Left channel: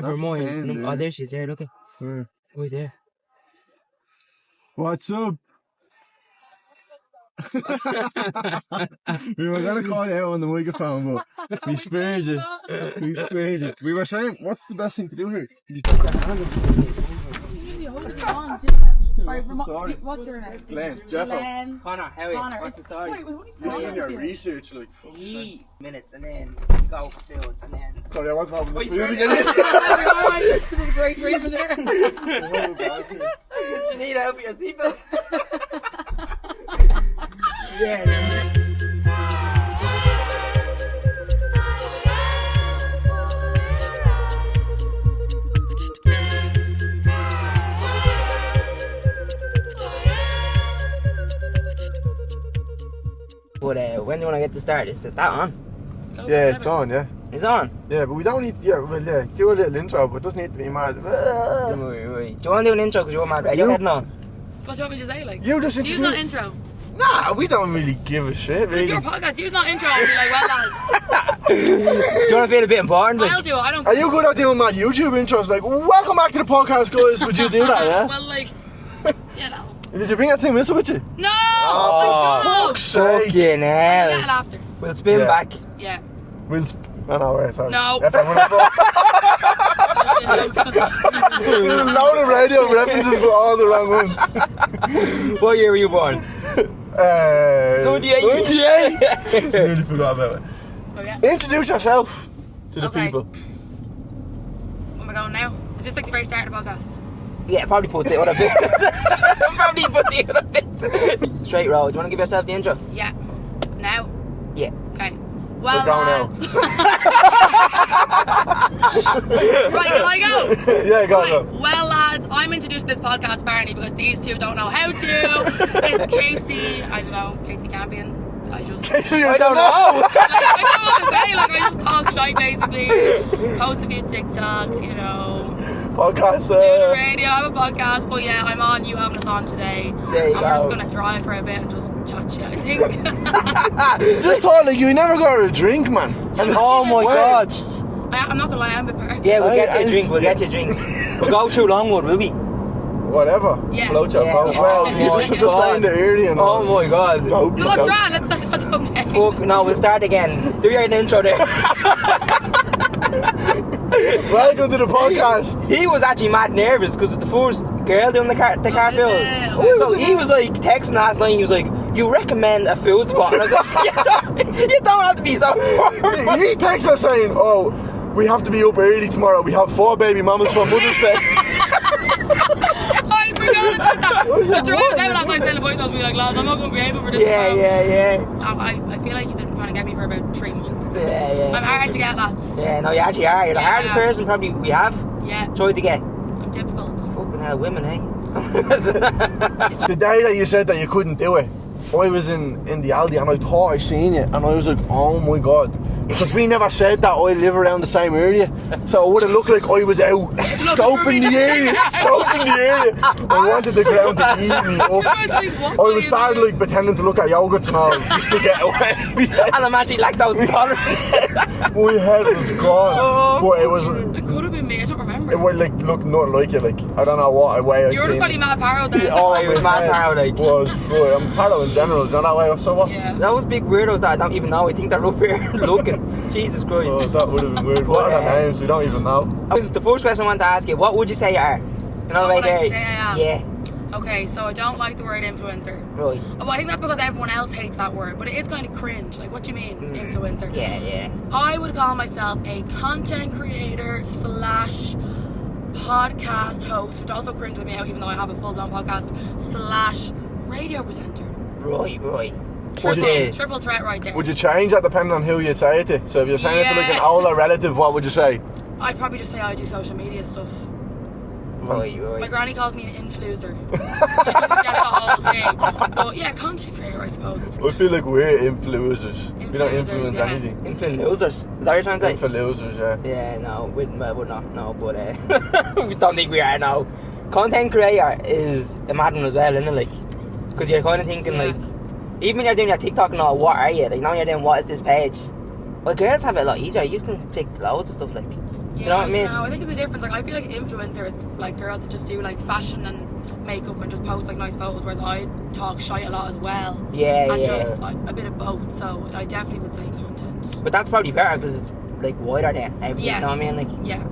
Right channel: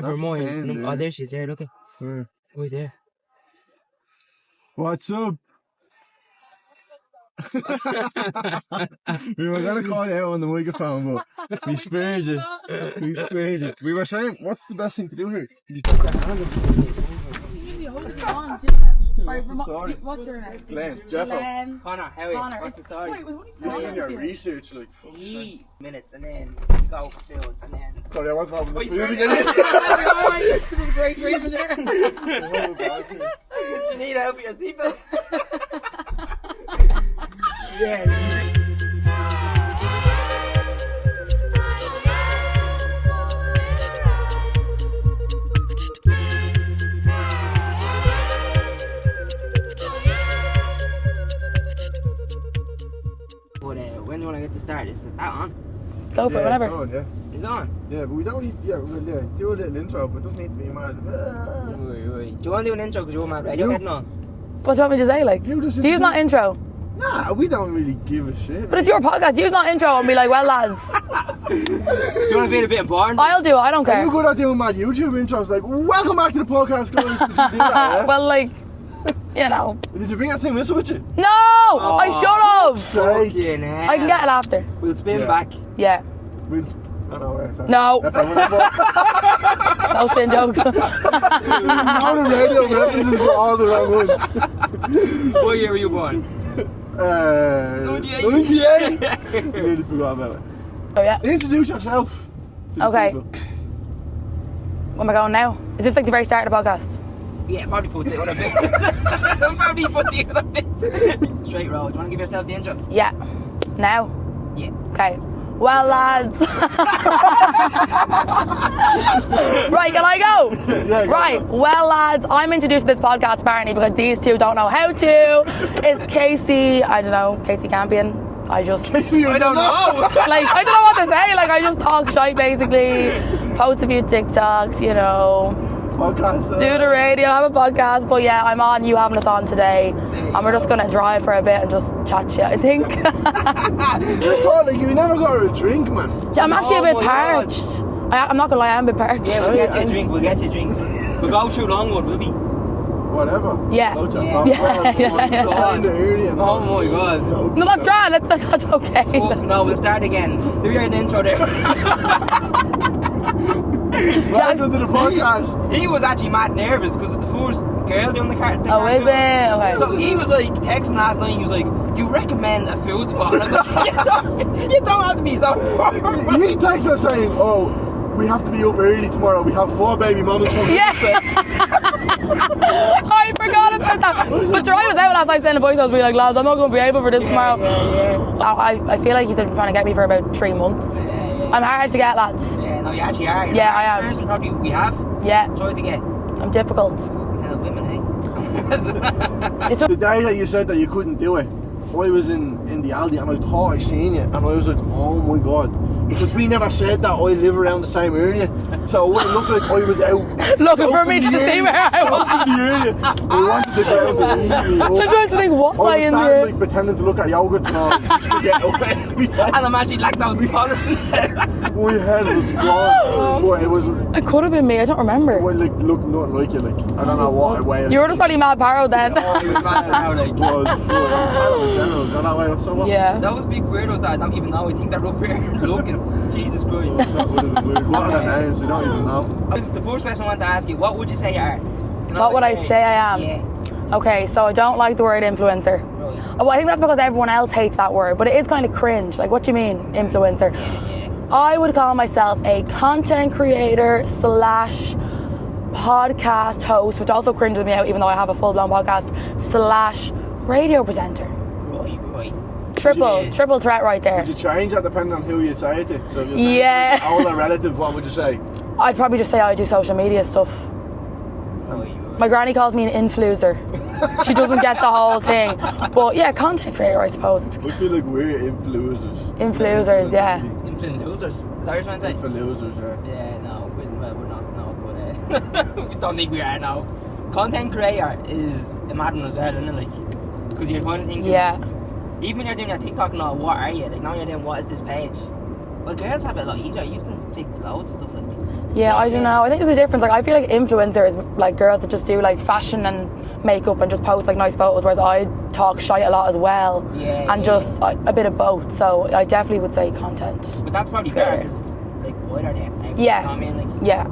Never mind. Oh, there she is there, look at. Where? Right there. What's up? We were gonna call you out on the microphone, but we spared you. We spared you. We were saying, what's the best thing to do here? You put your hand up. What's your name? Glenn. Jeffo. Connor, how are you? What's the story? You're doing your research, like, 3 minutes and then go for food and then. Sorry, I wasn't having the Wait, food sorry. again. This is great treatment here. Do you need help with your seatbelt? Yeah. But when do you want to get to start? Is that on? Go for Yeah, whatever. it's on, yeah. It's on? Yeah, but we don't need, do a little intro, but it doesn't need to be mad. Wait. Do you want to do an intro because you're mad Radiohead and all? What do you want me to say? Like, You just do you not intro? Nah, we don't really give a shit. But it's your podcast. You not intro and be like, well, lads. Do you want to be a bit important? I'll do it. I don't Are care. you good at doing mad YouTube intros? Like, welcome back to the podcast, guys. Would you do that? Yeah? Well, like, you know. Did you bring that thing with you? No! I shut up. Fucking I hell. can get it after. We'll spin Yeah. back. Yeah. No, wait, sorry. No. If I'm gonna That was been joke. all the radio references were all the wrong ones. What year were you born? 98. Really forgot about it. Oh, yeah. Introduce yourself to the Okay. people. Where am I going now? Is this like the very start of the podcast? Yeah, probably put the other bits. Probably put the other bits. Straight road. Do you want to give yourself the intro? Yeah. Now? Yeah. Okay. Well, We're going lads. Right, can I go? Yeah, go. Right, well, lads, I'm introducing this podcast apparently because these two don't know how to. It's Kasey, I don't know, Kasey Campion. I just, Kasey, I don't know. like, I don't know what to say. Like, I just talk shite basically. Post a few TikToks, you know. Podcast. Do the radio, have a podcast. But yeah, I'm on. You having us on today, There you and we're just go. gonna drive for a bit and just chat shit. I think. Just thought, like, you never got a drink, man. Yeah, I'm actually a bit my God. parched. I'm not gonna lie, I'm a bit parched. Yeah, we'll get you a drink. We'll get you a drink. We'll go through Longwood, will we? Whatever. Yeah. Float your Yeah. boat. Yeah. Well, you should have signed the area and all. Oh my God. No, that's grand. That's okay. Fuck, no, we'll start again. Do your intro there. Welcome to the podcast. He was actually mad nervous because it's the first girl doing the carpool. is it? Okay. So he was like texting last night. He was like, "You recommend a food spot?" And I was like, "You don't have to be so." He texts us saying, "Oh, we have to be up early tomorrow. We have 4 baby mamas from Mother's Day." I forgot about that. But Troy was out last night saying the boys was being like, lads, I'm not going to be able for this tomorrow. Yeah. I feel like he's been trying to get me for about 3 months. Yeah. I'm hard to get, lads. Yeah, no, you actually are. You're Yeah, the I hardest am. person probably we have Yeah, tried to get. I'm difficult. Fucking hell, women, eh? It's The day that you said that you couldn't do it, I was in the Aldi and I thought I seen you and I was like, oh my God. Because we never said that I live around the same area. So it would have looked like I was out for me scoping to the see area. me. Scoping the area. I wanted the girl to eat me I'm going up. to think, what's I I was in started here? like pretending to look at yogurts and all just to get away. And I'm actually lactose intolerant. My head was gone. But it was, It could have been me, I don't remember. it would like look nothing like you. Like, I don't know what way I You were seen just probably mad parrot then. Oh, He was mad proud, like. was Paro in general, do you know that way or something? Yeah. Those big weirdos that I don't even know. I think they're up here looking. Jesus Christ. Oh, that would have been weird. What are their names? We don't even know. The first question I want to ask you, what would you say you are? You know, What would like, I say I am? Yeah. Okay, so I don't like the word influencer. Right. Well, I think that's because everyone else hates that word, but it is kind of cringe. Like, what do you mean, influencer? Yeah. I would call myself a content creator / podcast host, which also cringes me out, even though I have a full-blown podcast / radio presenter. Right. Triple threat right there. Would you change that depending on who you say it to? So if you're saying it to like Yeah. an older relative, what would you say? I'd probably just say I do social media stuff. Right. My granny calls me an influencer. She doesn't get the whole thing. But yeah, content creator, I suppose. It's I feel like we're influencers. Influencers, yeah. Influent losers. Is that what you're trying to say? Influencers, yeah. Yeah, no, we're not, but we don't think we are now. Content creator is a mad one as well, isn't it? Like, because you're kind of thinking, Yeah. like, even when you're doing your TikTok and all, what are you? Like, now you're doing, what is this page? Well, girls have it a lot easier. You can take loads of stuff like. Yeah, what I don't know. I think it's a difference. Like, I feel like influencers, like girls that just do like fashion and makeup and just post like nice photos, whereas I talk shite a lot as well. Yeah, and just a bit of both. So I definitely would say content. But that's probably better because it's like wider than everything. Yeah. You know what I mean? Like. Yeah.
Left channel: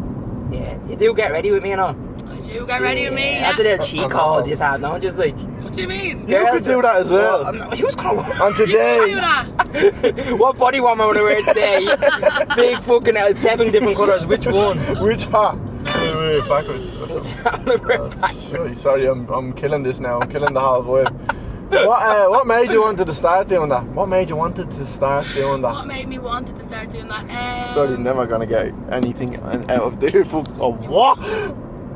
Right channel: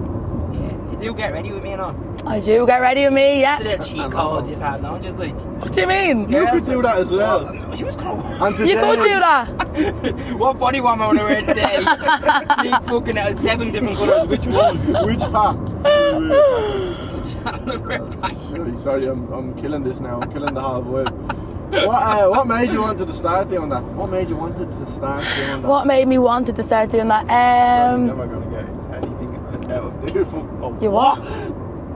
Yeah. You do get ready with me, you know. I do get ready with me. Yeah. That's a little cheat code. Just have no, just like. What do you mean? You could do that as well. Who's gonna work? And You today, could do that. What body warmer am I gonna wear today? Big fucking 7 different colours. Which one? which hat? Backwards. I'm gonna wear backwards. Sorry, I'm killing this now. I'm killing the whole vibe. What made you wanted to start doing that? What made you wanted to start doing that? What made me wanted to start doing that? Sorry, you're never gonna get anything out of there. You what?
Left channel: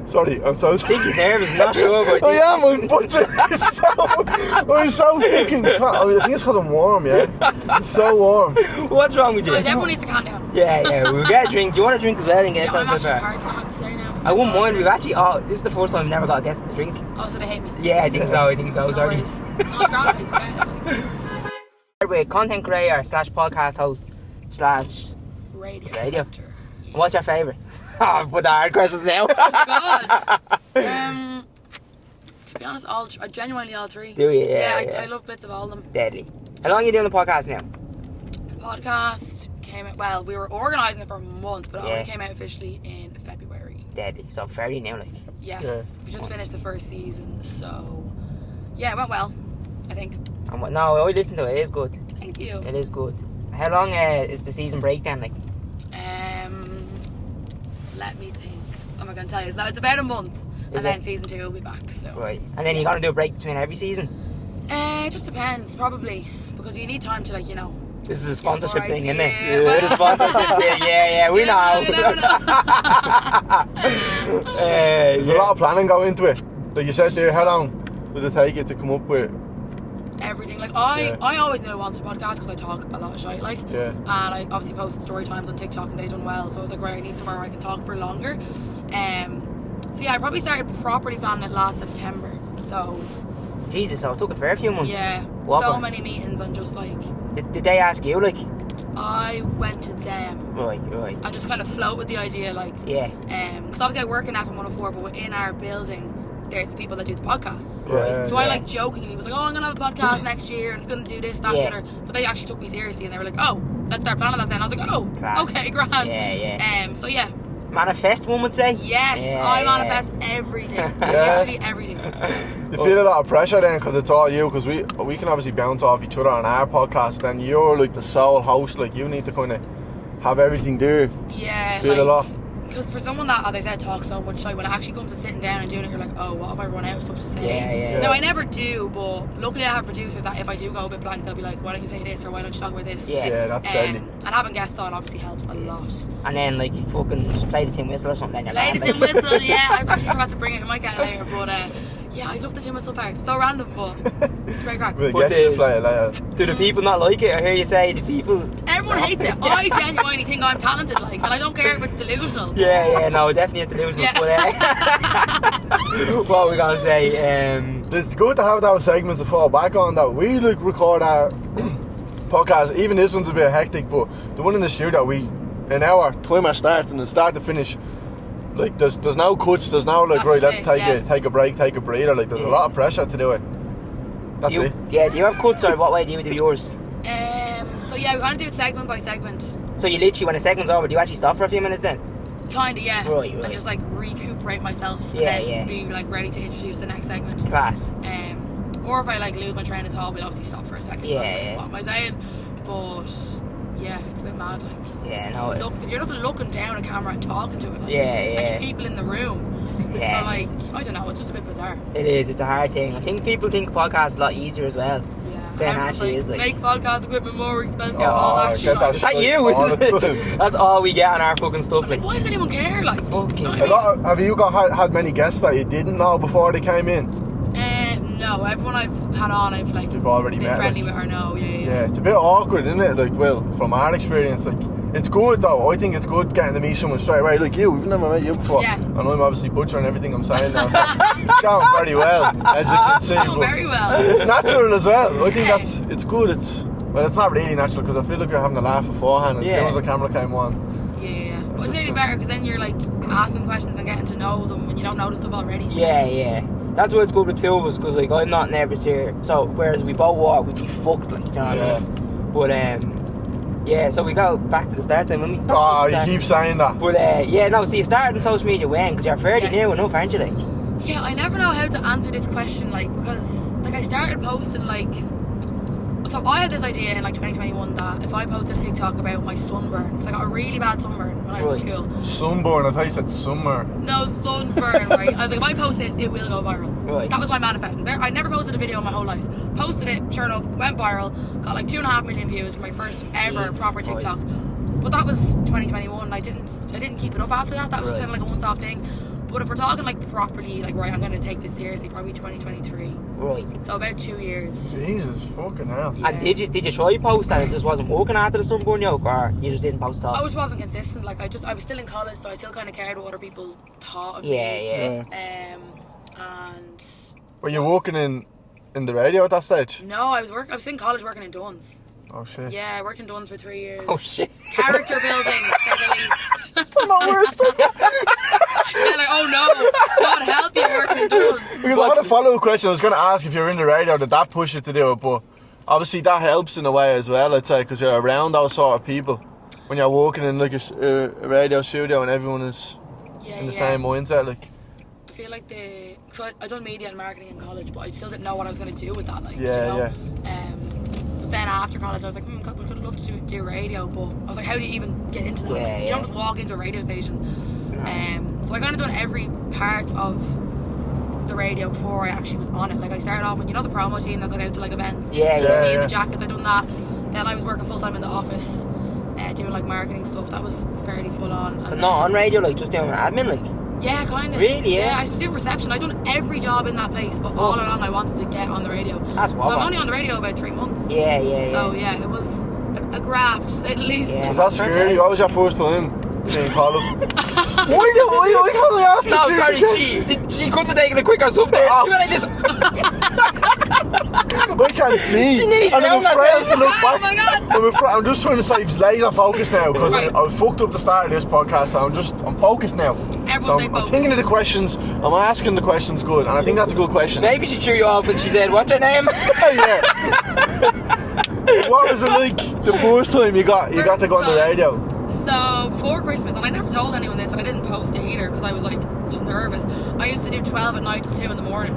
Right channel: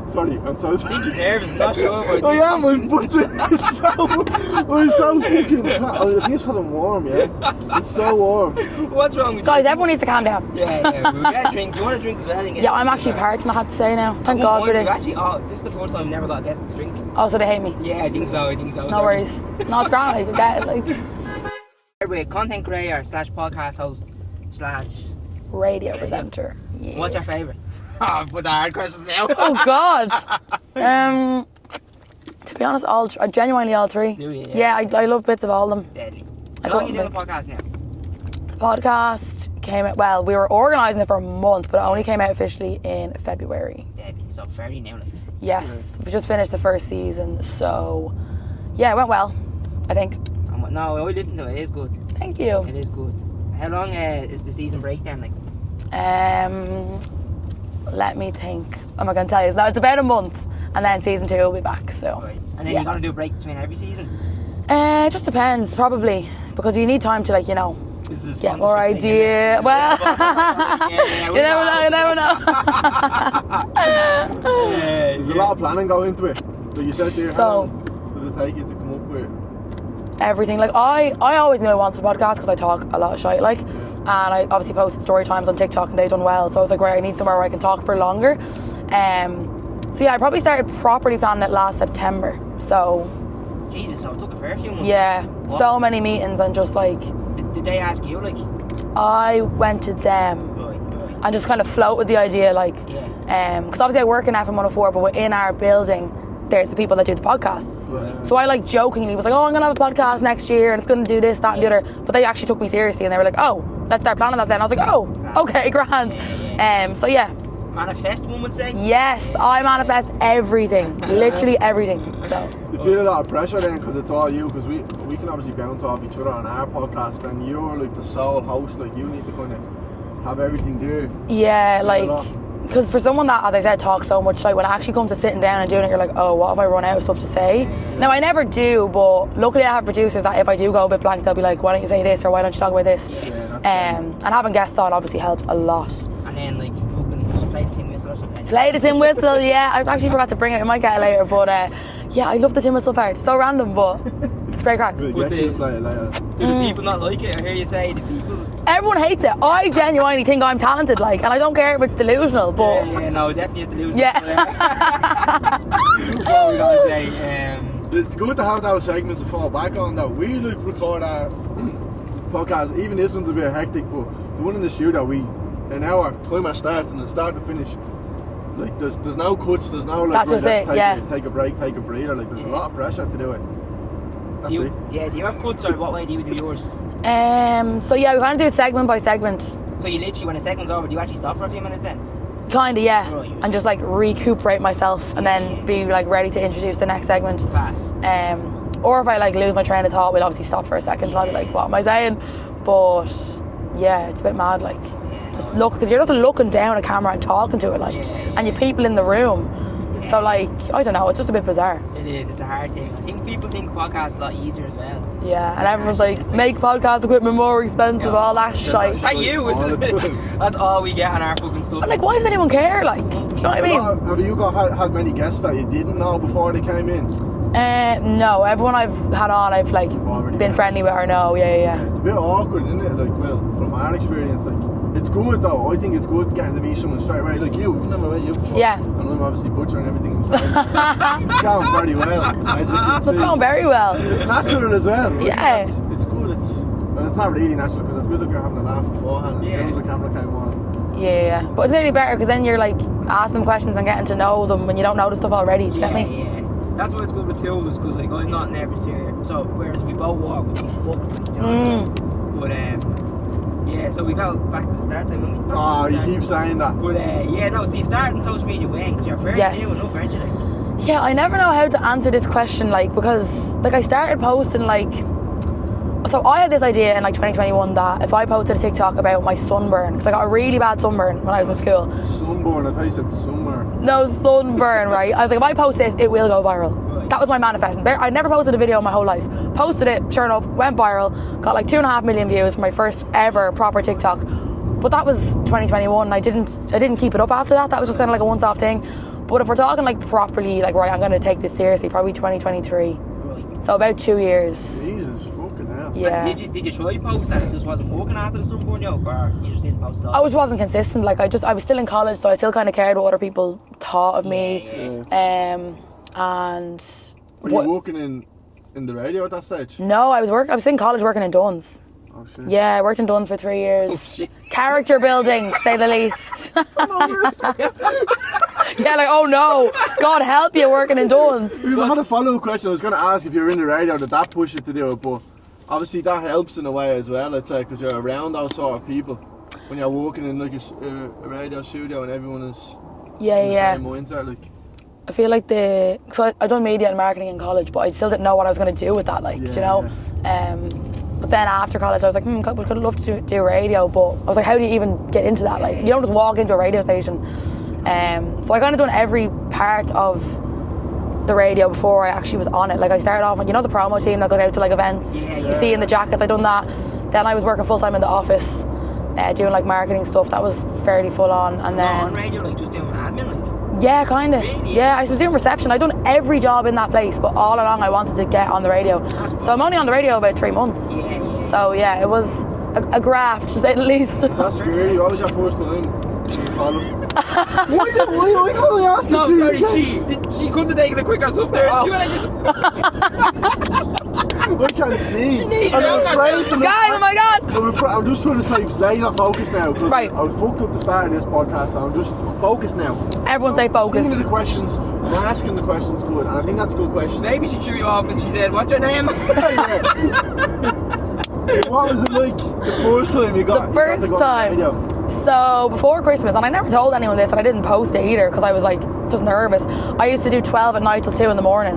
Sorry, I'm so I think he's nervous, not sure about I am, I'm butchering. I'm so fucking. I think it's because I'm warm, yeah? It's so warm. What's wrong with you? Guys, everyone needs to calm down. Yeah, we'll get a drink. Do you want a drink as well? Yeah, I'm actually parched, I have to say now. I Thank wouldn't God for mind. We've this. actually, this is the first time we've never got a guest to drink. Oh, so they hate me. Yeah, I think so. No Sorry. worries. No, it's grand. I can get it. Like, We're content creator / podcast host / radio Radio. presenter. Yeah. What's your favourite? Oh, put the hard questions now. Oh God. To be honest, genuinely all three. Do you? Yeah, I love bits of all of them. Deadly. How long are you doing the podcast now? The podcast came out. Well, we were organising it for a month, but it only came out officially in February. Deadly. So very new, like. Yes, we just finished the first season, so yeah, it went well. I think. No, I listened to it. It is good. Thank you. It is good. How long is the season break then? Like. Let me think. I'm not going to tell you. So it's about a month, and then season 2 will be back. So. Right. And then you're gonna do a break between every season. It just depends, probably, because you need time to This is a get more sponsorship thing, idea. isn't it? Well, It's a sponsorship thing. Yeah. We you never know. There's a lot of planning going into it. Like you said there, how So- long did it take you to come up with? Everything. I always knew I wanted a podcast because I talk a lot of shite, Yeah. and I obviously posted story times on TikTok and they've done well. So I was like, right, I need somewhere where I can talk for longer. So yeah, I probably started properly planning it last September. So Jesus, so it took a fair few months. yeah, What so happened? many meetings and just Did they ask you like? I went to them Right. and just kind of floated the idea Yeah. because obviously I work in FM 104, but within our building there's the people that do the podcasts. Right. So I jokingly was like, oh, I'm gonna have a podcast next year and it's gonna do this, that, and the Yeah. other. But they actually took me seriously and they were like, oh, let's start planning that then. I was like, oh, Class. okay, grand. Yeah. So yeah, Manifest, one would say. yes, Yeah. I manifest everything, literally everything. So, You feel a lot of pressure then because it's all you, because we can obviously bounce off each other on our podcast, then you're like the sole host, like you need to kind of have everything there. yeah, Feel a lot. because for someone that, as I said, talks so much, when it actually comes to sitting down and doing it, you're like, oh, what if I run out of stuff to say? Yeah. Now, I never do, but luckily I have producers that if I do go a bit blank, they'll be like, why don't you say this, or why don't you talk about this? Yeah, that's deadly. And having guests on obviously helps a lot. And then you fucking just play the tin whistle or something. Play the tin whistle, yeah. I actually forgot to bring it. We might get it later, but yeah, I love the tin whistle part. So random, but it's great crack. We'll But get you the- to play it later. Do the people not like it? I hear you say the people. Everyone hates it. I genuinely think I'm talented, and I don't care if it's delusional, but No, definitely have to lose. Yeah. What are we gonna say? It's good to have those segments to fall back on though. We record our podcast, even this one's a bit hectic, but the one in the studio, an hour, timer starts and start to finish. There's no cuts, there's no That's right, just let's it, take a break, take a breather. There's a lot of pressure to do it. That's it. Yeah, do you have cuts or what way do you do yours? so yeah, we kind of do it segment by segment. So you literally, when a segment's over, do you actually stop for a few minutes then? Kinda, yeah. Right. And just recuperate myself and then be ready to introduce the next segment. Class. Or if I lose my train of thought, we'll obviously stop for a second. Yeah, And I'll be yeah. what am I saying? But yeah, it's a bit mad. Yeah, just no, look, because you're just looking down a camera and talking to it, and you people in the room. Yeah. So I don't know, it's just a bit bizarre. It is. It's a hard thing. I think people think podcasts a lot easier as well. Yeah, and Then everyone's actually it's make podcast equipment more expensive, all that get that shit. shit. At you. All the time. That's all we get on our fucking stuff. I'm like, why does anyone care? Do you know what I mean? Have you had many guests that you didn't know before they came in? No, everyone I've had on, I've You've already been met friendly with or no, yeah. It's a bit awkward, isn't it? From our experience, it's good though. I think it's good getting to meet someone straight away. Like you, we've never met you before. Yeah. And I'm obviously butchering everything I'm saying now. So it's going very well, as you can see. It's going very well. It's natural as well. I Yeah. think it's good. Well, it's not really natural because I feel like you're having a laugh beforehand and as soon as the camera came on. Yeah. But it's really better because then you're like asking them questions and getting to know them when you don't know the stuff already. Do you get me? Yeah. That's why it's good with two of us, because like I'm not nervous here. So whereas we both walk, we'd be fucked, like, you know what I mean? But yeah, so we go back to the start then. When we Oh, you keep saying that. But yeah, no. See, you starting social media when? Because you're fairly new enough, aren't you? Like. Yeah, I never know how to answer this question, like, because like I started posting like. So I had this idea in like 2021 that if I posted a TikTok about my sunburn, because I got a really bad sunburn when I was in school. Sunburn, I thought you said summer. No, sunburn, right? I was like, if I post this, it will go viral. Right. That was my manifesting. I never posted a video in my whole life. Posted it, sure enough, went viral, got like 2.5 million views for my first ever proper TikTok. But that was 2021. I didn't keep it up after that. That was just kind of like a once-off thing. But if we're talking like properly, like right, I'm going to take this seriously, probably 2023. Right. So about 2 years. Jesus fucking hell. Yeah. And did you try post and it just wasn't working after the sunburn yoke, or you just didn't post at all? I just wasn't consistent. Like I was still in college, so I still kind of cared what other people thought of me. And Were you working in the radio at that stage? no, I was in college working in Dunn's. Oh shit. Yeah, I worked in Dunn's for 3 years. Oh shit. Character building, to say the least. Because Yeah, like, oh no, God help you working in Dunn's. I had a follow-up question. I was going to ask if you were in the radio, did that push you to do it? But obviously that helps in a way as well, I'd say, because you're around those sort of people. When you're working in like a radio studio and everyone is in the same mindset, like. I feel like so I done media and marketing in college, but I still didn't know what I was going to do with that, like, you know. But then after college, I was like, I could love to do radio, but I was like, how do you even get into that? Like, you don't just walk into a radio station. So I kind of done every part of the radio before I actually was on it. Like I started off on, you know, the promo team that goes out to like events. You see in the jackets. I done that. Then I was working full time in the office, doing like marketing stuff. That was fairly full on. And So then not on radio, like just doing admin, like. yeah, kind of. Really? Yeah, I was doing reception. I done every job in that place, but all along I wanted to get on the radio. That's So wild. I'm only on the radio about 3 months. Yeah. So yeah, it was a graft, to say the least. Was that scary? What was your first time in college? Why can't I ask No, a sorry, serious she couldn't have taken a quicker sub there. She went like this. I can't see. She nearly drowned herself. to look God, oh back. my God. I'm just trying to say laser focus now because Right. I fucked up the start of this podcast, so I'm focused now. Everyone stay I'm focused. thinking of the questions. I'm asking the questions good, and I think that's a good question. Maybe she threw you off when she said, "What's your name?" Yeah. What was it like the first time you got to go on the radio? So before Christmas, and I never told anyone this, and I didn't post it either because I was like just nervous. I used to do 12 at night till 2 in the morning,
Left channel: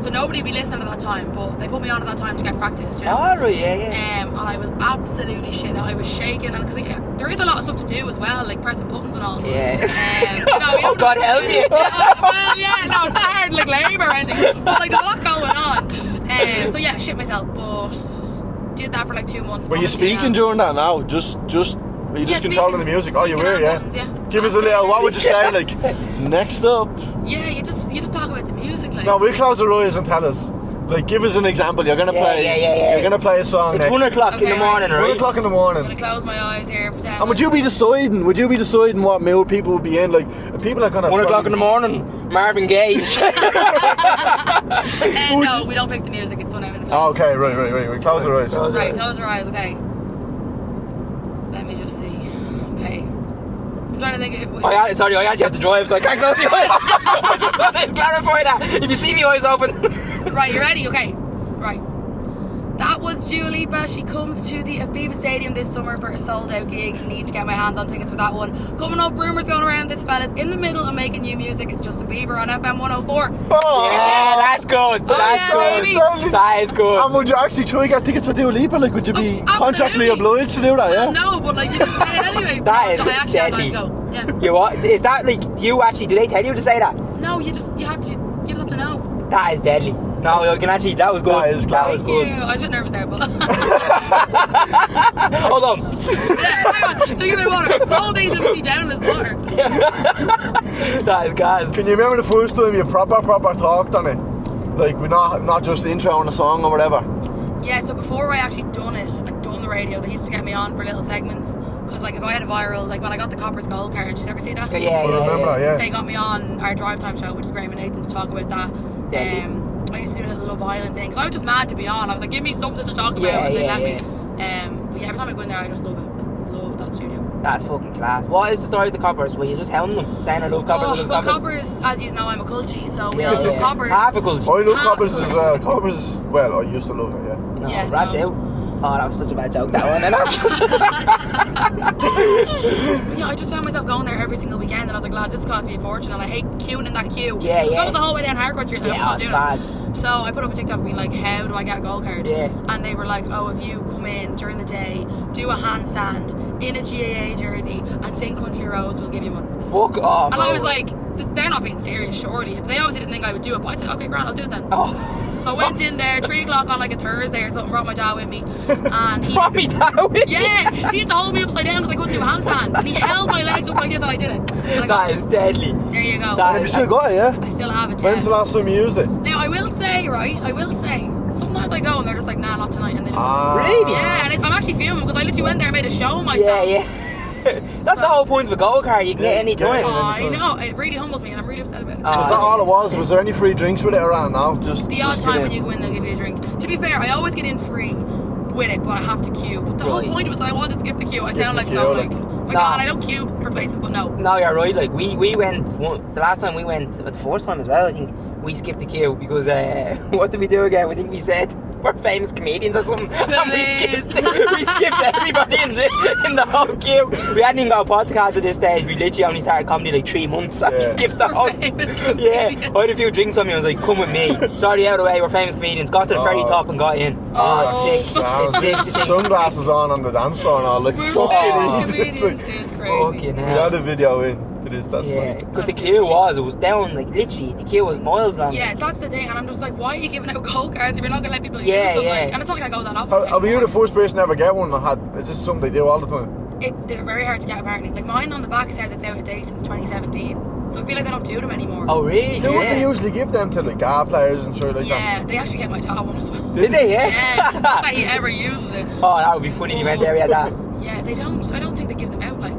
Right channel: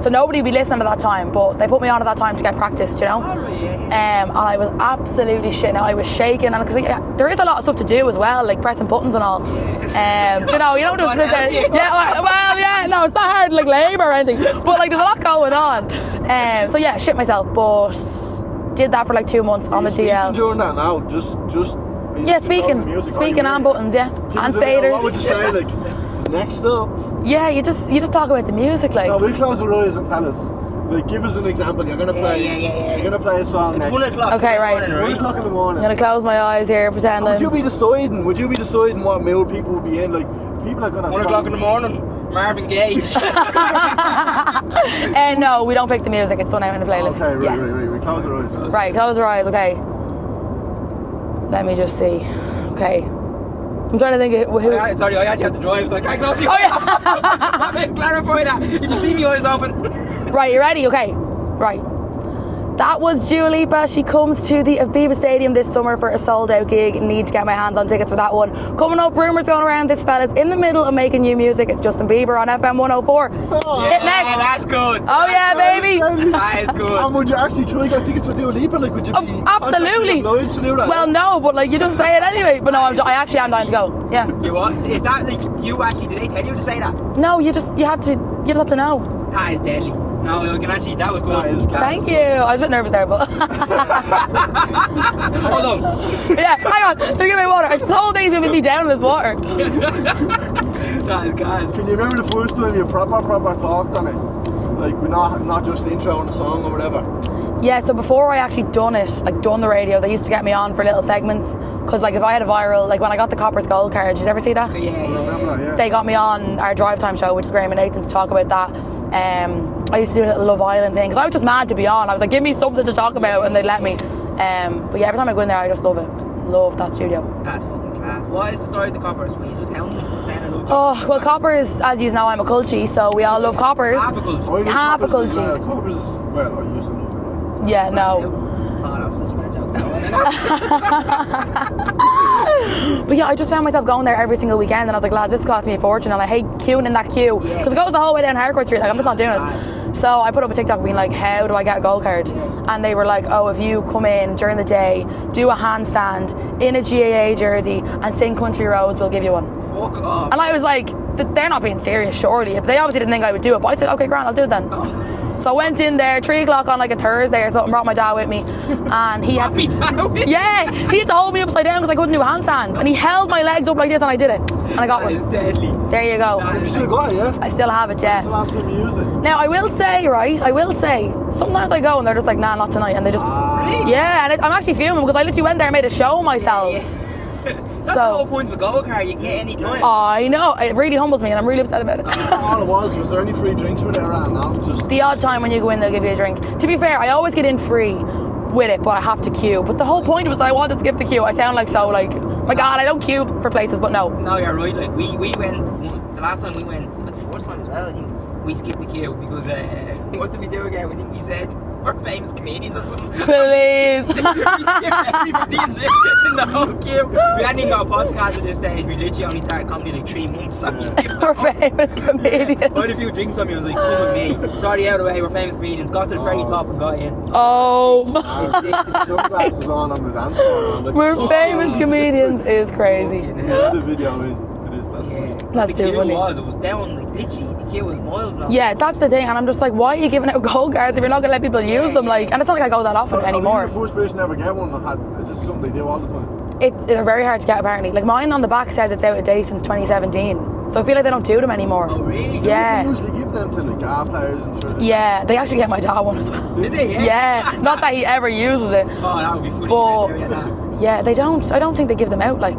so nobody would be listening at that time. But they put me on at that time to get practice, you know. Oh, right, yeah. And I was absolutely shitting. I was shaking, and because there is a lot of stuff to do as well, like pressing buttons and all. Yeah. You know, you don't just God sit help there. you. No, it's not hard like labour or anything, but like there's a lot going on. So yeah, shit myself, but did that for like 2 months. Were on you the speaking TL. during that now? Just Yeah, controlling the music. speaking you were, and buttons, yeah. Give us And a little. faders. What would you say? Like next up. Yeah, you just talk about the music, like. No, we'll close our eyes and tell us. Like, give us an example. You're gonna play. Yeah. You're gonna play a song. It's next. 1 o'clock Okay, in the right. morning, 1 right? o'clock in the morning. I'm gonna close my eyes here, pretend. And would you be deciding? Would you be deciding what mood people would be in? Like, people are gonna. 1 o'clock in the morning. Marvin Gaye. No, we don't pick the music. It's done out in the Oh, playlist. okay, right. We close our eyes. Right, close your eyes. Okay. Let me just see. Okay. I'm trying to think of who. Sorry, I actually have to drive, so I can't close the eyes. I just want to clarify that. If you see me eyes open. Right, you ready? Okay. Right. That was Dua Lipa. She comes to the Aviva Stadium this summer for a sold-out gig. Need to get my hands on tickets for that one. Coming up, rumours going around. This fella's in the middle of making new music. It's Justin Bieber on FM 104. Oh, Hit next. That's good. Oh yeah, baby. That is good. And would you actually try and get tickets for Dua Lipa? Like, would you be contractually Absolutely. obliged to do that? Well, yeah? no, but like you just say it anyway. But That no, is I actually am dying to deadly. go. Yeah. You what? Is that like you actually? Did they tell you to say that? No, you just have to know. That is deadly. No, you can actually. That was good. That is class. Thank you. I was a bit nervous there, but Hold on. yeah. Hang on. Let me get my water. The whole day's gonna be down in this water. That is gas. Can you remember the first time you proper talked on it? Like, we're not just intro on a song or whatever. Yeah, so before I actually done the radio, they used to get me on for little segments. Because, like, if I had a viral, like when I got the Copper's Gold card, did you ever see that? Yeah. I remember that, yeah. They got me on our Drive Time show, which is Graham and Nathan, to talk about that. I used to do a little Love Island thing, because I was just mad to be on. I was like, give me something to talk about, and they let me. But yeah, every time I go in there, I just love it. Love that studio. That's fucking class. What is the story of the coppers? Were you just hounding them, saying I love coppers? Oh, well, coppers, as you know, I'm a culture, so we all love coppers. Half a culture. I love Half a coppers as well. culture. Coppers, well, I used to love it, yeah. Yeah, That's no. out. Oh, that was such a bad joke, that one. But yeah, I just found myself going there every single weekend, and I was like, lads, this cost me a fortune, and I hate queuing in that queue. Yeah, Because it goes the whole way down Harcourt Street, like, I'm just not doing it's it. So I put up a TikTok being like, how do I get a gold card? Yeah. And they were like, oh, if you come in during the day, do a handstand in a GAA jersey, and sing Country Roads, we'll give you one. Fuck off. And I was like, they're not being serious, surely. If they obviously didn't think I would do it, but I said, okay, grand, I'll do it then. Oh. So I went in there 3 o'clock on like a Thursday or something, brought my dad with me, and he Brought me down with yeah, he had to hold me upside down because I couldn't do a handstand, and he held my legs up like this, and I did it, and I got That is deadly. there you go. That You still got it, yeah? I still have it, When's the yeah. last time you used it? Now I will say, sometimes I go and they're just like, nah, not tonight, and they just Really? yeah, and I'm actually fuming because I literally went there and made a show of myself. Yeah. That's So- the whole point of a gold card. You can get any time. I know, it really humbles me, and I'm really upset about it. Is that all it was? Was there any free drinks with it around now? Just The odd just time get when in. you go in, they'll give you a drink. To be fair, I always get in free with it, but I have to queue. But the whole Right. point was that I wanted to skip the queue. I sound like so like, my God, I don't queue for places, but no. No, you're right. Like we went the last time we went, but the first time as well. I think we skipped the queue because what did we do again? I think we said we're famous comedians or something. And Please. we skipped everybody in the whole queue. We hadn't even got a podcast at this stage. We literally only started comedy like 3 months. And we Yeah. skipped the We're whole. famous Yeah, comedians. I had a few drinks on me. I was like, "Come with me." Sorry, out of the way. We're famous comedians. Got to the very top and got in. Oh, it's sick. It's sick. to think. Sunglasses on the dance floor and all. Like, We're fuck famous it. comedians It's is crazy. Fucking like, we hell. had a video in to this, that's Yeah, funny. but That's the too queue funny. it was down like literally. The queue was miles long. Yeah, that's the thing, and I'm just like, why are you giving out gold cards if you're not gonna let people Yeah, use them? yeah. Like, and it's not like I go that often Are you anymore. the first person to ever get one? Is this something they do all the time? They're very hard to get apparently. Like mine on the back says it's out of date since 2017, so I feel like they don't do them anymore. Oh really? Yeah. They usually give them to like guard players and shit like Yeah, they actually get my dad one as well. Did they? Yeah. Yeah, not that he ever uses it. Oh, that would be funny. You went there, we had that. Yeah, they don't. I don't think they give them out. Like,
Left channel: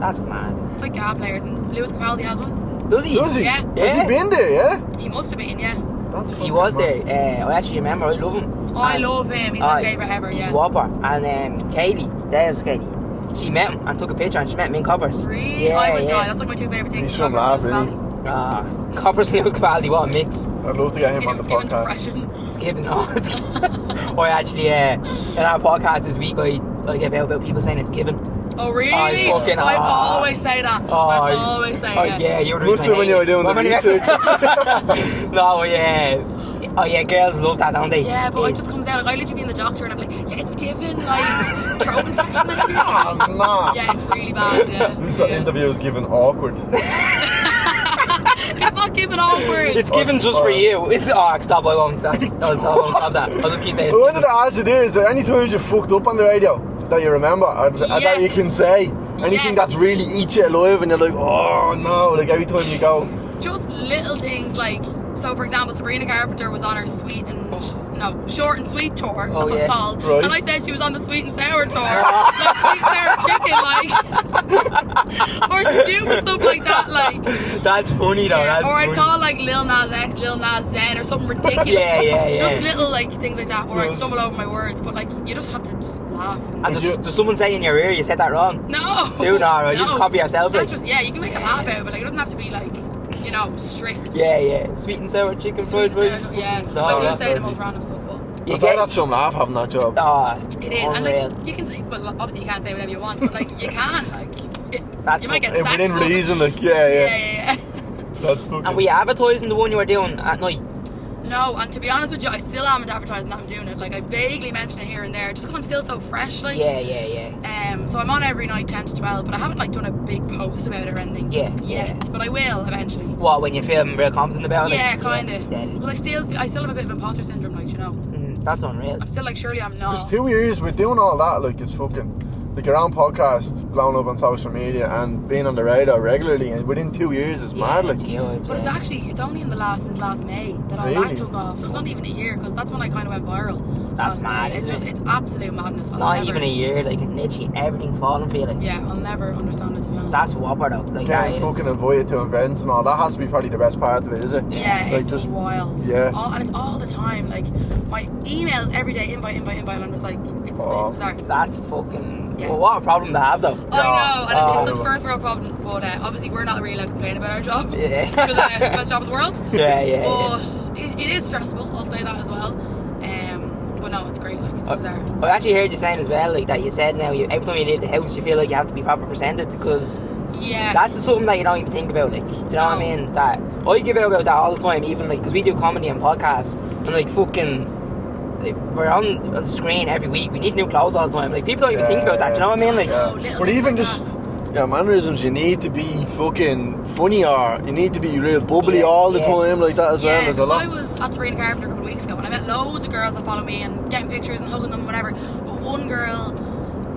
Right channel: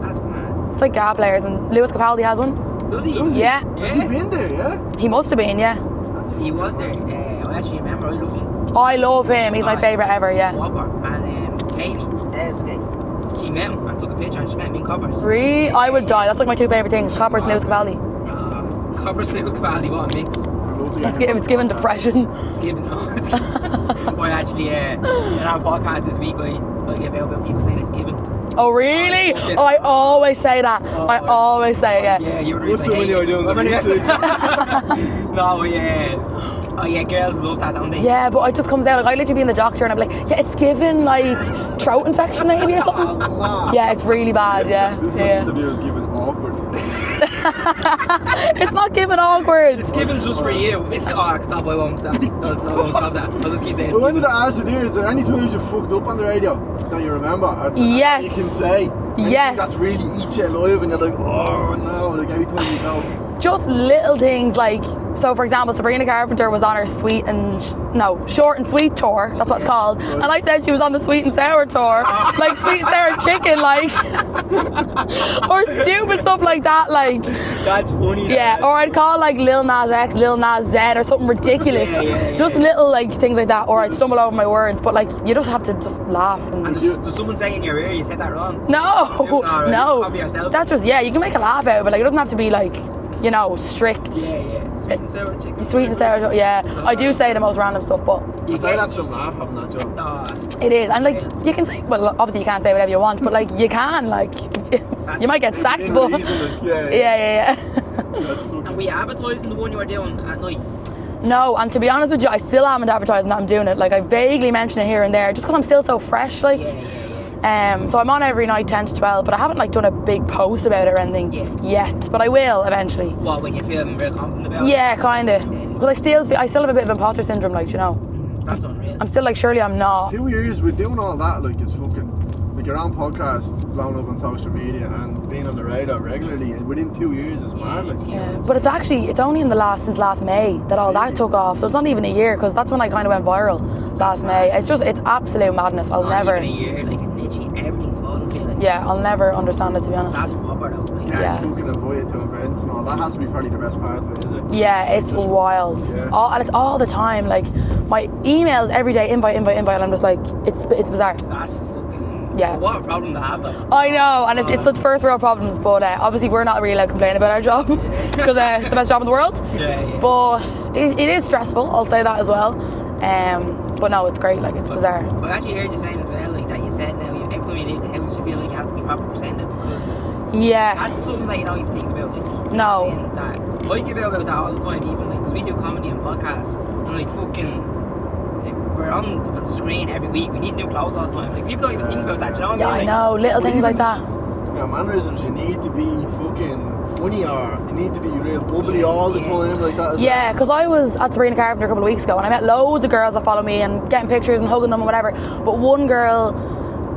That's mad. it's like GA players, and Lewis Capaldi has one. Does he? that. Does he? Yeah. Has he been there, yeah? He must have been, yeah. That's He fucking was mad. there. I actually remember. I love him. I love him. He's my Aye. favourite ever, He's yeah. a whopper. And Kaylee, Dave's Kaylee, she met him and took a picture, and she met him in Coppers. Really? Yeah, I would yeah. die. That's like my 2 favourite things. So Coppers and Lewis mad, really. Capaldi. Coppers and Lewis Capaldi, what a mix. I'd love to get him on It's the given podcast. depression. It's given. I actually, in our podcast this week, I gave out about people saying it's given. Oh, really? fucking- I always say that. Oh, I always say it. Yeah, you were Must have when you were doing the research. No, yeah. Oh, yeah, girls love that, don't they? Yeah, but it just comes out. Like, I literally be in the doctor and I'm like, yeah, it's given like throat infection maybe or something. Nah. Yeah, it's really bad, yeah. This Yeah. interview is given awkward. It's not given awkward. It's given just for you. It's stop. I won't. I won't stop that. I'll just keep saying. But when did I ask you there, is there any times you fucked up on the radio that you remember? Or that Yes. you can say? Anything Yes. that's really eats you alive and you're like, oh no, like every time you go. Just little things like, so for example, Sabrina Carpenter was on her short and sweet tour. That's what it's yeah. called. Right. And I said she was on the sweet and sour tour, like sweet and sour chicken, like, or stupid stuff like that, like. That's funny. Though. Yeah, That's or I'd funny. call like Lil Nas X, Lil Nas Z, or something ridiculous. Yeah. Just little like things like that, or I'd Yes. stumble over my words. But like, you just have to just laugh. And does someone say in your ear you said that wrong? No, Do not, right? no. Just copy yourself, That's like. just you can make a laugh out of it. Like it doesn't have to be like, strict. Yeah. Sweet and sour chicken. Sweet and fried sour, rice. yeah. No, I do that's say the funny. most random stuff, but You But then get- that's some laugh having that job. it is. And like, unreal. you can say, well, obviously you can't say whatever you want, but like, you can, like, That's you might get sacked. Within but- reason, like, yeah. Yeah. That's fucking. And we advertising the one you were doing at night. No, and to be honest with you, I still haven't advertised that I'm doing it. Like, I vaguely mention it here and there, just because I'm still so fresh, like. Yeah. So I'm on every night 10 to 12, but I haven't like done a big post about it or anything yet. But I will eventually. What, when you're feeling real confident about it? Yeah, kind of. Because I still have a bit of imposter syndrome, like, That's unreal. I'm still like, surely I'm not. It's 2 years, we're doing all that, like, it's fucking. like your own podcast blowing up on social media and being on the radio regularly and within 2 years is mad. Like, But it's only since last May that all that took off. So it's not even a year, because that's when I kind of went viral last May. It's absolute madness. I'll never. Even a year, like literally everything falling for you. Like, yeah, I'll never understand it, to be honest. that's whopper though. Like, getting fucking invited to events and all that has to be probably the best part of it, is it? Yeah, Like, it's just- wild. Yeah. And it's all the time. Like my emails every day, invite, and I'm just like, it's bizarre. That's fucking. Yeah. Well, what a problem to have though. I know, and it's such first world problems, but obviously we're not really allowed to complain about our job Yeah. because it's the best job in the world. Yeah. But it is stressful, I'll say that as well. But no, it's great, like, it's bizarre. I actually heard you saying as well, like that you said now, every time you leave the house, you feel like you have to be proper presented, because Yeah. that's something that you don't even think about. Like, do you know what I mean? That I give out about that all the time, even like because we do comedy and podcasts, and like fucking. Like, we're on the screen every week. We need new clothes all the time. Like people don't even think about that. Do you know what I mean? I Like, know, little Or things even like just that. mannerisms, you need to be fucking funny, or you need to be real bubbly Yeah, all the yeah. time like that as well. Yeah, There's a because lot. I was at Serena Carpenter a couple of weeks ago and I met loads of girls that follow me and getting pictures and hugging them and whatever. But one girl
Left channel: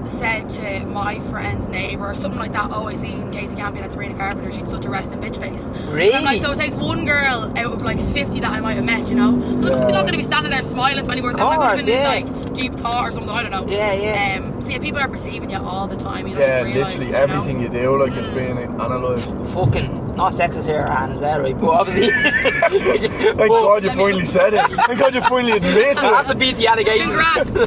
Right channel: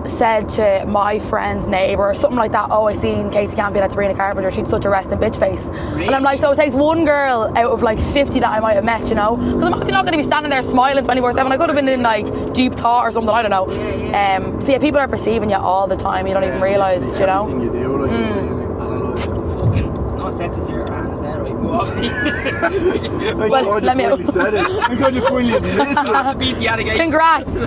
said to my friend's neighbour or something like that, oh, I seen Kasey Campion at Serena Carpenter, she'd such a resting bitch face. Really? And I'm like, so it takes one girl out of like 50 that I might have met, you know? Because I'm obviously not going to be standing there smiling 24/7. I could have been in yeah. like deep thought or something, I don't know. Yeah. So yeah, people are perceiving you all the time, you don't even realise, literally you know? everything you do, like, is being analysed. fucking not sexist here, Anne, as well, right? But obviously, Thank Well, God you let me- finally said it. Thank God you finally admitted I have to to beat the allegations.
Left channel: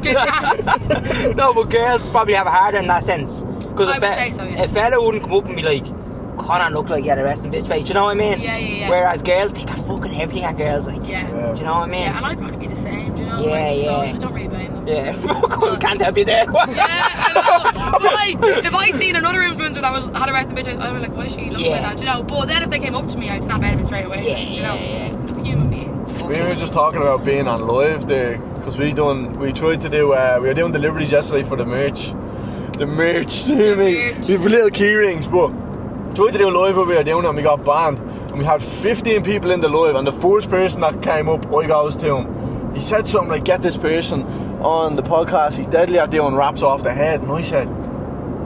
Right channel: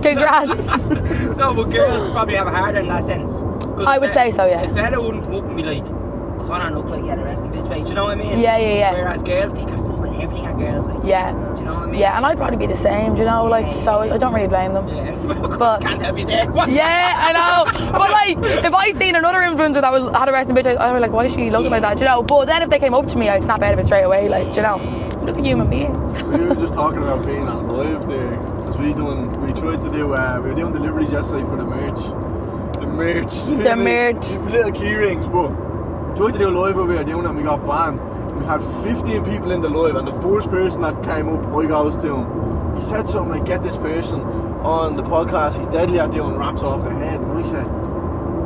Congrats. No, but girls probably have it harder in that sense. Cause I would say so, yeah. A fella wouldn't come up and be like, Connor look like he had a resting bitch face, do you know what I mean? Yeah. Whereas girls pick at fucking everything at girls, like, Yeah. do you know what I mean? Yeah, and I'd probably be the same, do you know? So I don't really blame them. Yeah, But- can't help you there. Yeah, I know. But like, if I seen another influencer that had a resting bitch, I'd be like, why is she looking like that? Do you know? But then if they came up to me, I'd snap out of it straight away. Like, do you know? I'm just a human being. We were just talking about being on live there, because we tried to do, we were doing deliveries yesterday for the merch. The merch. The merch. We have little key rings, but tried to do a live where we were doing it and we got banned. And we had 15 people in the live, and the first person that came up, I goes to him. He said something like, get this person on the podcast, he's deadly at doing raps off the head. And I said,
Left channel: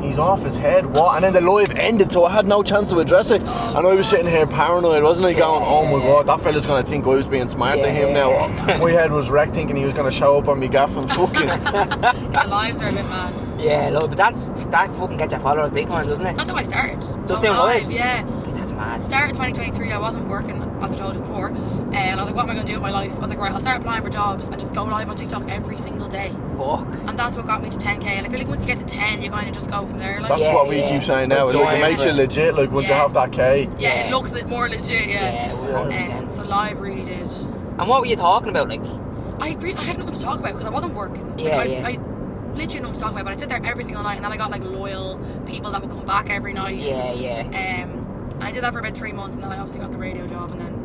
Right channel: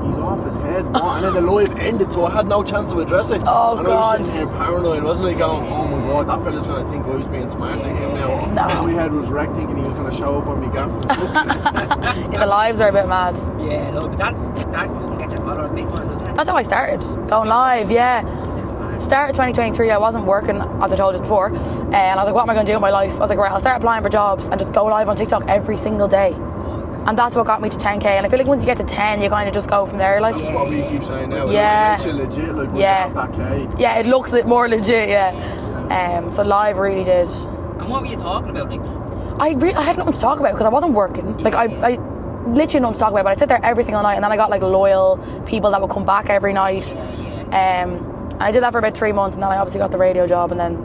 he's off his head, what? And then the live ended, so I had no chance to address it. Oh, and I was God. sitting here paranoid, wasn't I, going, oh my God, that fella's going to think I was being smart to him now. My head was wrecked thinking he was going to show up on me gaff and fucking. The lives are a bit mad. Yeah, no, but that fucking gets your followers big time, doesn't it? That's how I started. Going doing live, lives? yeah. That's mad. Started 2023, I wasn't working, as I told you before, and I was like, what am I going to do with my life? I was like, right, I'll start applying for jobs and just go live on TikTok every single day. Fuck. And that's what got me to 10k, and I feel like once you get to 10, you kind of just go from there, like. That's what we keep saying now. Yeah. It makes you legit, like, once you Yeah. have that K. Yeah, it looks more legit, yeah. So live really did. And what were you talking about, like? I had nothing to talk about because I wasn't working. Like Yeah. I literally nothing to talk about, but I'd sit there every single night, and then I got like loyal people that would come back every night. Yeah. And I did that for about 3 months, and then I obviously got the radio job, and then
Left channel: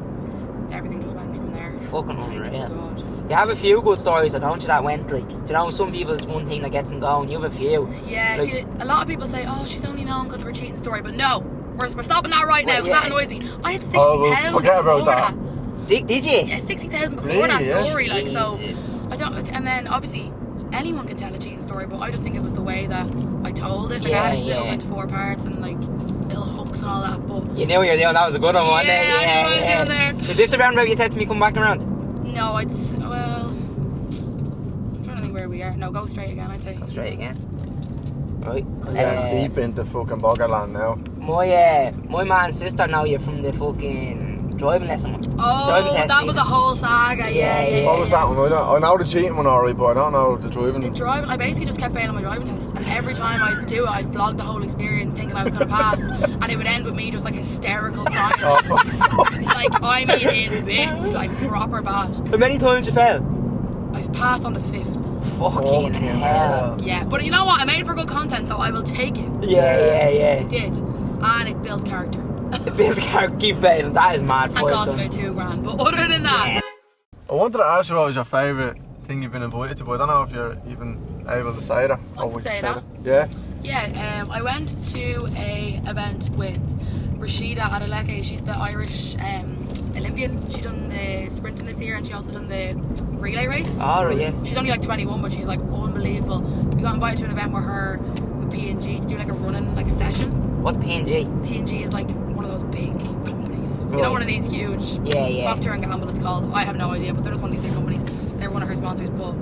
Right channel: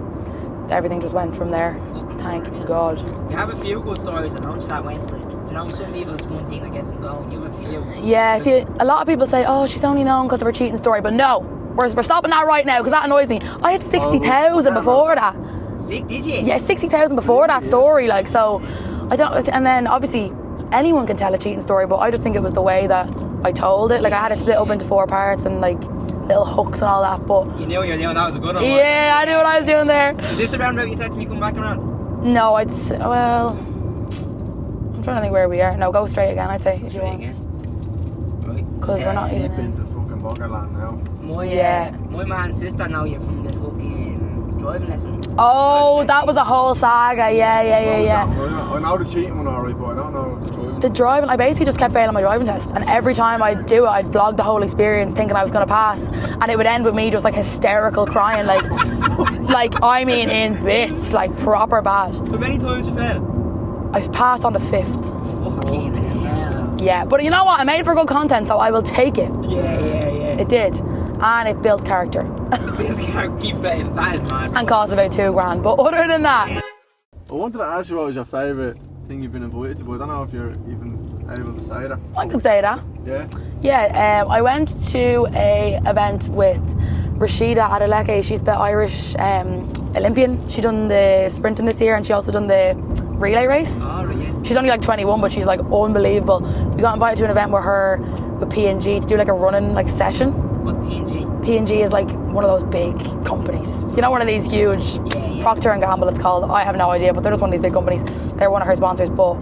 everything just went from there. Fucking Thank unreal. God. You have a few good stories, don't you, that went, like, you know, some people it's one thing that gets them going, you have a few. Yeah, Like, see, a lot of people say, oh, she's only known because of her cheating story, but no, we're stopping that right now because that annoys me. I had 60,000 forget before about that. Sick, did you? Yeah, 60,000 before Really? that Yeah. story, like, so Jesus. I don't, and then obviously anyone can tell a cheating story, but I just think it was the way that I told it. Like, I had it split up into 4 parts and like little hooks and all that, but You knew what you were doing, that was a good one, wasn't it? yeah, I knew what I was doing there. Is this the roundabout you said to me come back around? No, well, I'm trying to think where we are. No, go straight again, I'd say. if you Straight want. again. Right. Because we're not Deep into fucking Boggerland now. My man's sister know you from the fucking driving lesson. Oh, Driving that test was a thing. whole saga. What Yeah. was that one? I know the cheating one alright, but I don't know the driving. The driving, I basically just kept failing my driving test, and every time I'd do it, I'd vlog the whole experience thinking I was going to pass, and it would end with me just like hysterical crying, like I mean in bits, like proper bad. How many times you failed? I've passed on the 5th. Fucking hell. Yeah, but you know what? I made it for good content, so I will take it. Yeah. It did, and it built character, Build character, keep failing, that is mad. and cost about $2,000. But other than that, I wanted to ask you what was your favourite thing you've been invited to, but I don't know if you're even able to say that. I can say that. Yeah? Yeah, I went to a event with Rashida Adeleke. She's the Irish Olympian. She done the sprinting this year, and she also done the relay race. Alright, yeah. She's only like 21, but she's like unbelievable. We got invited to an event with her, with P&G to do like a running like session. What P&G? P&G is like one of those big companies. You know, one of these huge. Yeah. Procter and Gamble, it's called. I have no idea, but they're just one of these big companies. They're one of her sponsors. But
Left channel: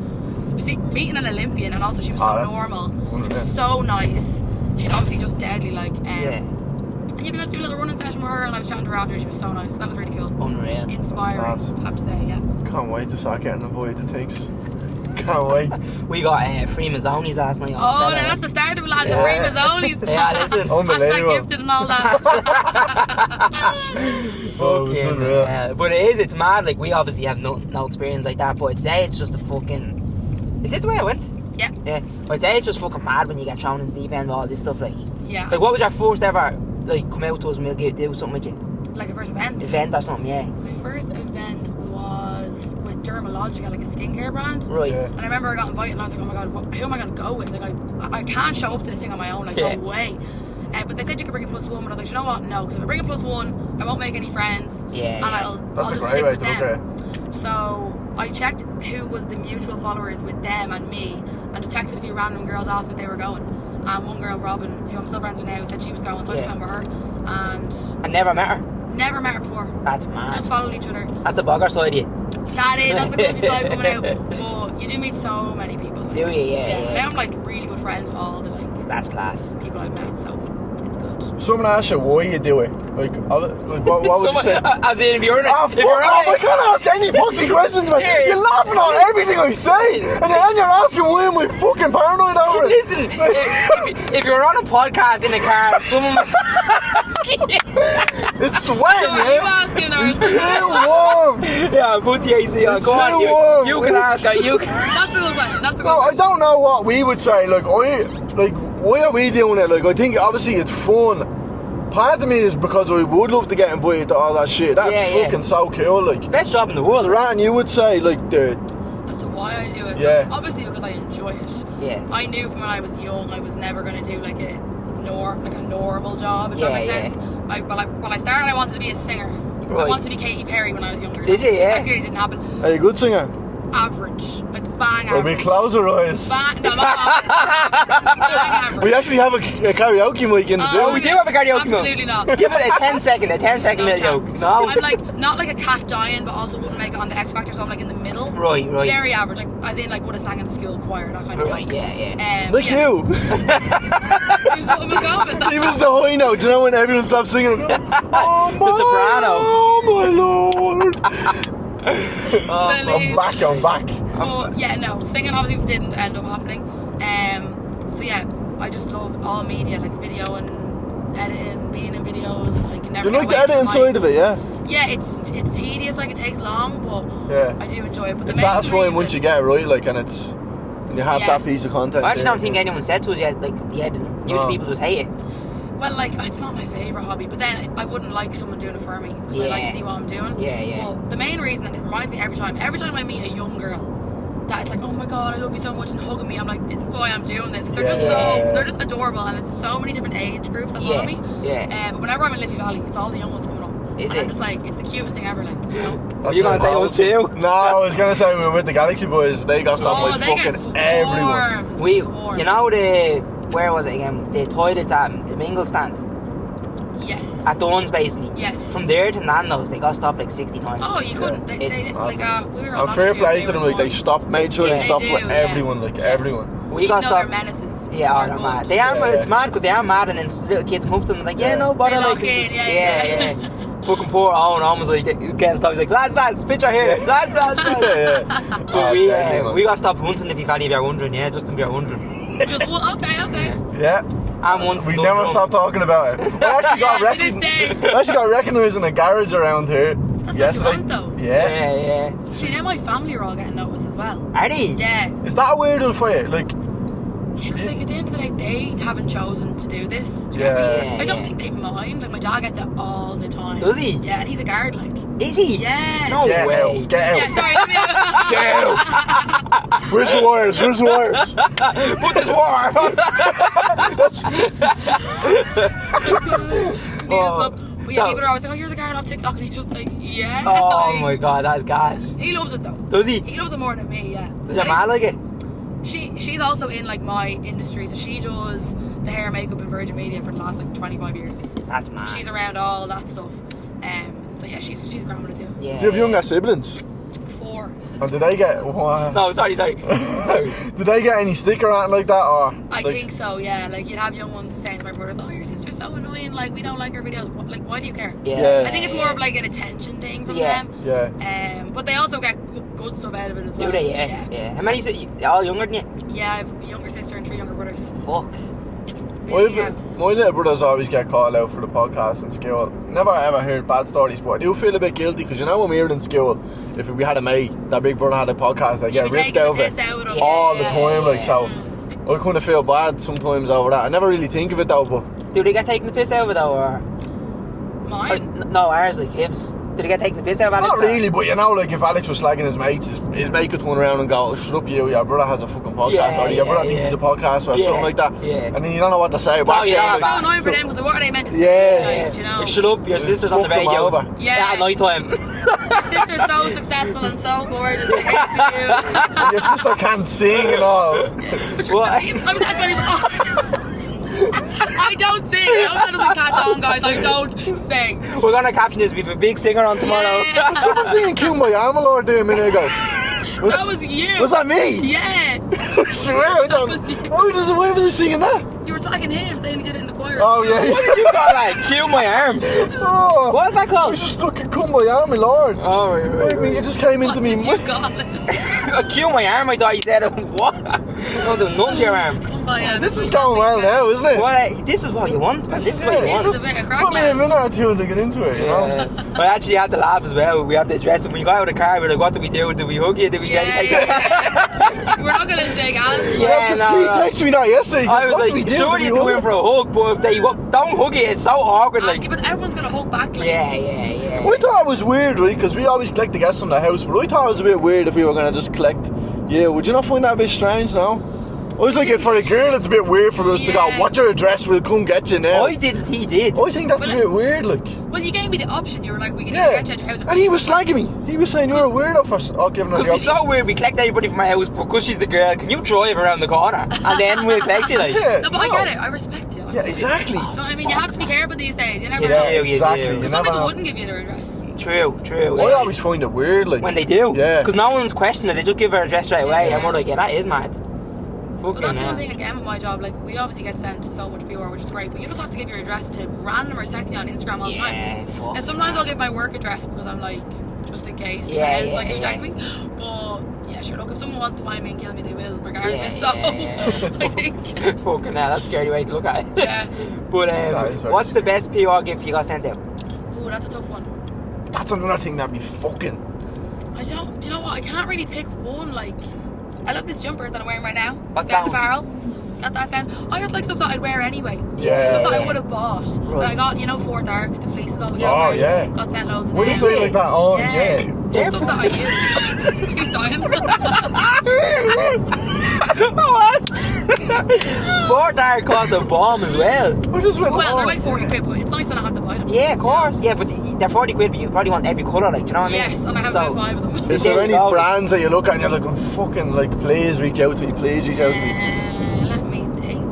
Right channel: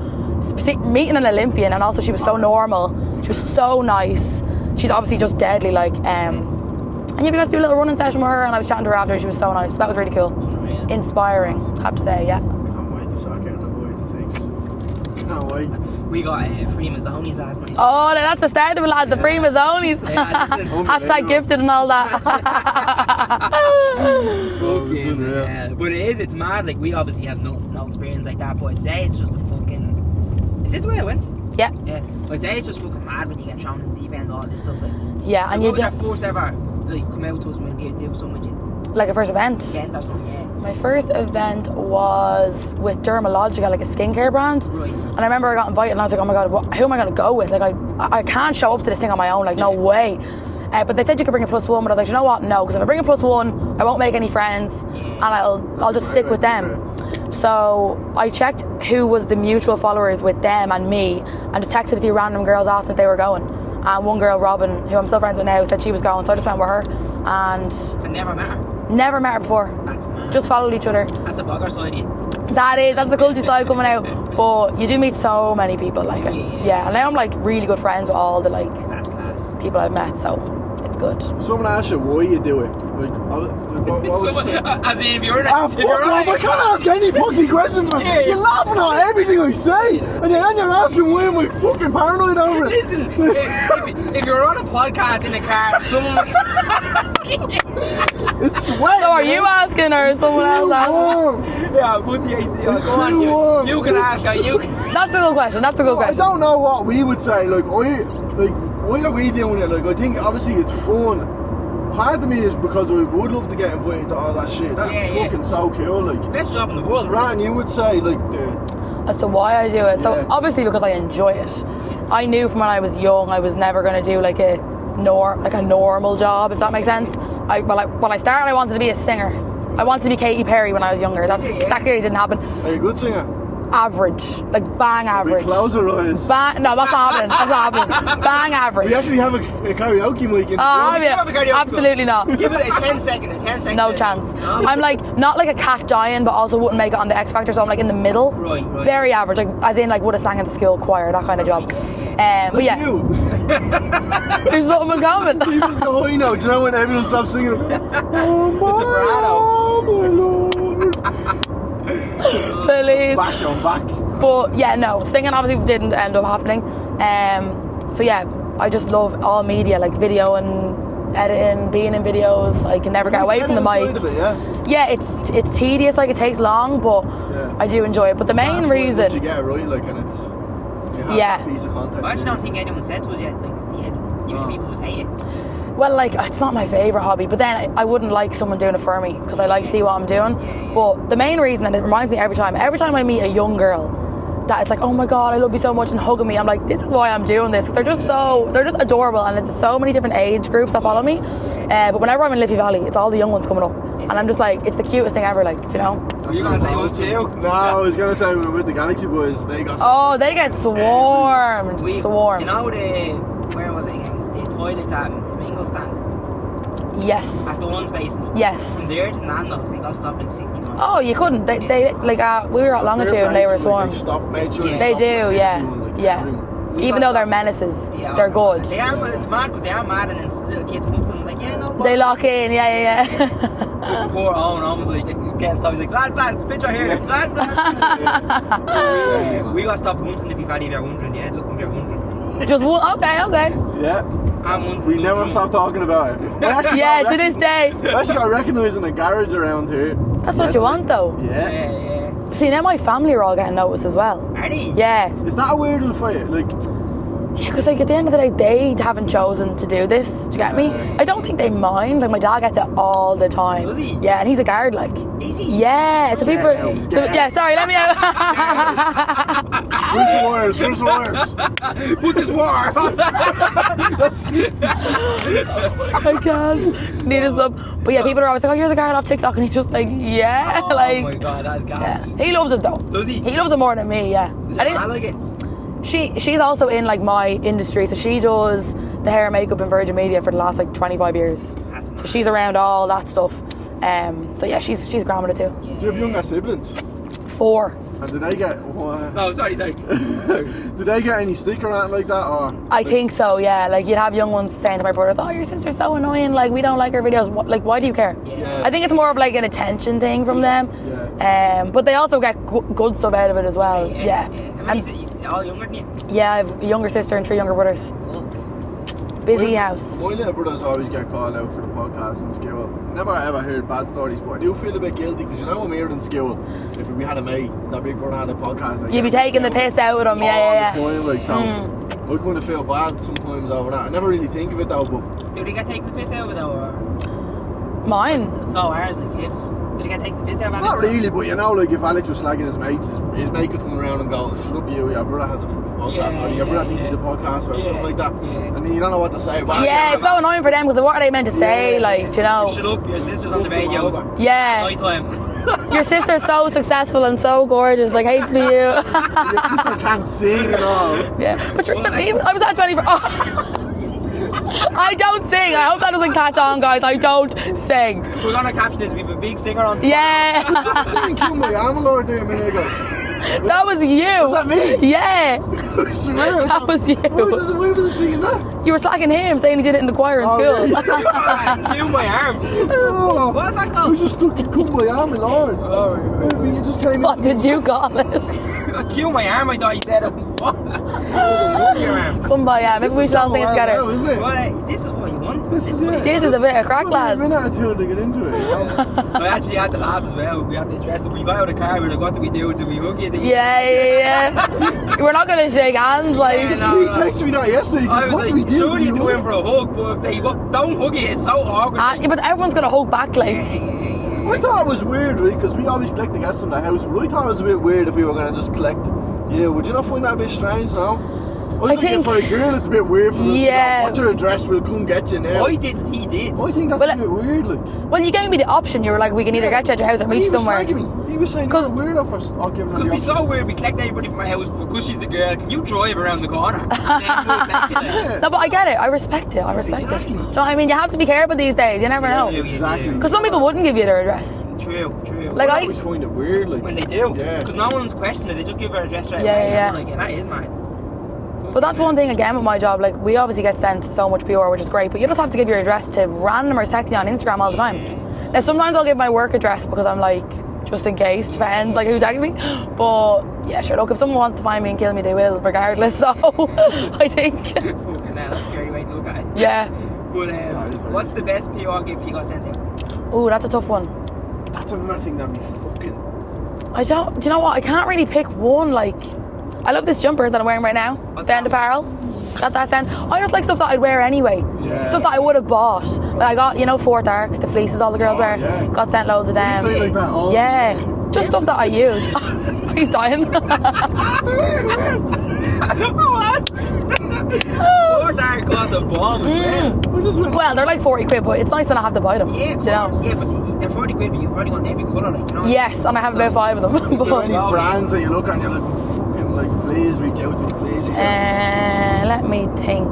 see, meeting an Olympian, and also she was so normal. She was so nice. She's obviously just deadly, like. And yeah, we got to do a little running session with her, and I was chatting to her after. She was so nice. So that was really cool. Unreal. Inspiring, I have to say. Yeah. Can't wait to start getting avoided things. Can't wait. We got free Mazzonis last night. Oh, no, that's the start of it, lads. The free Mazzonis. Yeah, listen. Hashtag gifted and all that. Oh, it's unreal. Yeah, but it's mad. Like, we obviously have no experience like that, but I'd say it's just a fucking. Is this the way I went? Yeah. Yeah. I'd say it's just fucking mad when you get thrown in the deep end of all this stuff. Like, Yeah. like and what you was your first ever, like, come out to us and we'll do something with you? like a first event? Event or something, yeah. My first event was with Dermalogica, like a skincare brand. Right. And I remember I got invited and I was like, oh my God, who am I going to go with? Like, I can't show up to this thing on my own, like, no way. But they said you could bring a +1, but I was like, you know what? No, because if I bring a +1, I won't make any friends, and I'll just stick with them. So I checked who was the mutual followers with them and me, and just texted a few random girls, asked if they were going. And one girl, Robin, who I'm still friends with now, said she was going, so I just went with her. And I never met her. Never met her before. That's mad. Just followed each other. That's the bogger side of you. That's the country side coming out. But you do meet so many people, like, yeah. And now I'm like really good friends with all the like That's class. people I've met, so it's good. Someone asked you why you do it. Like what would you say? As in, if you're in Ah, fuck off! I can't ask any fucking questions, man. You're laughing at everything I say, and then you're asking why am I fucking paranoid over it? Listen, if you're on a podcast in the car, someone was... It's sweat. So are you asking her? Yeah, put the AC on. Go on, you can ask her. You can... That's a good question. That's a good No, I question. don't know what we would say. Like, why are we doing it? Like, I think obviously it's fun. Part of me is because I would love to get invited to all that shit. That's fucking so cool. Like, best job in the world. So, Ryan, you would say like the. As to why I do it, so obviously because I enjoy it. Yeah. I knew from when I was young I was never going to do like a normal job, if that makes sense. When I started, I wanted to be a singer. Right. I wanted to be Katy Perry when I was younger. That clearly didn't happen. Are you a good singer? Average, like bang average. We close our eyes. No, that's happening. That's happening. Bang average. We actually have a karaoke mic in the building. We do have a karaoke mic. Absolutely not. Give it a 10 second. No chance. No. I'm like not like a cat dying, but also wouldn't make it on the X Factor, so I'm like in the middle. Right. Very average, like as in like would have sang in the school choir, that kind of job. Yeah. But yeah. You. We've something in common. He was the high note. Do you know when everyone stopped singing? Oh my, the soprano. Oh my lord. I'm back. But yeah, no, singing obviously didn't end up happening. So yeah, I just love all media, like video and editing, being in videos. I can never get away from the mic. Side of it, yeah, it's tedious, like it takes long, but I do enjoy it. But the main reason, once you get it right, like, and you have that piece of content. I actually don't think anyone said to us yet, like, the editing. Usually people just hate it. Well, like, it's not my favourite hobby, but then I wouldn't like someone doing it for me because I like to see what I'm doing. But the main reason, and it reminds me every time I meet a young girl that it's like, oh my God, I love you so much, and hugging me, I'm like, this is why I'm doing this. They're just they're just adorable, and it's so many different age groups that follow me. But whenever I'm in Liffey Valley, it's all the young ones coming up, I'm just like, it's the cutest thing ever, like, do you know? Are you going to say it was too? No, I was going to say we were with the Galaxy Boys, they got stuff they get swarmed. You know where was it again? The toilets at the Mingle stand. Yes. At Dunn's, basically. Yes. From there to Nando's, they got stopped like 60 times. Oh, you couldn't. They like we were all on fair with you, and play they to were them, like, swarmed. they stop, made sure They they stop do, everyone, like everyone. Even though they're menaces, they're good. Mad. They are, it's mad because they are mad, and then little kids come up to them like, yeah, no, they lock in, Fucking poor Owen was like getting stopped. He's like, lads, picture here, lads. But we got stopped once in Liffey Valley if you're wondering, just if you're wondering. Just one, okay. Yeah. And once we never stopped talking about it. To this day. I actually got recognised in a garage around here. That's what you want, though. Yeah. See, now my family are all getting noticed as well. Are they? Yeah. Is that a weird one for you? Like, because like at the end of the day, they haven't chosen to do this. Do you get me? I don't think they mind. Like my dad gets it all the time. Does he? Yeah, and he's a guard. Like. Is he? Yeah. So Get out. Sorry. Let me out. Where's the wires? Put this wire on. That's. I can't. Need us up. But yeah, people are always like, oh, you're the guard off TikTok, and he's just like, yeah. Oh my God, that's gas. Yeah. He loves it though. Does he? He loves it more than me. Yeah. Does your man like it? She's also in like my industry, so she does the hair and makeup in Virgin Media for the last like 25 years. That's mad. So she's around all that stuff. So yeah, she's grand with it too. Yeah, Do you have younger siblings? 4. And did they get what? No, sorry. Did they get any stick or anything like that? Or I think so, yeah. Like you'd have young ones saying to my brothers, "Oh, your sister's so annoying. Like we don't like her videos. Like why do you care?" Yeah. I think it's more of like an attention thing from them. Yeah. But they also get good stuff out of it as well. Do they? Yeah. How many? All younger than you? Yeah, I have a younger sister and 3 younger brothers. Fuck. Busy house. My little brothers always get called out for the podcast in school. Never ever heard bad stories, but I do feel a bit guilty because you know when we were in school, if we had a mate, that big brother had a podcast, like You'd be taking the piss out of them, all yeah. the time, like so. I kind of feel bad sometimes over that. I never really think of it though, but Do they get taken the piss out of it though, or? Mine? No, ours like hips. Did they get taken the piss out of Alex? not really. But you know, like if Alex was slagging his mates, his mate could turn around and go, "Shut up, you! Your brother has a fucking podcast, or your brother thinks he's a podcast, or something like that." Yeah. And then you don't know what to say. But Yeah, it's so annoying for them because what are they meant to say? Like, you know. Shut up, your sister's on the Fuck them radio. over. Yeah. At night time. Your sister's so successful and so gorgeous, like hates me you. And your sister can't sing and all. Yeah, but you're, What? I was at 20. I don't sing. I hope that doesn't catch on, guys. I don't sing. We're gonna caption this. We have a big singer on tomorrow. Yeah. Was someone singing "Kill My Armalord" there a minute ago? That was you. Was that me? Yeah. I swear. That was you. Why was he singing that? You were slacking him, saying he did it in the choir in Oh, school. yeah. Cue my arm. Oh, What was that I called? was just stuck in "Come My Army Lord." Oh, right. You just came What into me. did you call it? Cue my arm. I thought you said it. What? No, do not your arm. Come by, yeah. Maybe This we is should all going sing well now, together. isn't it? What? This is what you want. This is what you This want. is a bit of crack, Put me a lads. minute or two to get into it, you know? I actually had to laugh as well. We had to address it. When you got out of the car, we were like, what do we do? Do we hug you? Do we Yeah. We're not gonna shake hands, like. Yeah, no. He texted me that yesterday. I was What do we like, do? sure Do you we go hug? in for a hug, but if they don't hug it, it's so awkward. Like, Yeah, but everyone's gonna hug back, like. yeah. I thought it was weird, right? Because we always collect the guests from the house, but I thought it was a bit weird if we were going to just collect. Yeah, would you not find that a bit strange now? I was like, think- for a girl, it's a bit weird for us to Yeah. go, what's your address? We'll come get you now. I didn't, he did. I think that's Well, a bit weird, like. Well, you gave me the option. You were like, we can either get you at your house or and meet he you was somewhere. slagging me. He was saying you're a weirdo for giving her Because the we're option. so weird, we collect everybody from my house, but because she's the girl, can you drive around the corner? And then we'll collect you, like. Yeah, No, but I get it. I respect it. I respect exactly. it. So, I mean, you have to be careful these days. You never know. You Exactly. do. Because some people wouldn't give you their address. True. Like, I I- always find it weird, like. When they do. Yeah. Because no one's questioning it, they just give her a address straight Yeah, away. yeah. And we're like, yeah, that is mad. But that's one thing again with my job. Like, we obviously get sent so much PR, which is great. But you just have to give your address to randomers texting on Instagram all the time. Now, sometimes I'll give my work address because I'm like, just in case. Depends, like, who texts me. But yeah, sure. Look, if someone wants to find me and kill me, they will, regardless. So I think. Fucking hell, that's a scary way to look at it. Yeah. But is very what's the best PR gift you got sent out? Ooh, that's a tough one. That's another thing that'd be fucking. I don't. Do you know what? I can't really pick one. Like, I love this jumper that I'm wearing right now. What's Band that one? apparel. That scent. I just like stuff that I'd wear anyway. Yeah, Stuff that I yeah. would have bought. Like I got, Fourth Arc, the fleeces all the girls Oh, wear. yeah. Got sent loads of Would them. you say like that? Oh, yeah. yeah. Just stuff that I use. He's dying. What? Four Dark cost a bomb as well. I just went, Well, they're like 40 quid, but it's nice to not have to buy them. Yeah, of you know? course. Yeah, but they're 40 quid, but you probably want every colour, like, you know what I mean? Yes, and I have about 5 of them. Is Yeah. there any brands that you look at and you're like, oh, fucking, like, please reach out to me, please reach out to me? Let me think.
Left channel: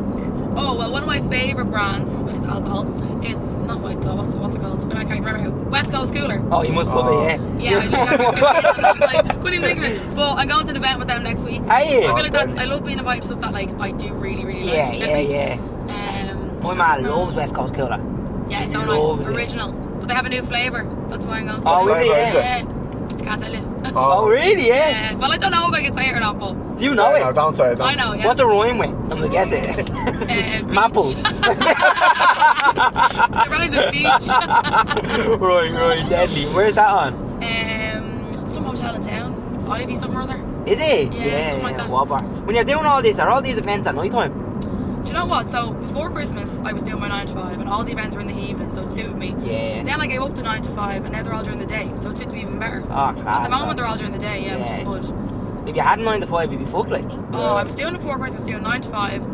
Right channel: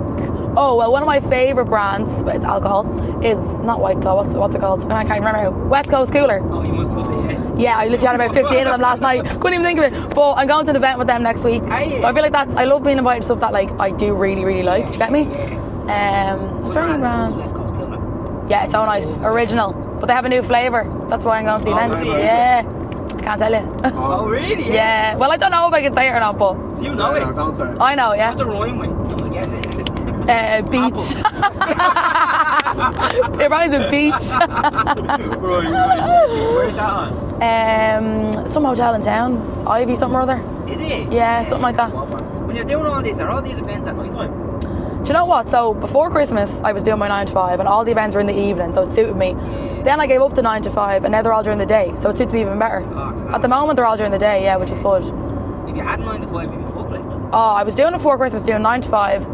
Oh, well, one of my favourite brands, but it's alcohol, is not White Claw, what's it called? I can't remember how. West Coast Cooler. Oh, you must love it, yeah. Yeah, I literally had about 15 of them last night. Couldn't even think of it. But I'm going to an event with them next week. Aye. So I feel like I love being invited to stuff that, like, I do really, really like. Do you get me? Yeah. is My there man any loves brands? West Coast Cooler. Yeah, it's so nice. Loves it. Original. But they have a new flavour. That's why I'm going to the Oh, event. is it? Yeah. I can't tell you. Oh, really? Yeah. Well, I don't know if I can say it or not, but Do you know No, it? don't say it. I know, yeah. What's a rhyme with? I'm gonna guess it. Apple. Beach. It rhymes with beach. right, deadly. Where's that on? Some hotel in town. Ivy something or other. Is it? Yeah, something like that. Whopper. When you're doing all this, are all these events at night time? Do you know what? So before Christmas, I was doing my 9 to 5, and all the events were in the evening, so it suited me. Yeah. Then I gave up to 9 to 5, and now they're all during the day, so it suits me even better. Oh, class. At the moment, they're all during the day, yeah, which is good. If you had 9 to 5, you'd be fucked, like. Oh, I was doing it before Christmas, doing 9 to 5.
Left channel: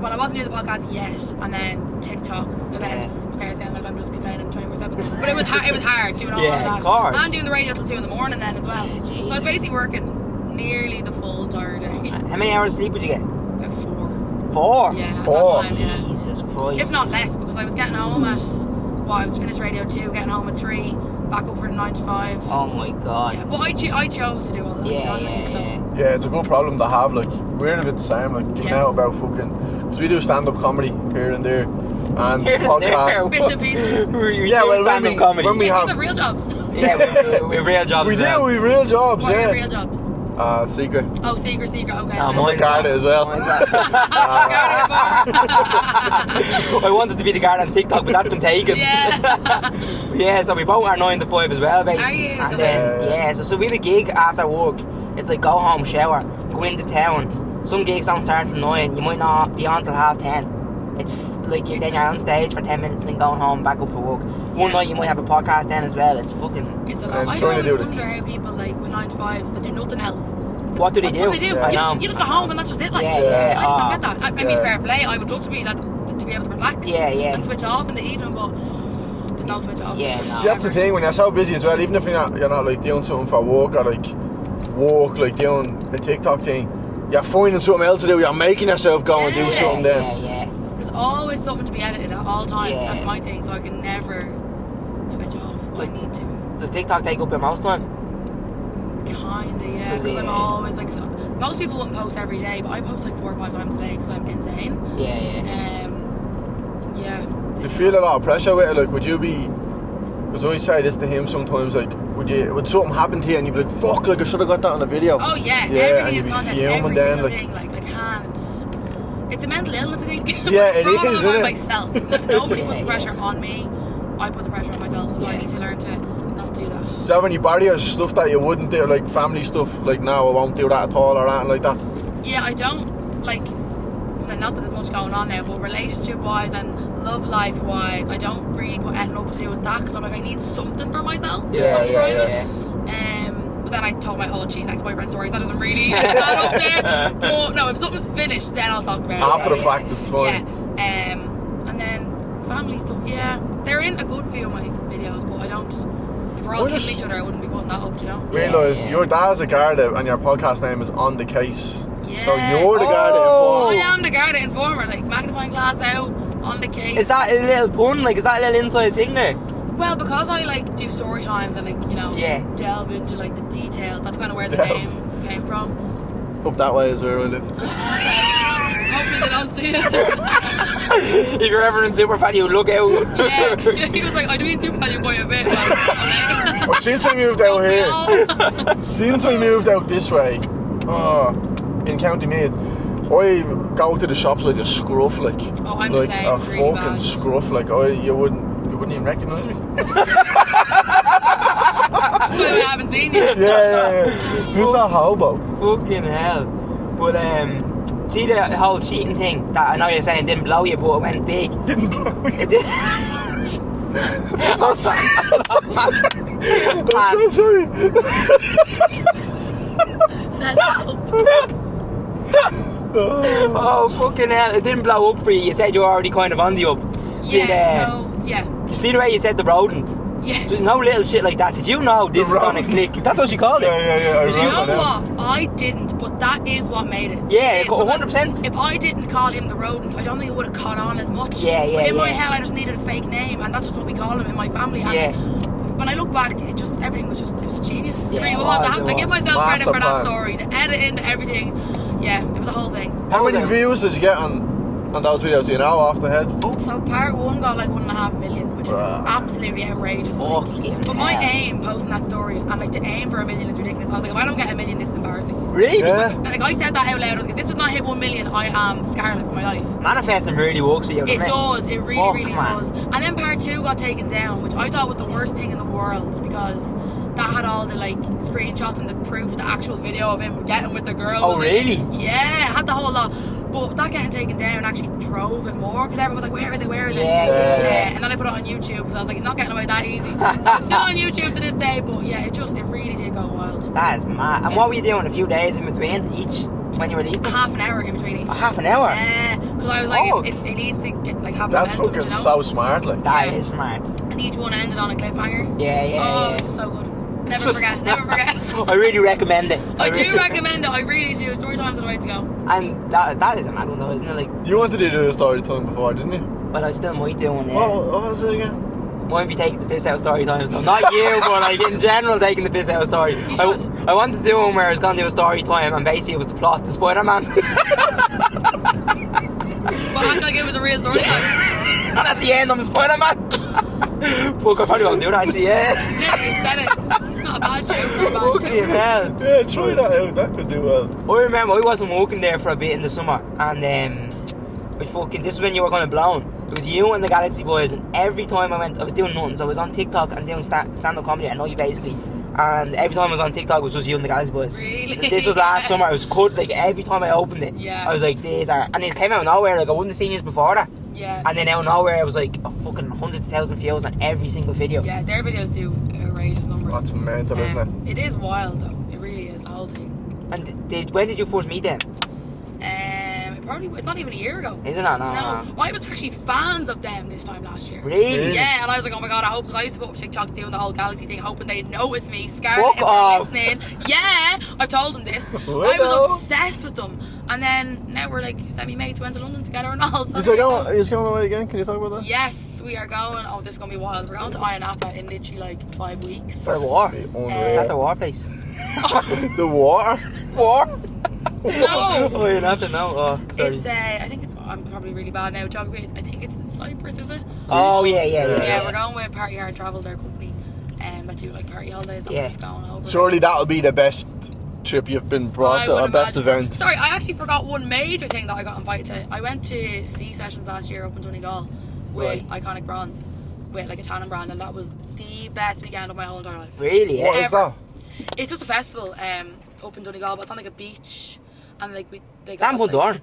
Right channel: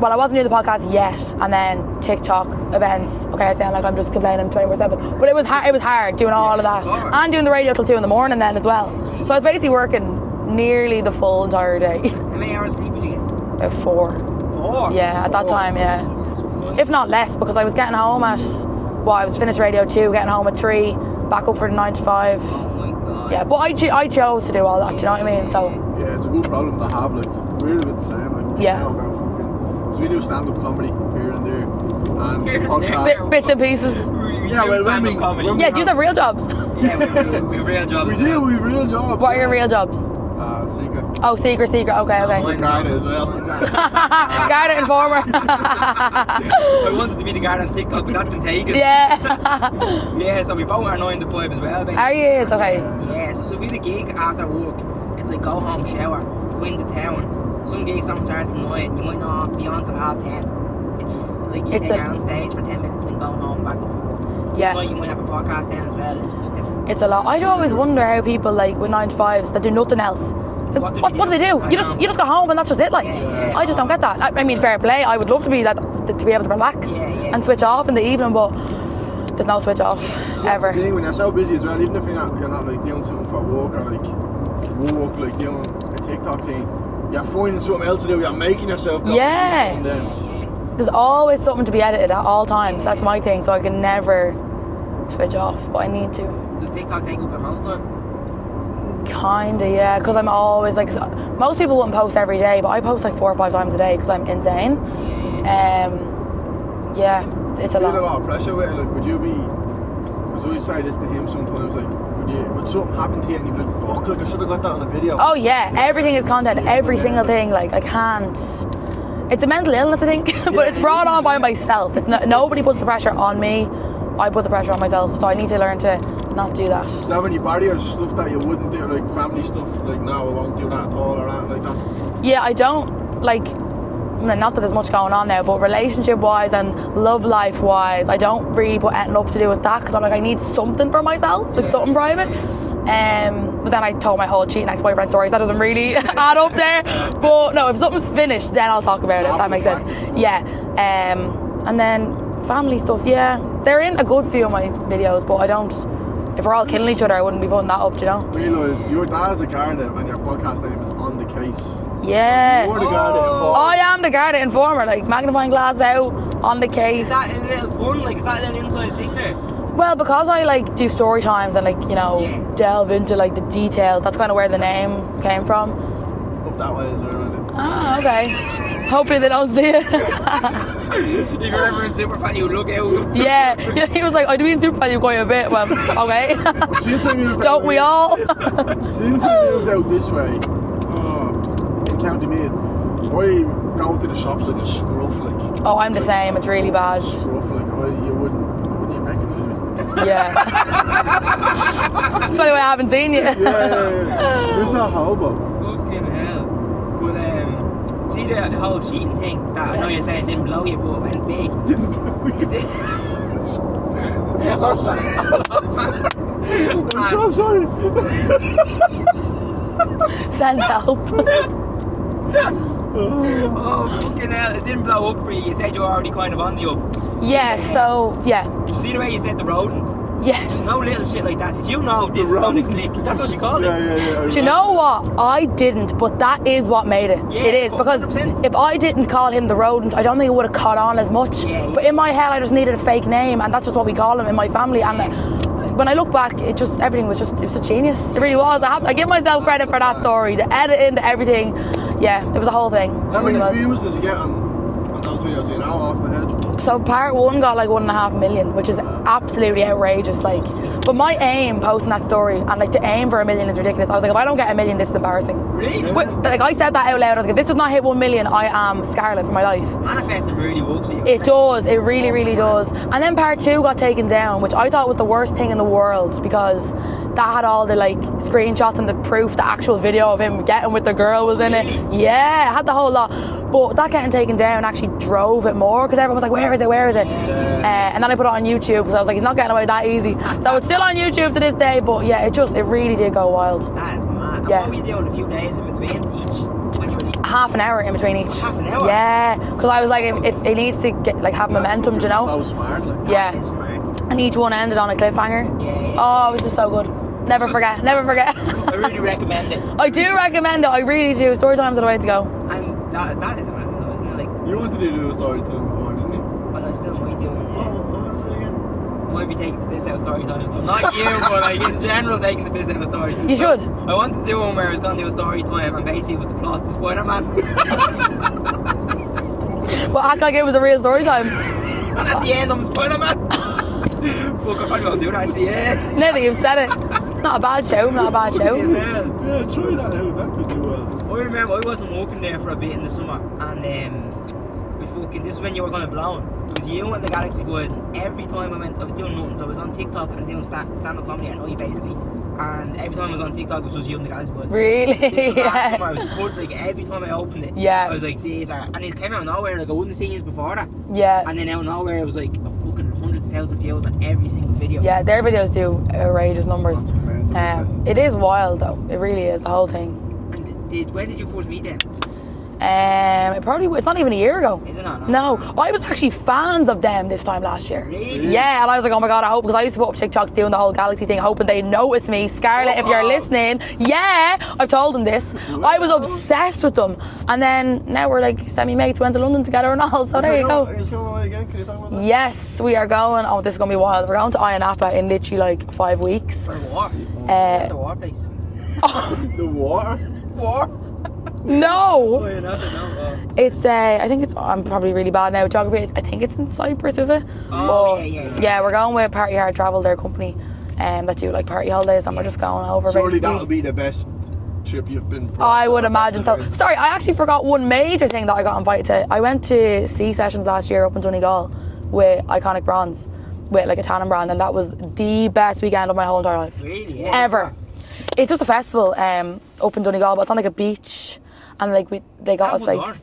Well, I wasn't doing the podcast yet, and then TikTok events. Okay, I sound like I'm just complaining 24/7, but it was hard doing all of Yeah, that, of course. and doing the radio till 2 in the morning then as well. Yeah, So I was basically working nearly the full entire day. How many hours sleep would you get? About 4. 4? Yeah, at that time, yeah. Jesus Christ. If not less, because I was getting home at, I was finished radio 2, getting home at 3, back up for the 9 to 5. Oh my god. Yeah, but I chose to do all that, do you know what I mean? So Yeah, it's a good problem to have. Like, we're a bit the same. Like, you know about fucking. Because we do stand-up comedy here and there. And Here and podcast. there. bits and pieces. Yeah, well, when we- comedy. when we Yeah, have- these are real jobs. Yeah, we have real jobs. We do, we real jobs. What are yeah. your real jobs? Secret. Oh, secret, okay, Oh, okay. mine Garda as well. Garda Informer. I wanted to be the guard on TikTok, but that's been taken. Yeah. Yeah, so we both are 9 to 5 as well, basically. Are you? It's And, okay. yeah, so we have a gig after work. It's like go home, shower, go into town. Some gigs don't start from 9. You might not be on till 10:30. It's like It's you're on stage for 10 minutes, then going home, back up for work. Yeah. One night you might have a podcast then as well. It's fucking. It's a lot. I'm I trying to always do it. wonder how people like with 9 to 5s that do nothing else. Like, What do they do? What do they do? Yeah. You just go home and that's just it. Like, Yeah. I just don't get that. I mean, Yeah. fair play. I would love to be that to be able to relax Yeah. and switch off in the evening, but there's no switch off. Yeah, no. See, that's the ever. thing, when you're so busy as well, even if you're not like doing something for work or like like doing a TikTok thing, you're finding something else to do, you're making yourself go and do Yeah. something then. Yeah. There's always something to be edited at all times. Yeah. That's my thing, so I can never switch off, but I need to. Does TikTok take up your most time? Kinda, yeah, because I'm always like, most people wouldn't post every day, but I post like 4 or 5 times a day because I'm insane. Yeah. Yeah, it's I feel a lot. lot of pressure with it, like would you be, because I always say this to him sometimes, like would something happen to you and you'd be like, fuck, like I should have got that on a video. Oh yeah, Yeah, everything and is you'd be content, filming every then, single like- thing. Like I can't. It's a mental illness, I think, but Yeah, it's it brought is, on by isn't it? myself. It's nobody puts the pressure on me. I put the pressure on myself, so I need to learn to not do that. Do you have any barriers, stuff that you wouldn't do, like family stuff, like no, I won't do that at all or anything like that? Yeah, I don't like. Not that there's much going on now, but relationship-wise and love life-wise, I don't really put anything up to do with that because I'm like, I need something for myself, like Yeah, something yeah, private. yeah. But then I told my whole cheating ex-boyfriend stories. That doesn't really add up there. But no, if something's finished, then I'll talk about it. If After that the makes fact, sense. it's fine. Yeah. And then family stuff. Yeah, they're in a good few of my videos, but I don't. If we're all killing each other, I wouldn't be putting that up. Do you know? Realise your dad's a Garda and your podcast name is On The Case. Yeah. So you're the Garda I informer. am the Garda Informer, like magnifying glass out on the case. Is that a little pun? Like, is that a little inside thing there? Well, because I like do story times and like Yeah. delve into like the details. That's kind of where the name came from. Up that way is where I live. Ah, okay. Hopefully they don't see it. If you're ever in super fan, you look out. Yeah, he was like, I do mean super value quite a bit. Well, okay. Well, since I moved out Don't we here, all? since I moved out this way, in County Meath, I go to the shops like a scruff, like. Oh, I'm the same. a It's really fucking bad. Scruff, like you wouldn't even recognise me. Yeah. That's why I haven't seen you. Yeah. Who's that hobo? Fucking hell. But, see the whole cheating thing that I know you're saying didn't blow you, but it went big. Didn't blow It you. did. I'm so sorry. I'm so sorry. Send help. Oh, fucking hell. It didn't blow up for you. You said you were already kind of on the up. Yeah, so, yeah. You see the way you said the rodent? Yes. There's no little shit like that. Did you know this is gonna rodent. click? That's what she called it. Yeah. Do you know what? I didn't, but that is what made it. Yeah, it is because 100%. if I didn't call him the rodent, I don't think it would have caught on as much. Yeah, But in my yeah. head, I just needed a fake name, and that's just what we call him in my family. And Yeah. like, when I look back, everything was just genius. Yeah, it really it was. was, I give myself credit for that Massive fan. story, the editing, the everything. Yeah, it was a whole thing. How It really many was. views did you get on those videos? Do you know off the head? So part 1 got like 1.5 million, which is absolutely outrageous. Like, Fucking but my hell. aim posting that story and like to aim for 1 million is ridiculous. I was like, if I don't get 1 million, this is embarrassing. Really? Yeah. What? Like I said that out loud. I was like, if this does not hit 1 million, I am scarlet for my life. Manifesting really works for you. It does. It really, Oh, really man. does. And then part 2 got taken down, which I thought was the worst thing in the world because that had all the like screenshots and the proof, the actual video of him getting with the girl Oh, was in really? it. Yeah, it had the whole lot. But that getting taken down actually drove it more because everyone was like, where is it? Where is it? Yeah. And then I put it on YouTube because I was like, he's not getting away that easy. So it's still on YouTube to this day. But yeah, it really did go wild. That is mad. And Yeah. what were you doing a few days in between each when you released it? Half an hour in between each. Half an hour? Yeah, because I was like, Oh. it needs to get like have That's momentum, do fucking you know? so smart, like. That Yeah. is smart. And each one ended on a cliffhanger. Yeah. Oh, it was just so good. Never forget. Never forget. I really recommend it. I do recommend it. I really do. Story times are the way to go. And that is a mad one though, isn't it? Like, You wanted to do a story time before, didn't you? but I still might do one. Yeah. What was it again? Might be taking the piss out of story times though. Not you, but like in general taking the piss out of story. You should. I wanted to do one where I was going to do a story time and basically it was the plot to Spider-Man. But act like it was a real story time. And at the end I'm Spider-Man. Fuck, I probably won't do that actually, yeah. Nearly, you've said it. Not a bad show, not a bad Fucking show. hell. Yeah, try that out. That could do well. I remember I wasn't working there for a bit in the summer and this is when you were going to Blown. It was you and the Galaxy Boys, and every time I was doing nothing, so I was on TikTok and doing stand-up comedy at night basically, and every time I was on TikTok it was just you and the Galaxy Boys. Really? This was Yeah. last summer. I was cut, like every time I opened it, Yeah. I was like, these are, and it came out of nowhere, like I wouldn't have seen this before that, Yeah. and then out of nowhere I was like, fucking hundreds of thousands of views on every single video. Yeah, their videos do outrageous numbers. That's mental, isn't It is wild though. It really is, the whole thing. And when did you first meet them? It's not even a year ago. Is it not? No, I was actually fans of them this time last year. Really? Yeah, and I was like, oh my god, I hope, because I used to put up TikToks doing the whole Galaxy thing, hoping they'd notice me. Scarlett, Fuck if you're off. listening, yeah, I've told them this. I was obsessed with them, and then now we're like semi-mates, went to London together and all, so there you go. He's going away again. Can you talk about that? Yes, we are going. Oh, this is going to be wild. We're going to Iron Napa in literally like 5 weeks. For war? At the war place. The water? War? No! Oh, you're not to know. Oh, sorry. It's, I think it's, I'm probably really bad now with geography. I think it's in Cyprus, is it? Oh, yeah. Yeah, we're going with Party Hard Travel, their company, that do like party holidays, and we're just going over. Surely basically. that'll be the best trip you've been brought I to. would or best imagine so. event. Sorry, I actually forgot one major thing that I got invited to. I went to Sea Sessions last year up in Donegal with Iconic Bronze, with like a tannin brand, and that was the best weekend of my whole entire life. Really? Yeah. Ever. It's just a festival up in Donegal, but it's on like a beach, and like they got us like Campion.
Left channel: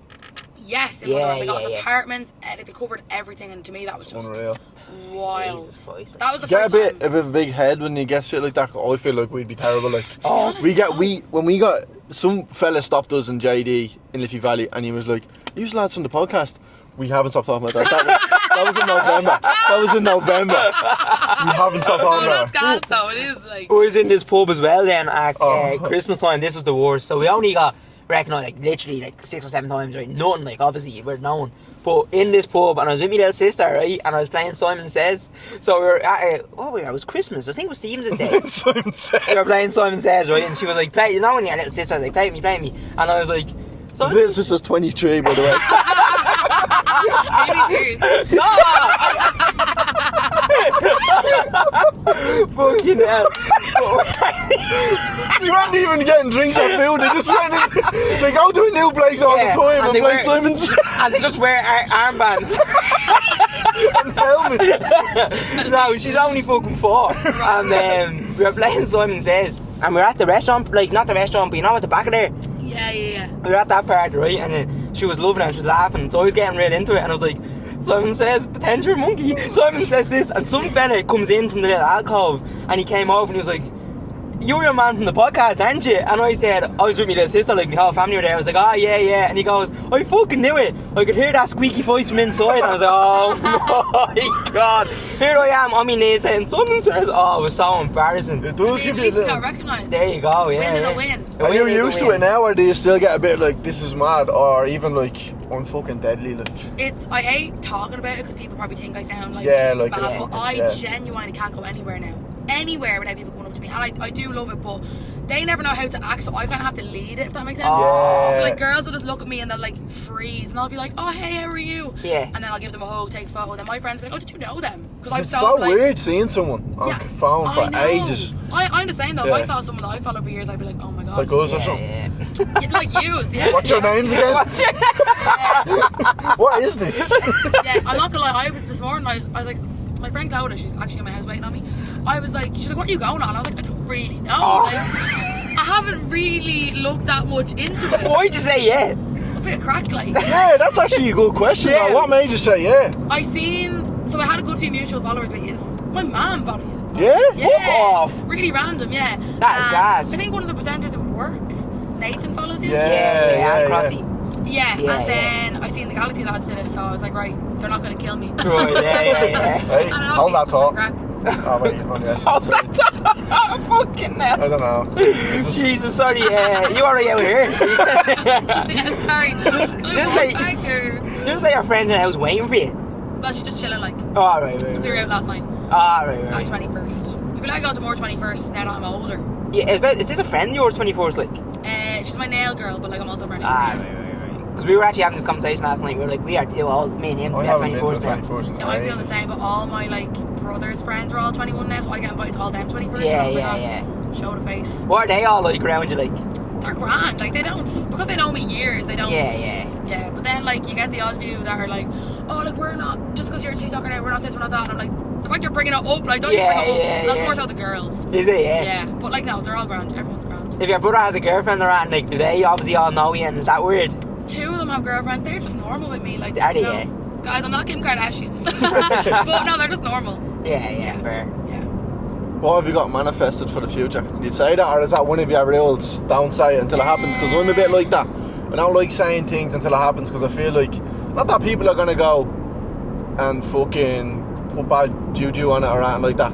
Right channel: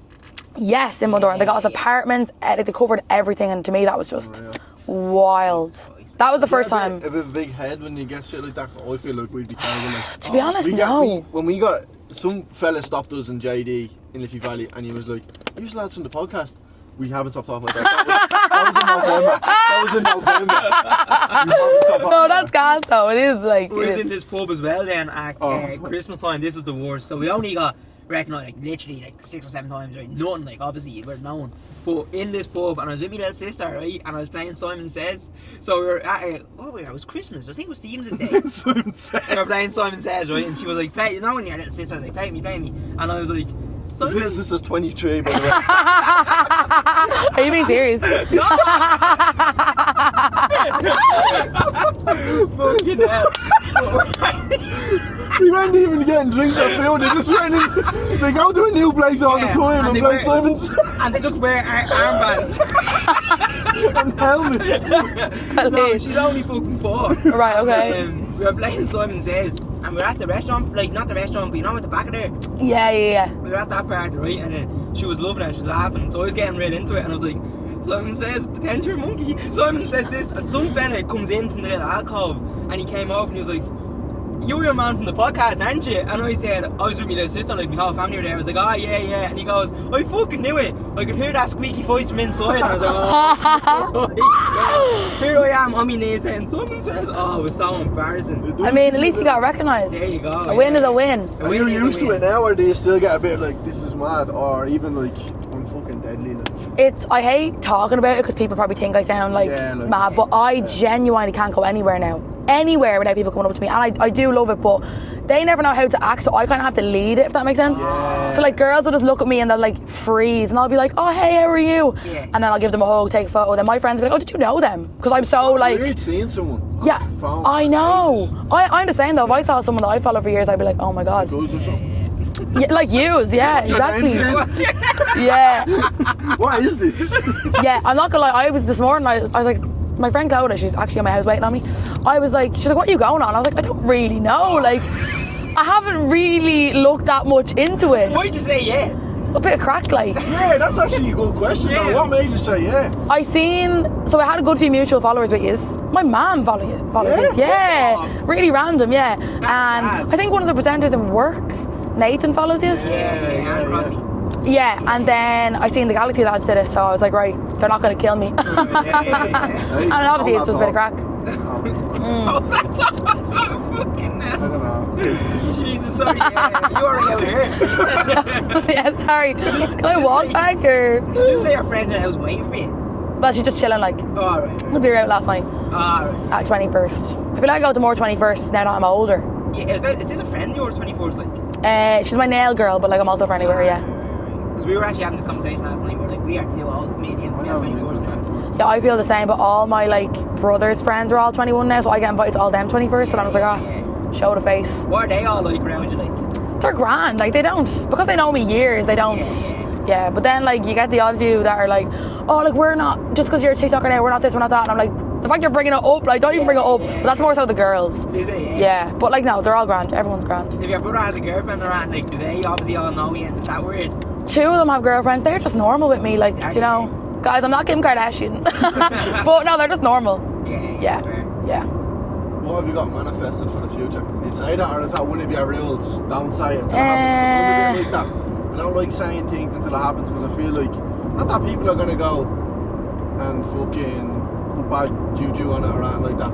yes in Yeah, Muldoon. They got us yeah. apartments. Like they covered everything, and to me that was just Unreal. wild. Jesus Christ. That was the You first get time. a bit of a big head when you get shit like that. I feel like we'd be terrible. Like, To be honest, no. when we got some fella stopped us in JD in Liffey Valley, and he was like, "You lads from the podcast." We haven't stopped talking about that. That was in November. We haven't stopped talking No, about that's it. gas though. It is like. We was in this pub as well then at Oh. Christmas time. This was the worst. So we only got recognised like literally like 6 or 7 times, right? Nothing, like obviously we're known. But in this pub, and I was with my little sister, right? And I was playing Simon Says. So we were at it was Christmas. I think it was Stevens' day. Simon said. We were playing Simon Says, right? And she was like, "Play, you know when your little sister was like, play me. And I was like, His little sister's 23, by the way. Are you being serious? fucking hell. We weren't even getting drinks or food. They just went in. They go to a new place all the Yeah, time and and they play wear- Simon Says And they just wear armbands. and helmets. No, she's only fucking 4. Right, And okay. we were playing Simon Says. And we were at the restaurant, like not the restaurant, but you know at the back of there. Yeah. We were at that part, right? And she was loving it and she was laughing. So I was getting right into it and I was like, Simon Says, potential monkey. Simon says this. And some fella comes in from the little alcove and he came over and he was like, "You're a man from the podcast, aren't you?" And I said, I was with my little sister, like my whole family were there. I was like, "Oh, yeah." And he goes, "I fucking knew it. I could hear that squeaky voice from inside." And I was like, "Oh my god. Here I am on my knees saying, Simon Says." Oh, it was so embarrassing. It does I mean, give at you least you the- got recognised. There you go. A win is a win. Are you used to it now, or do you still get a bit like, this is mad, or even like, I'm fucking deadly? Like, I hate talking about it because people probably think I sound like, Yeah, like, mad, yeah, but I yeah. genuinely can't go anywhere now. Anywhere without people coming up to me. And I do love it, but they never know how to act, so I kind of have to lead it, if that makes sense. Yeah. So like girls will just look at me and they'll like freeze, and I'll be like, "Oh hey, how are you?" Yeah. And then I'll give them a hug, take a photo. Then my friends will be like, "Oh, did you know them?" Because I'm it's so, so like, weird seeing someone on yeah, the phone for I know. ages. I'm the same though. If I Yeah. saw someone that I follow for years, I'd be like, "Oh my god." Like us or something. Yeah, like yous, yeah. What's your exactly. names again? Yeah. What is this? Yeah, I'm not gonna lie, I was this morning, I was like, my friend Coda, she's actually on my house waiting on me. She's like, "What are you going on?" I was like, "I don't really know." Like, I haven't really looked that much into it. Why'd you say yeah? A bit of crack, like. Yeah, that's actually a good question. Yeah. Though. What made you say yeah? I I had a good few mutual followers with yous. My mum follows Yeah? yous. Yeah. Fuck off. Really random, yeah. gas. I think one of the presenters in work, Nathan, follows yous. Yeah, and Crossy. Yeah, Yeah, and then I seen the Galaxy lads did it, so I was like, right, they're not going to kill me. Right, yeah. Hey, And obviously all it's that just a bit of talk. crack. Oh, wait, Oh, that's fucking I don't know. Jesus, sorry, you already out here. Yeah, sorry. Can I Just walk say- back or? Just say your friends in the house waiting for you. Well, she's just chilling like. Oh, right. Because we were out last night Right. at 21st. I feel like I go to more 21st now that I'm older. Yeah, is this a friend of yours, 24th, like? She's my nail girl, but like I'm also friendly with her, yeah. Because we were actually having this conversation last night. We were like, we are too old. It's me and him. I We are haven't been to 24th. now. 21st. Yeah, I feel the same, but all my like brothers' friends are all 21 now, so I get invited to all them 21st, and I was like, show the face. What are they all like around you, like? They're grand, like they don't, because they know me years, they don't. Yeah, but then like you get the odd few that are like, oh, like we're not, just because you're a TikToker now, we're not this, we're not that, and I'm like, the fact you're bringing it up, like don't even bring it up. But that's more so the girls. Is it? Yeah, but like no, they're all grand, everyone's grand. If your brother has a girlfriend around, like, do they obviously all know you, and is that weird? 2 of them have girlfriends, they're just normal with me, like, Are you they, know. Guys, I'm not Kim Kardashian. But no, they're just normal. Yeah. Fair. Yeah. What have you got manifested for the future? You'd say that, or is that one of your rules? Don't say it until it happens, because I'm a bit like that. I don't like saying things until it happens, because I feel like, not that people are going to go and fucking put bad juju on it or anything like that,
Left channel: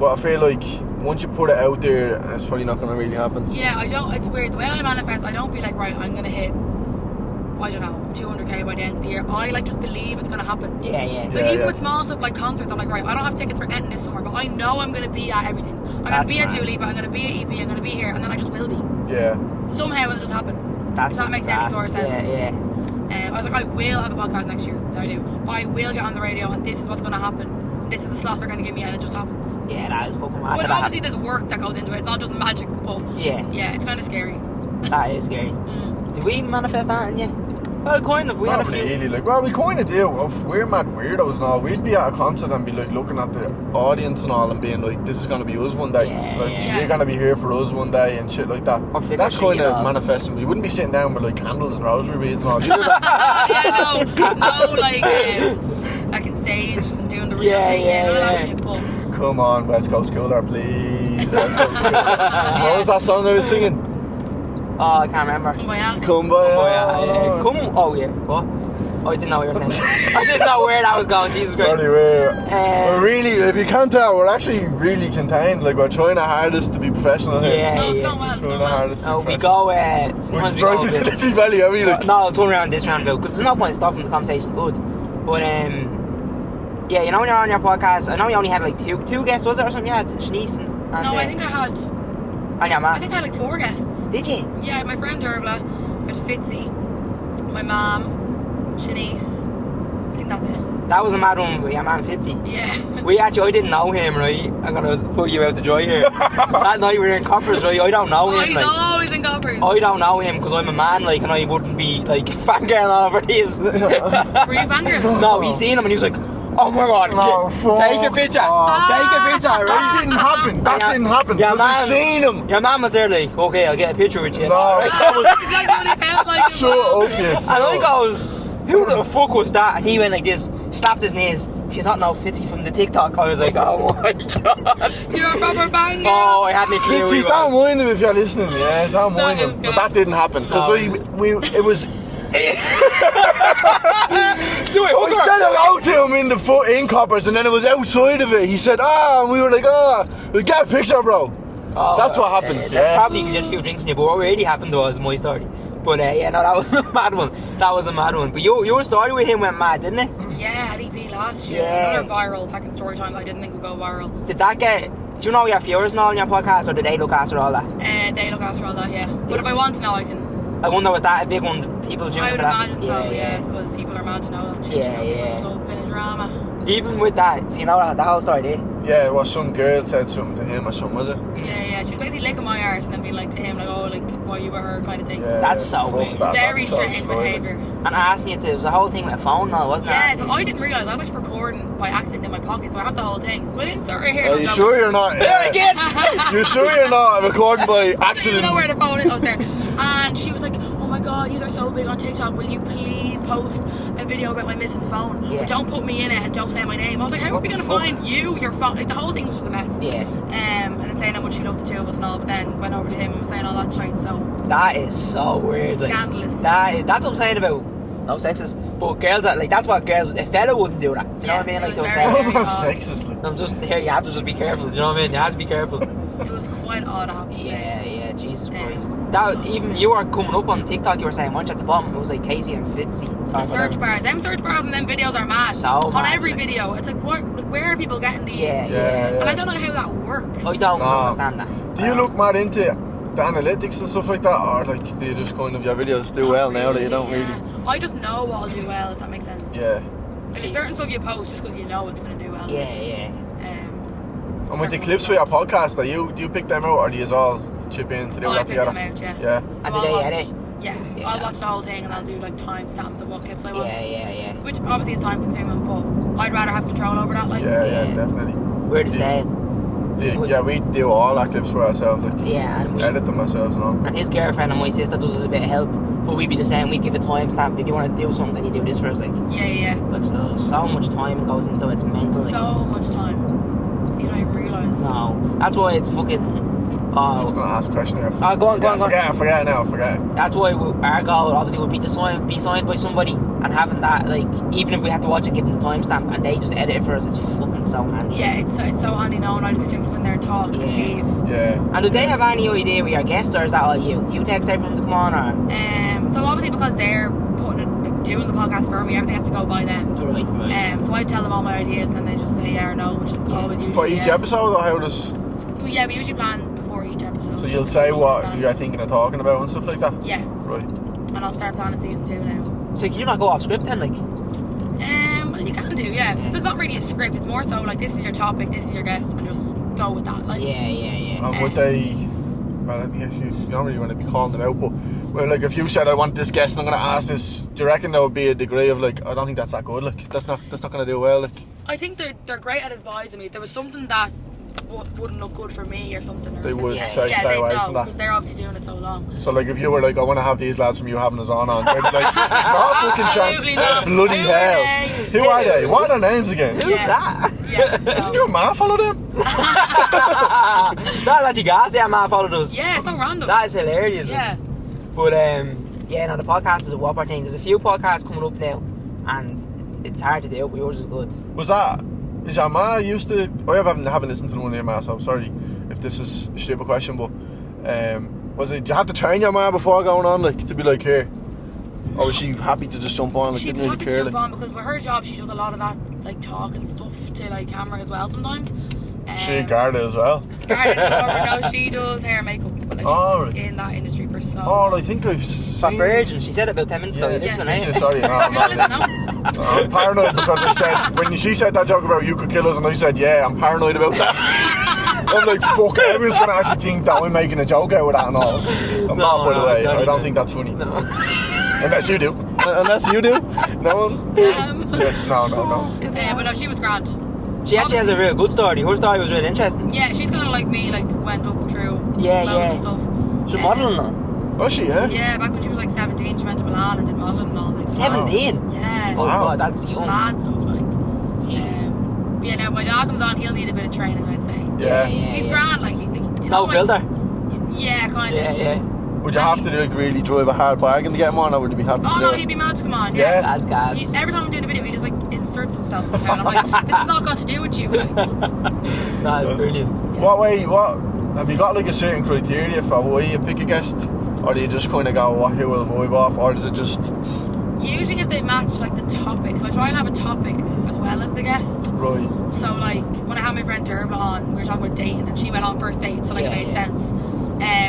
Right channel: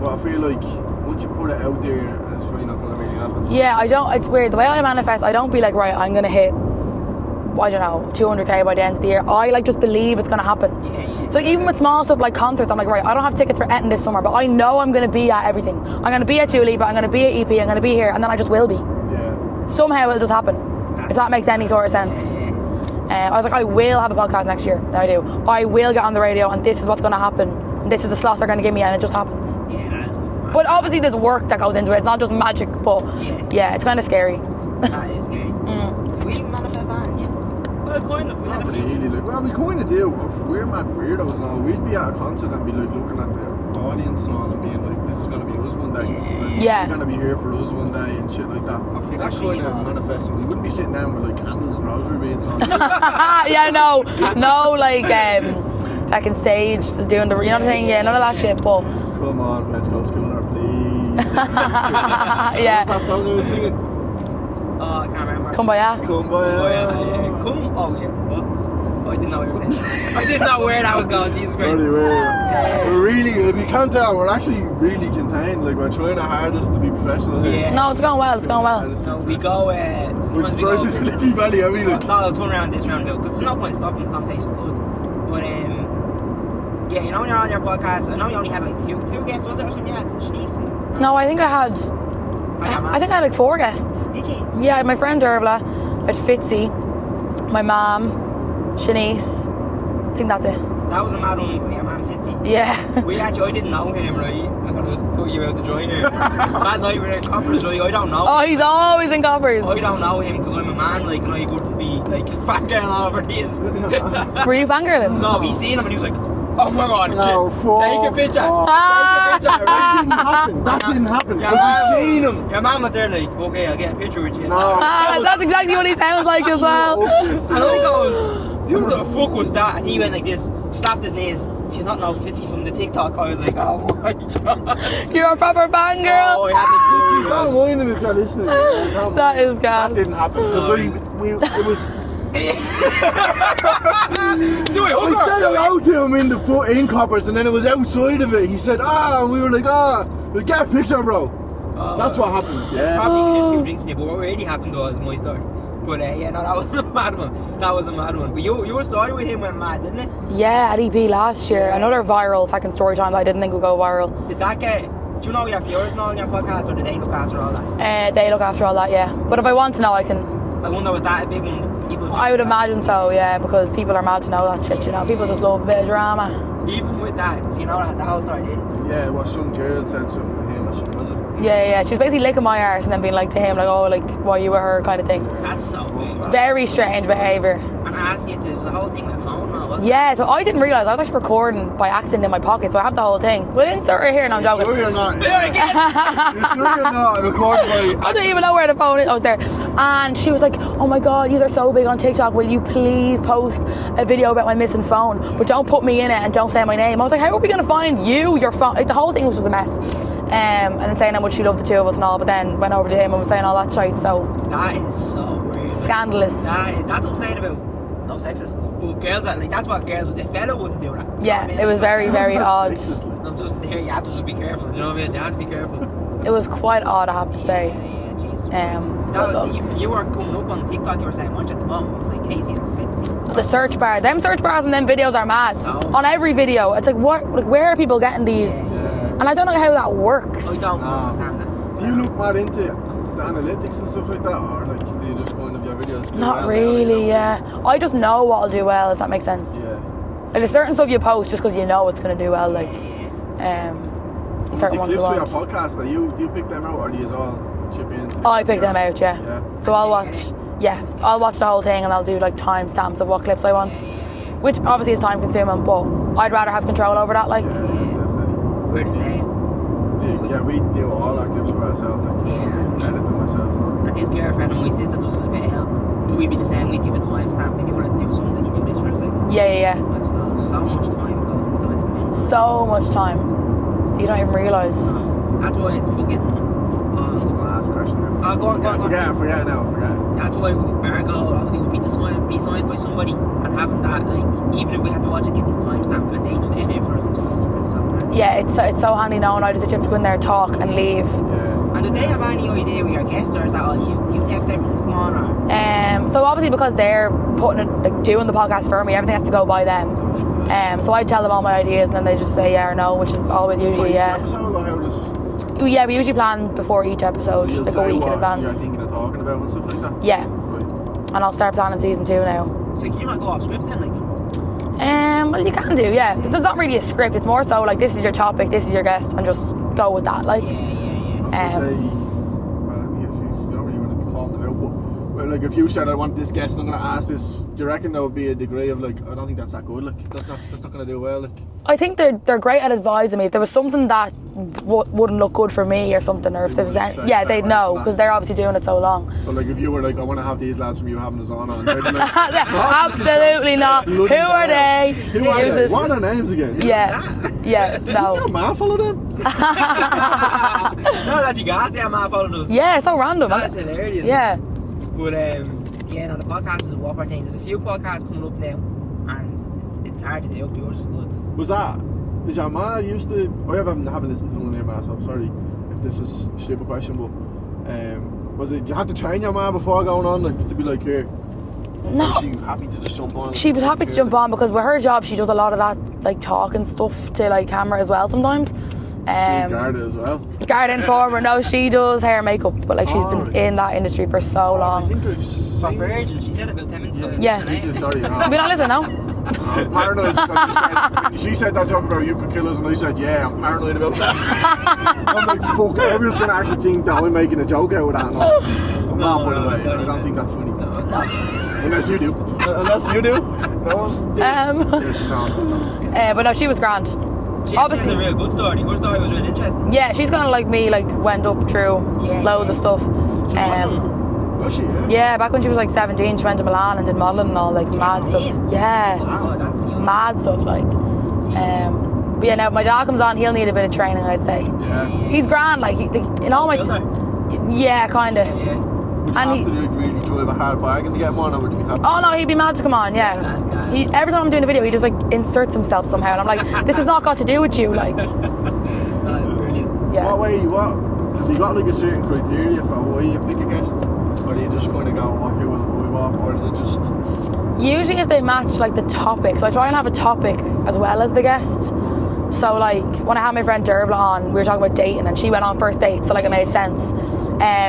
but I feel like once you put it out there, it's probably not going to really happen. Yeah, I don't, it's weird. The way I manifest, I don't be like, right, I'm going to hit, I don't know, 200k by the end of the year. I like just believe it's going to happen. Yeah. So even with small stuff like concerts, I'm like, right, I don't have tickets for Eton this summer, but I know I'm going to be at everything. I'm going to be at Dua Lipa, I'm going to be at EP, I'm going to be here, and then I just will be. Yeah. Somehow it'll just happen. If that makes any sort of sense. Yeah. I was like, I will have a podcast next year. Now I do. I will get on the radio, and this is what's going to happen. And this is the slot they're going to give me, and it just happens. Yeah, that is fucking mad. But obviously there's work that goes into it. It's not just magic, but Yeah. it's kind of scary. That is scary. Did we manifest that? Yeah. Well, kind of. We had a Not few. really, like, well, we kind of do. We're mad weirdos and all. We'd be at a concert and be like looking at the audience and all and being like, this is going to be us one day. Like, you're going to be here for us one day and shit like that. That's kind of manifesting. We wouldn't be sitting down with like candles and rosary beads and all. Yeah, no, like back in stage and doing the, you know what I'm saying? Yeah, none of that shit, but. Come on, West Coast Schooler, please. What was that song I was singing? Oh, I can't remember. Kumbaya. Kumbaya. Oh, yeah. What? Oh, I didn't know what you were saying. I didn't know where that was going. Jesus Christ. We're really, if you can't tell, we're actually really contained. Like, we're trying our hardest to be professional here. Yeah. No, it's going well, it's going well. No, we go, sometimes we drive go to a bit- Liffey Valley, are we? Like? No, I'll turn around this roundabout because there's no point in stopping the conversation. Good. But, yeah, you know when you're on your podcast, I know you only had like two guests, was it, or something? You had Shanice and No, I think I had. I think I had like 4 guests. Did you? Yeah, I had my friend Dervla, I had Fitzy, my mum, Shanice. I think that's it. That was a mad one with your man Fitzy. Yeah. I didn't know him, right? I gotta put you out to dry here. That night we were in Coppers, right? I don't know him. Oh, he's like, always in Coppers. I don't know him because I'm a man, like, and I wouldn't be like fangirling over this. Were you fangirling? No, we seen him and he was like, oh my god, No, take a picture. fuck. Take a picture, right? That didn't happen. That didn't happen. Your Because we man- seen him. Your man was there like, okay, I'll get a picture with you. No, that was That's exactly what he sounds like as well. so okay. And I goes, who the fuck was that? And he went like this, slapped his knees. Do you not know Fitzy from the TikTok? I was like, oh my god. You're a proper banger. Oh, I had no clue who he Don't was. mind him if you're listening. Yeah, don't That mind him. is But gas. that didn't happen because it was. Do it, We hooker. said hello to him in Coppers, and then it was outside of it. He said, and we were like, we'll get a picture, bro. Oh, That's what happened. Yeah. Probably because you had a few drinks in you, but what really happened was my story. But yeah, no, that was a mad one. That was a mad one. But your story with him went mad, didn't it? Yeah, at EP last year. Yeah. Another viral fucking story time that I didn't think would go viral. Did that get... Do you know your viewers and all on your podcast, or did they look after all that? They look after all that, yeah. But if I want to know, I can. I wonder, was that a big one? People I would that? imagine so, yeah, because people are mad to know that shit, you know. People just love a bit of drama. Even with that, so you know that the whole story, did you? Yeah, well, some girl said something to him or something, was it? Yeah. She was basically licking my arse and then being like to him, like, oh, like, why you with her kind of thing. Yeah, That's so fuck weird. that, Very that's so strange strange. behaviour. And asking you to, it was a whole thing with a phone now, wasn't Yeah, it? so I didn't realise, I was actually recording by accident in my pocket, so I had the whole thing. We'll insert it here, Are no you joke. sure you're not? There again! You're sure you're not recording by accident? I didn't even know where the phone is. I was there. And she was like, oh my god, you are so big on TikTok. Will you please post a video about my missing phone? But don't put me in it and don't say my name. I was like, how are we going to find you, your phone? Like, the whole thing was just a mess. Yeah. And then saying how much she loved the two of us and all, but then went over to him and was saying all that shit. So, That is so weird. like, Scandalous. That's what I'm saying about no sexist. But girls, like, that's what girls, a fella wouldn't do that. You know yeah, what I mean? it was Like, very, a very fella- That's odd. sexist, like. I'm just here, you have to just be careful, you know what I mean? You have to be careful. It was quite odd, I have to say. Yeah, Jesus Um, Christ. Even you were coming up on TikTok, you were saying once at the bottom, it was like Kasey and Fitzy. The search bar, them search bars and them videos are mad. So on mad. every video, it's like, where are people getting these? Yeah. And I don't know how that works. I don't Nah. understand that. Do you look mad into the analytics and stuff like that, or like do you just kind of your videos do Not well now? really, You know? yeah. I just know what'll do well, if that makes sense. Yeah. Like, there's certain stuff you post just because you know it's going to do well. Yeah, Like, yeah. And with certain the ones clips you for your want. podcast, do you pick them out, or do you all chip in? To do Oh, I it pick together? them out, yeah. Yeah. So And I'll do they watch, edit? yeah, I'll watch the whole thing and I'll do like timestamps of what clips I want. Yeah. Which obviously is time consuming, but I'd rather have control over that. Like, Yeah, definitely. We're the same. Yeah, we do all our clips for ourselves. Like, Yeah, and edit them ourselves, no. And his girlfriend and my sister does us a bit of help. But we'd be the same, we'd give a timestamp. If you want to do something, you do this first. Like, yeah. it's so much time goes into it, it's mental. Like. So much time. You don't even realise. No. That's why it's fucking. I was going to ask a question here. Go on. Forget it now. That's why our goal obviously would be to be signed by somebody, and having that, like, even if we had to watch it, give them the timestamp, and they just edit it for us, it's fucking so handy. Yeah, it's so handy knowing I just have to go in there, talk and leave. Yeah. And do they have any idea we are guests, or is that all you? Do you text everyone to come on, or? So obviously because they're putting it, like, doing the podcast for me, everything has to go by them. Right. So I tell them all my ideas and then they just say yeah or no, which is always For usually each yeah. episode, or how does... Yeah, we usually plan before each So episode. you'll like, a say week in what advance. you're thinking of talking about and stuff like that? Yeah, Right. and I'll start planning season 2 now. So can you not go off script then, like? Well, you can do, yeah. There's not really a script. It's more so like this is your topic, this is your guest, and just go with that. Like, Yeah. And would they... Well, I guess you don't really want to be calling them out, but... Well, like, if you said I want this guest and I'm going to ask this, do you reckon there would be a degree of, like, I don't think that's that good, like, that's not going to do well, like... I think they're great at advising me. If there was something that wouldn't look good for me or something, or if They there was would any, say yeah, stay they'd away know from that. because they're obviously doing it so long. So, like, if you were like, I want to have these lads from you having us on, they'd be like, "No fucking Absolutely chance." not. Bloody Who are hell. they? Who are they? Jesus. What are their names again? Yeah, yeah, Doesn't your no. man follow them? That's actually gas, yeah, man followed us. Yeah, so random. That is hilarious. Yeah. But yeah, no, the podcast is a whopper thing. There's a few podcasts coming up now, and it's hard to do, but yours is good. Was that... Is your ma used to... I haven't listened to the one here, ma, so I'm sorry if this is a stupid question, but... was it... Did you have to train your ma before going on, like, to be like, here? No. Or was she happy to just jump on? Like, She was happy to jump on because with her job, she does a lot of that, like, talking stuff to, like, camera as well sometimes. She Garda as well. Garden former, no, she does hair and makeup, but like she's Oh, been right. in that industry for so Oh, long. I think I've For seen... Virgin, she said it about 10 minutes ago. Yeah. Listen, Did you? Sorry, no. We don't listen, no? I'm paranoid because I said, when she said that joke about you could kill us, and I said, yeah, I'm paranoid about that. I'm like, fuck, everyone's going to actually think that we're making a joke out of that and all. I'm not, by the way. I don't think that's funny. Unless you do. Unless you do. No? Yeah, no. But no, she was grand. She actually has a real good story. Her story was really interesting. Yeah, she's kind of like me, like went up through loads of stuff. She's modelling. Was she, yeah? Yeah, back when she was like 17, she went to Milan and did modelling and all, like, mad 17? stuff. Yeah. Oh my god, that's young. Mad stuff, like. But yeah, now if my dad comes on, he'll need a bit of training, I'd say. Yeah. He's grand, like, in No all my... filter. Yeah, kind of. Yeah. Would you And have to like, really drive a hard bargain to get him on, or would you be happy Oh to no, do it? he'd be mad to come on, yeah. That's gas. Every time I'm doing a video, he just like inserts himself somehow, and I'm like, this has not got to do with you, like. That is brilliant. Yeah. What have you got like a certain criteria for why you pick a guest? Or do you just kind of go, who will vibe off, or is it just... Usually if they match like the topic, so I try and have a topic as well as the guest. Right. So like when I had my friend Derbla on, we were talking about dating and she went on first date, so like it made sense.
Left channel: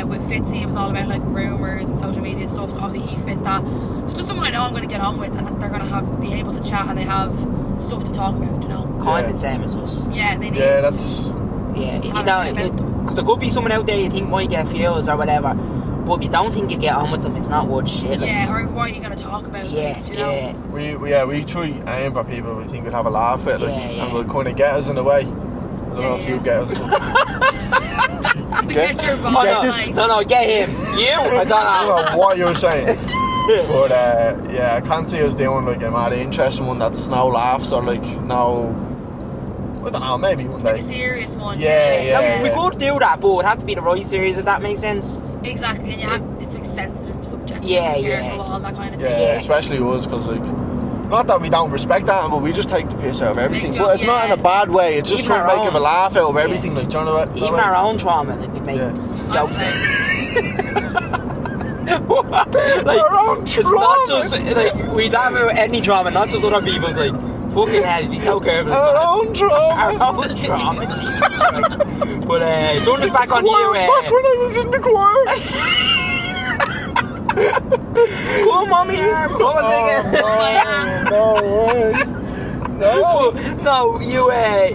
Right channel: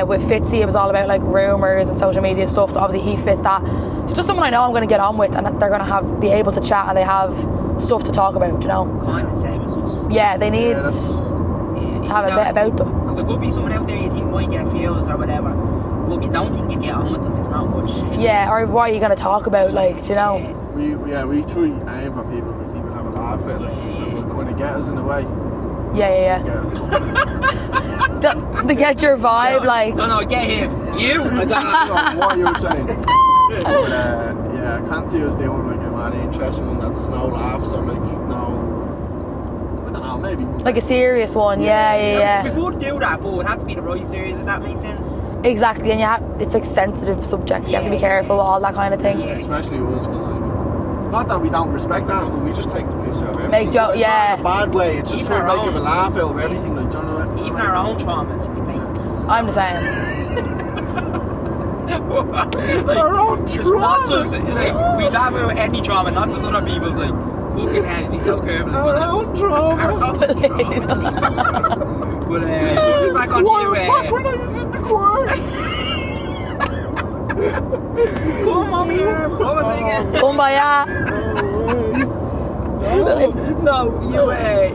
With Fitzy, it was all about like rumours and social media stuff, so obviously he fit that. So just someone I know I'm going to get on with and that they're going to be able to chat and they have stuff to talk about, you know? Kind of the same as us. Yeah, they need Yeah, that's... Yeah, to have a bit about them. Mm. Because there could be someone out there you think might get views or whatever, but if you don't think you get on with them, it's not worth shit. Yeah, or what are you going to talk about, like, you know? Yeah. We try aim for people we think we'll have a laugh at, like, Yeah. and will kind of get us in a way. Yeah. Get us. To get your vibe, like. No, get him. You? I don't I know. don't know what you were saying. But yeah, I can't see us doing like a mad interesting one that's no laughs or like no... I don't know, maybe. Like a serious one, Yeah, yeah. We could do that, but it would have to be the right series, if that makes sense. Exactly, and it's like sensitive subjects. You have to be Yeah, careful with all that kind of thing. Yeah, especially us, because like not that we don't respect that, but we just take the piss out of everything. Make But it's not in a bad way. It's just Even trying to our make him a own. laugh out of everything. Like, do you know what? Even our own trauma, like we make. Yeah. I'm the same. Like, Our own it's trauma. not just like we'd have any trauma, not just other people's. Like, fucking hell, be so careful. Our own trauma. Our own trauma, Jesus Christ. But throwing us back on Choir, back when I was in the choir. Come on, me arm. What was it again? Oh my god. No way. No. No,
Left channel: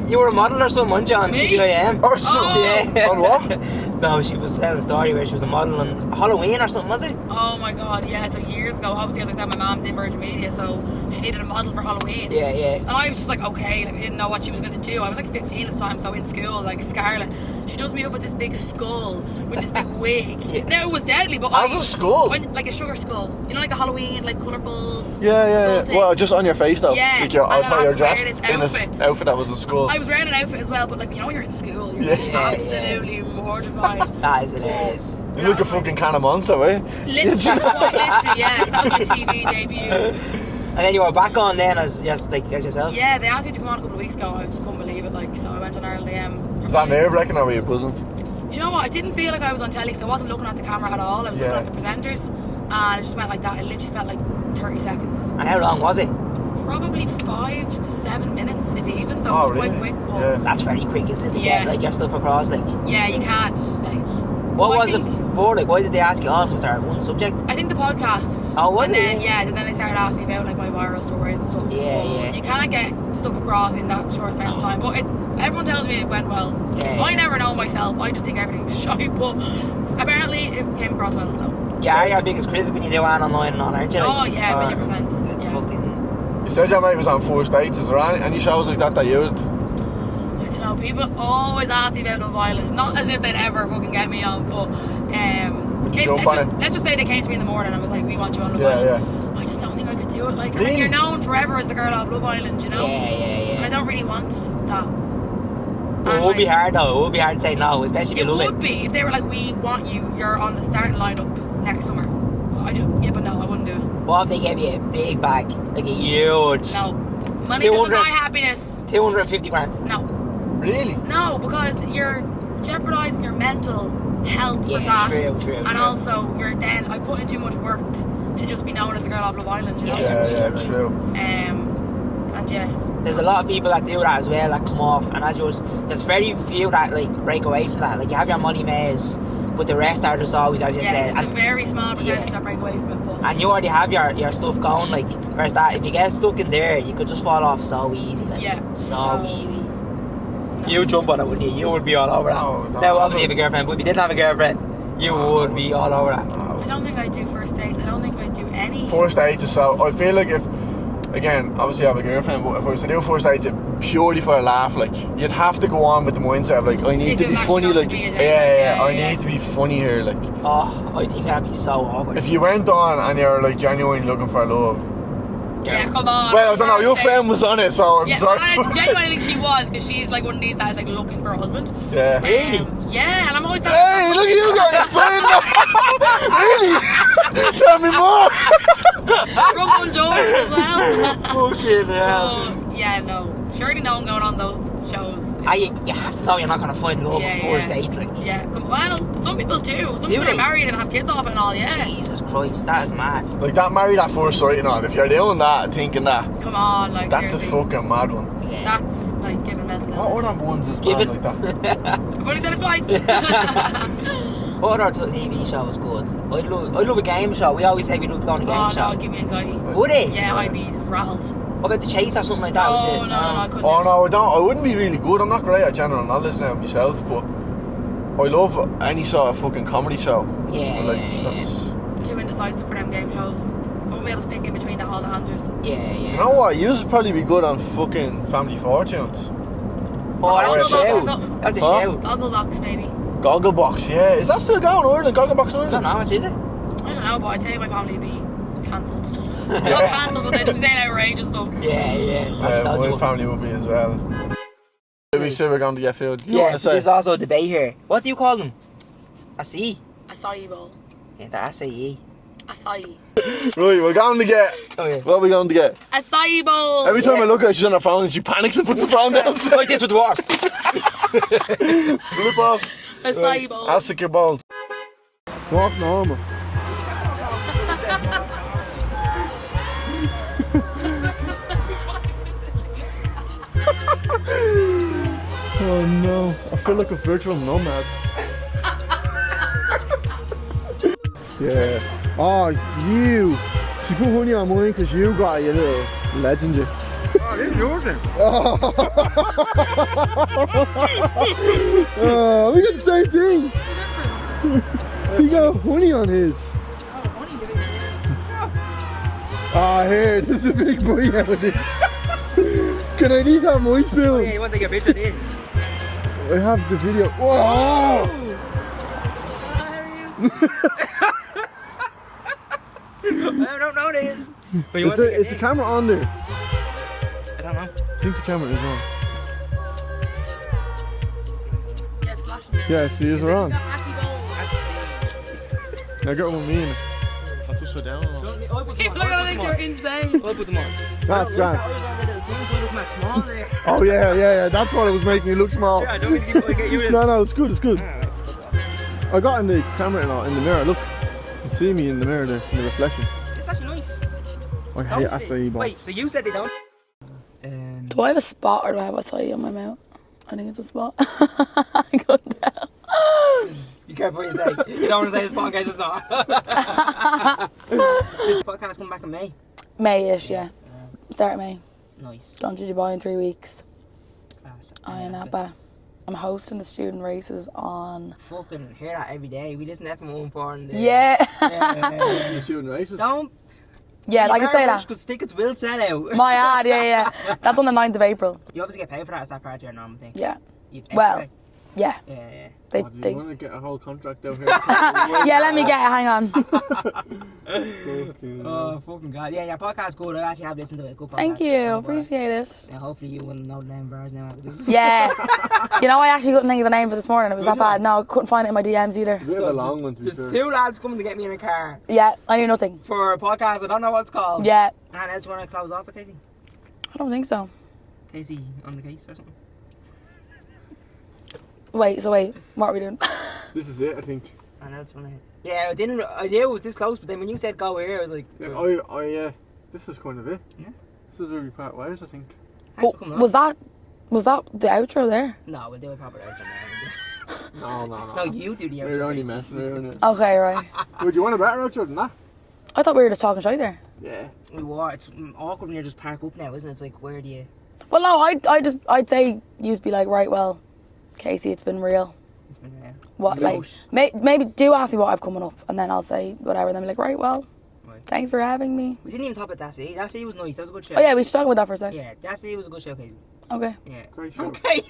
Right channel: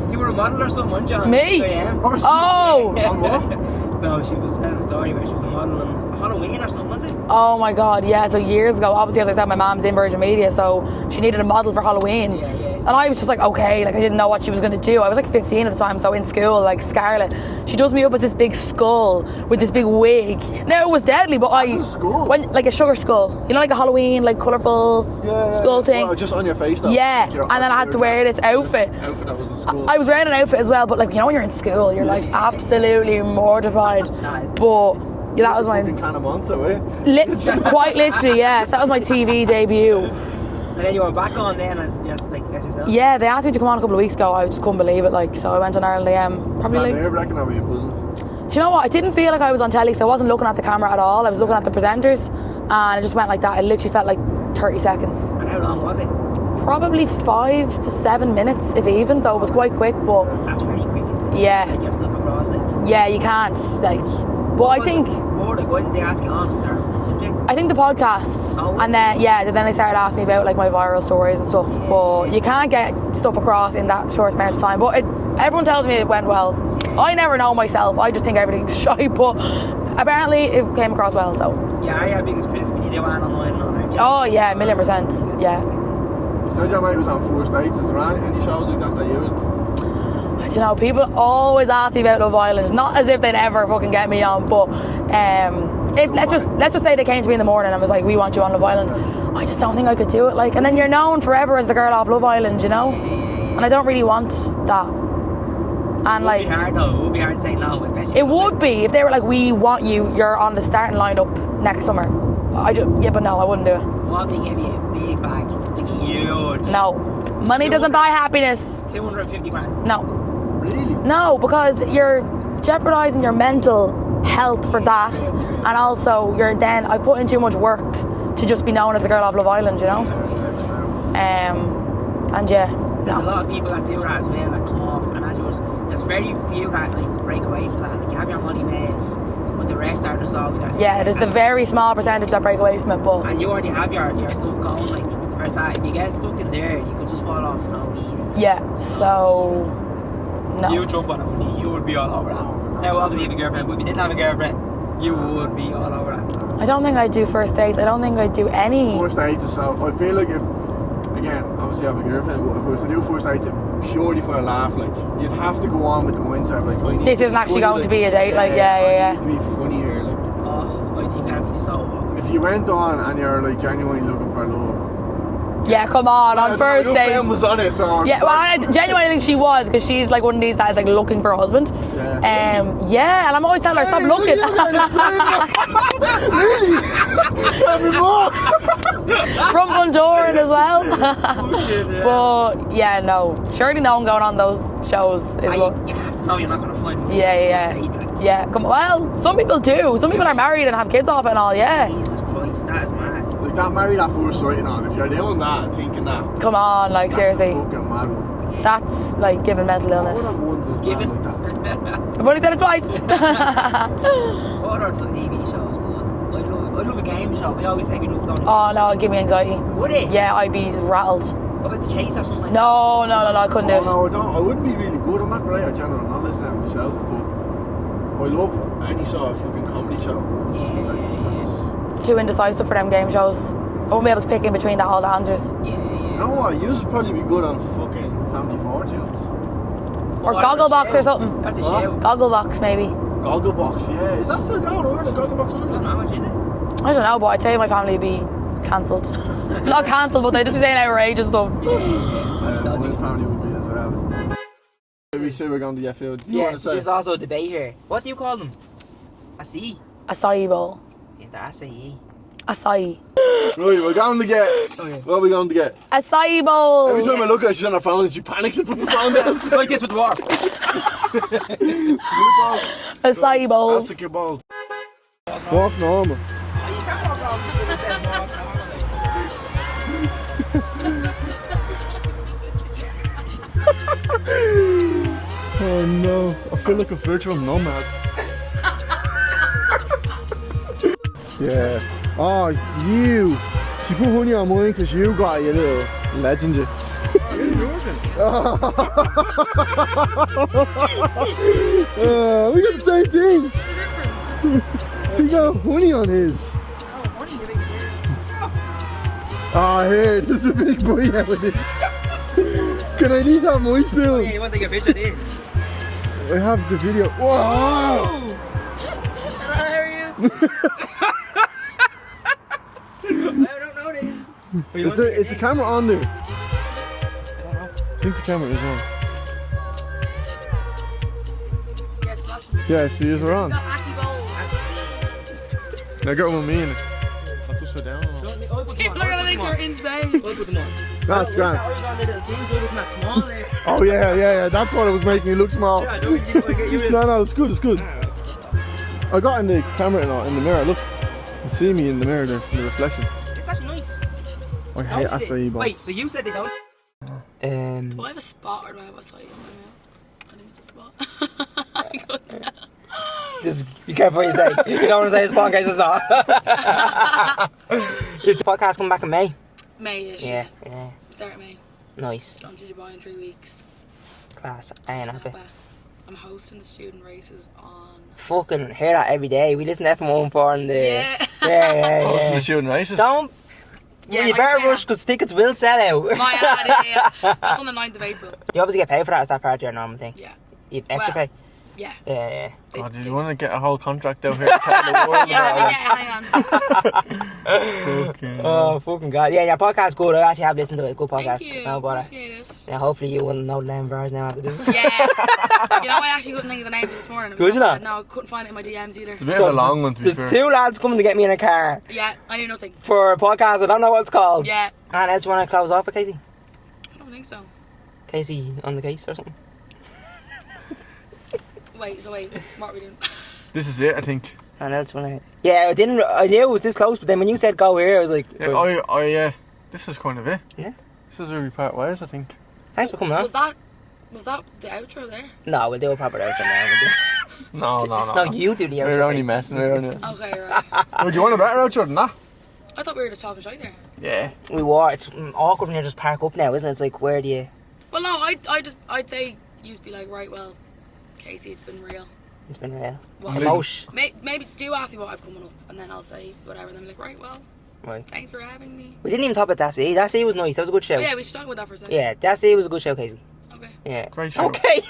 you were a model or something, weren't you? On Me? 2am? Or something. Yeah. On what? No, she was telling a story where she was a model on Halloween or something, was it? Oh my god, yeah. So years ago, obviously, as I said, my mom's in Virgin Media, so she needed a model for Halloween. Yeah, yeah. And I was just like, okay, like I didn't know what she was going to do. I was like 15 at the time, so in school, like Scarlett, she does me up as this big skull with this big wig. Now, it was deadly, but As a skull? like a sugar skull. You know, like a Halloween, like colourful Yeah. skull thing. Well, just on your face though. Yeah, Like your- and then I had to wear this outfit. Outfit that was a skull. I was wearing an outfit as well, but like, you know, when you're in school, you're like absolutely mortified. That is But hilarious. yeah, You that look was a my fucking can of monster, eh? quite literally, yes. That was my TV debut. And then you were back on then as yourself? Yeah, they asked me to come on a couple of weeks ago. I just couldn't believe it. Like, so I went on Ireland AM. Is Probably. that Like, nerve-wracking or were you buzzing? do you know what? I didn't feel like I was on telly, so I wasn't looking at the camera at all. I was looking Yeah. at the presenters, and I just went like that. It literally felt like 30 seconds. And how long was it? Probably 5 to 7 minutes, if even. So it Oh, was quite really? quick, but Yeah. That's very quick, isn't it? Yeah. Like your stuff across, like. yeah, you can't like. What Well, I was think. it for? Like, why did they ask you on? Was there one subject? I think the podcast. Oh, was and it? then then they started asking me about like my viral stories and stuff. Yeah, but yeah. you can't get stuff across in that short amount of time. But everyone tells me it went well. Yeah. I never know myself. I just think everything's shy, but apparently it came across well. So. Yeah, are you our biggest critic when you do an online and all, aren't you? Oh yeah, 1,000,000%. Yeah. You said your mate was on 4 states. Is there any shows like that you would? I don't know. People always ask me about Love Island. Not as if they'd ever fucking get me on, but let's just say they came to me in the morning and was like, "We want you on Love Island." Yeah. I just don't think I could do it. Like, and then you're known forever as the girl off Love Island, you know. Yeah. And I don't really want that. It And would be hard though. It would be hard to say no, especially if it you love would be if they were like, "We want you. You're on the starting lineup next summer." But no, I wouldn't do it. What if they gave you a big bag, like a huge? No, money doesn't 200. buy happiness. 250 grand. No, Really? no, because you're jeopardising your mental health for Yeah, that, true, and also I put in too much work to just be known as the girl off Love Island, you know. Yeah, true. And yeah. There's a lot of people that do that as well, that come off, and there's very few that like break away from that. Like you have your money maze, but the rest are just always as you Yeah, said. there's the and, very small percentage that break away from it, but and you already have your stuff going. Like whereas that, if you get stuck in there, you could just fall off so easy. Like, yeah, so no. You jump on it, wouldn't you? You would be all over that. No, Now, obviously, you have a girlfriend, but if you didn't have a girlriend, you would be all over that. I don't think I'd do first dates. I don't think I'd do any. 4 states or so. I feel like if, again, obviously I have a girlfriend, but if I was to do 4 states, purely for a laugh, like you'd have to go on with the mindset of like, I need This to isn't be actually funny, going to be a date, like, yeah, I yeah. need to be funny here, like. Oh, I think that'd be so awkward. If you went on and you're like genuinely looking for love. Yeah, come on. Well, I on don't know, first your dates. friend was on it, so I'm Yeah, well, sorry. I genuinely think she was, because she's like one of these that is like looking for a husband. Yeah. Yeah, and I'm always telling her, Hey, stop look looking. at you guys excited. Really? Tell me more. From Bundoran as well. Fucking hell. But yeah, no. Surely no one going on those shows is You have to know you're not going to find love yeah, before states. Like, yeah. Come well, some people do. Some people they? are married and have kids off it and all. Yeah. Jesus Christ, that is mad. Like that married at first sight and all, if you're doing that, thinking that, Come on, like that's seriously. a fucking mad one. That's like giving mental Our illness. number ones is Give mad it. like that. I've only done it twice. What other TV shows good? I'd love a game show. We always say we love going to game Oh show. no, it'd give me anxiety. Would it? Yeah, I'd be rattled. What about the chase or something like No, that? I couldn't Oh do it. no, I don't. I wouldn't be really good. I'm not great at general knowledge now myself, but I love any sort of fucking comedy show. That's, Too indecisive for them game shows. I won't be able to pick in between all the answers. Yeah. you know what? You would probably be good on fucking Family Fortunes. Or that's a Gogglebox or show. something. That's a Huh? show. Gogglebox maybe. Gogglebox, yeah. Is that still going on? Like Gogglebox I don't Ireland? know how much is it? I don't know, but I'd say my family would be cancelled. Not cancelled, but they'd be saying outrageous stuff. My family would be as well. We say we're going to get filled. You Yeah, want to say? there's also a debate here. What do you call them? A C? Acai bowl. Yeah, the acai. Acai. Right, we're going to get. Okay. What are we going to get? Acai bowl. Every time I look at her, she's on her phone and she panics and puts the phone down. Like this with dwarf. Flip off. Acai bowl. Ask your ball. Walk normal. Oh no, I feel like a virtual nomad. Yeah. Oh, you. She put honey on mine because you got it, you little legend. You. Oh, this is yours then. We got the same thing. He got honey on his. Ah, here, there's a big boy out of this. Can I at least have my spoon? Yeah, you want to take a picture, dude? I have the video. Whoa! I don't know this. Is the camera on there? I don't know. I think the camera is on. Yeah, it's flashing. Yeah, so yours are on. Got Acai bowls. Now get with me in it. I'll just sit down. People are gonna think you're insane. I'll put them on. That's grand. I was on the little things, so looking at small there. Oh yeah. That's what it was making you look small. Yeah, I don't think you get you in. No, it's good, it's good. I got in the camera and all, in the mirror, look. You can see me in the mirror there, in the reflection. It's actually nice. I hate acai bowls. Wait, so you said they don't? Do I have a spot or do I have acai on my mouth? I think it's a spot. I couldn't tell. Just be careful what you say. You don't want to say this podcast is not. This podcast coming back in May. May-ish, yeah. Start of May. Nice. Gone to Dubai in 3 weeks. Class. And I'm hosting the student races on... Fucking hear that every day. We listen to FM14 and the... Yeah. Yeah. The shooting races. Don't... Yeah, you I can better say rush that. because tickets will sell out. My ad, yeah. That's on the 9th of April. You obviously get paid for that. Is that part of your normal thing? Yeah. You have extra Well, pay? yeah. Yeah. They, Oh, do you want to get a whole contract out here? yeah, let me get it. Hang on. Oh, fucking God. Yeah, your podcast's good. I actually have listened to it. Good podcast. Thank you. Oh, but, Appreciate it. yeah, hopefully you will know the name of ours now after this. Yeah. You know, I actually couldn't think of the name for this morning. It was Could not you bad. No, I couldn't find it in my DMs either. It's a bit of a long one to be There's fair. 2 lads coming to get me in a car Yeah, I knew nothing. for a podcast. I don't know what it's called. Yeah. And else you want to close off with Casey? I don't think so. Casey on the case or something? Wait, what are we doing? This is it, I think. And else want to... Yeah, I knew it was this close, but then when you said go here, I was like... Yeah, this is kind of it. Yeah. This is where we part ways, I think. Thanks for coming on. Was that the outro there? No, we'll do a proper outro now. No. No, you do the outro. We're only Casey. messing. Okay, right. Would you want a better outro than that? I thought we were just talking shit there. Yeah. We were. It's awkward when you just park up now, isn't it? It's like, where do you... Well, no, I'd say you'd be like, right, well, Casey, it's been real. It's been real. What? Yeah. Like, maybe do ask me what I've coming up, and then I'll say whatever. And then be like, right, well, Right. thanks for having me. We didn't even talk about That Sea. That Sea was nice. That was a good show. Oh yeah, we should talk about that for a second. Yeah, That Sea was a good show, Casey. Okay. Yeah. Great show. Okay.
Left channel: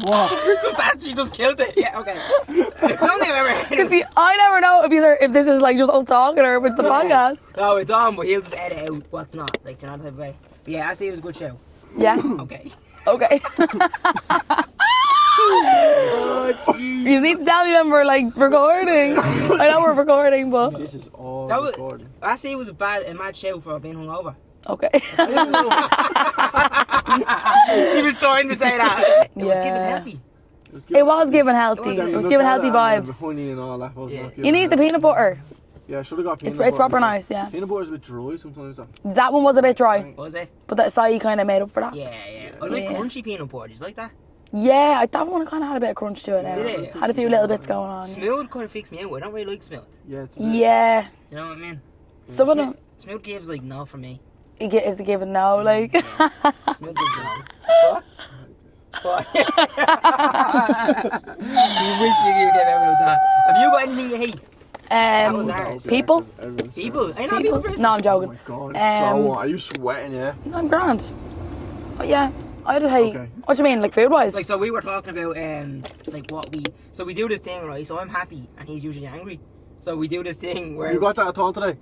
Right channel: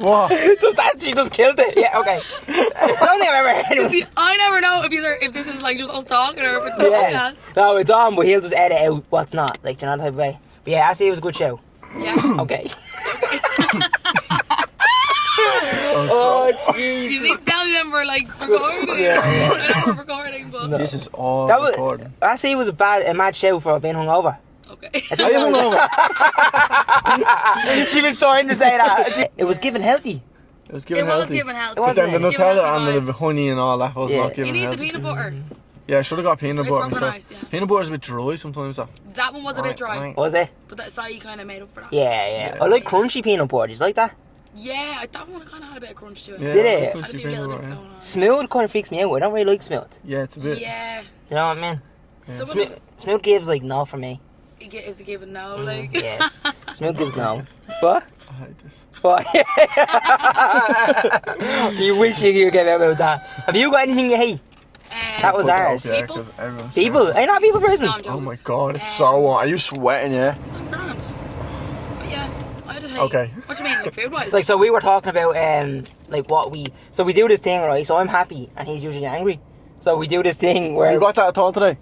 What? She just killed it. Yeah, okay. I don't think I've ever heard See, this. I never know if this is like just us talking or if it's the podcast. No, it's on, but he'll just edit out what's not. Like, do you know the type of way? But yeah, That Sea was a good show. Yeah. Okay. Okay. Oh, jeez. You need to tell me when we're like recording. I know we're recording, but This is all That was, recording. That Sea was a mad show for being hungover. okay. I don't know. She was trying to say that. It was Yeah. given healthy. It was It was healthy. giving healthy. It It was was Then the giving healthy Nutella and the vibes. honey and all that was Yeah. not giving You need the healthy. peanut butter. Yeah, I should have got peanut It's butter. proper before. nice, yeah. Peanut butter's a bit dry sometimes, though. That one was a bit dry, Right. Was it? but that acai kind of made up for that. Yeah. I like Yeah. crunchy peanut butter. Did you like that? Yeah, that one kind of had a bit of crunch to it. Yeah, Did I it? think Had a it's few peanut little butter, bits yeah. going on. Smooth kind of freaks me out. I don't really like smooth. Yeah, it's a bit. Yeah. You know what I mean? Some of them Smooth gives like no for me. is a given now, like. Yes. Smooth gives no. But I hate this. you wish you could get out about that. Have you got anything you hate? That was Um, ours. Yeah, People? 'cause everyone's People? I'm not a people person. No, I'm Oh joking. my god, it's Um, so hot. Are you sweating, yeah? I'm grand. But yeah, I just hate. Okay. What do you mean, like food wise? Like, so we were talking about like what we. So we do this thing, right? So I'm happy and he's usually angry. So we do this thing where. You got that at all today?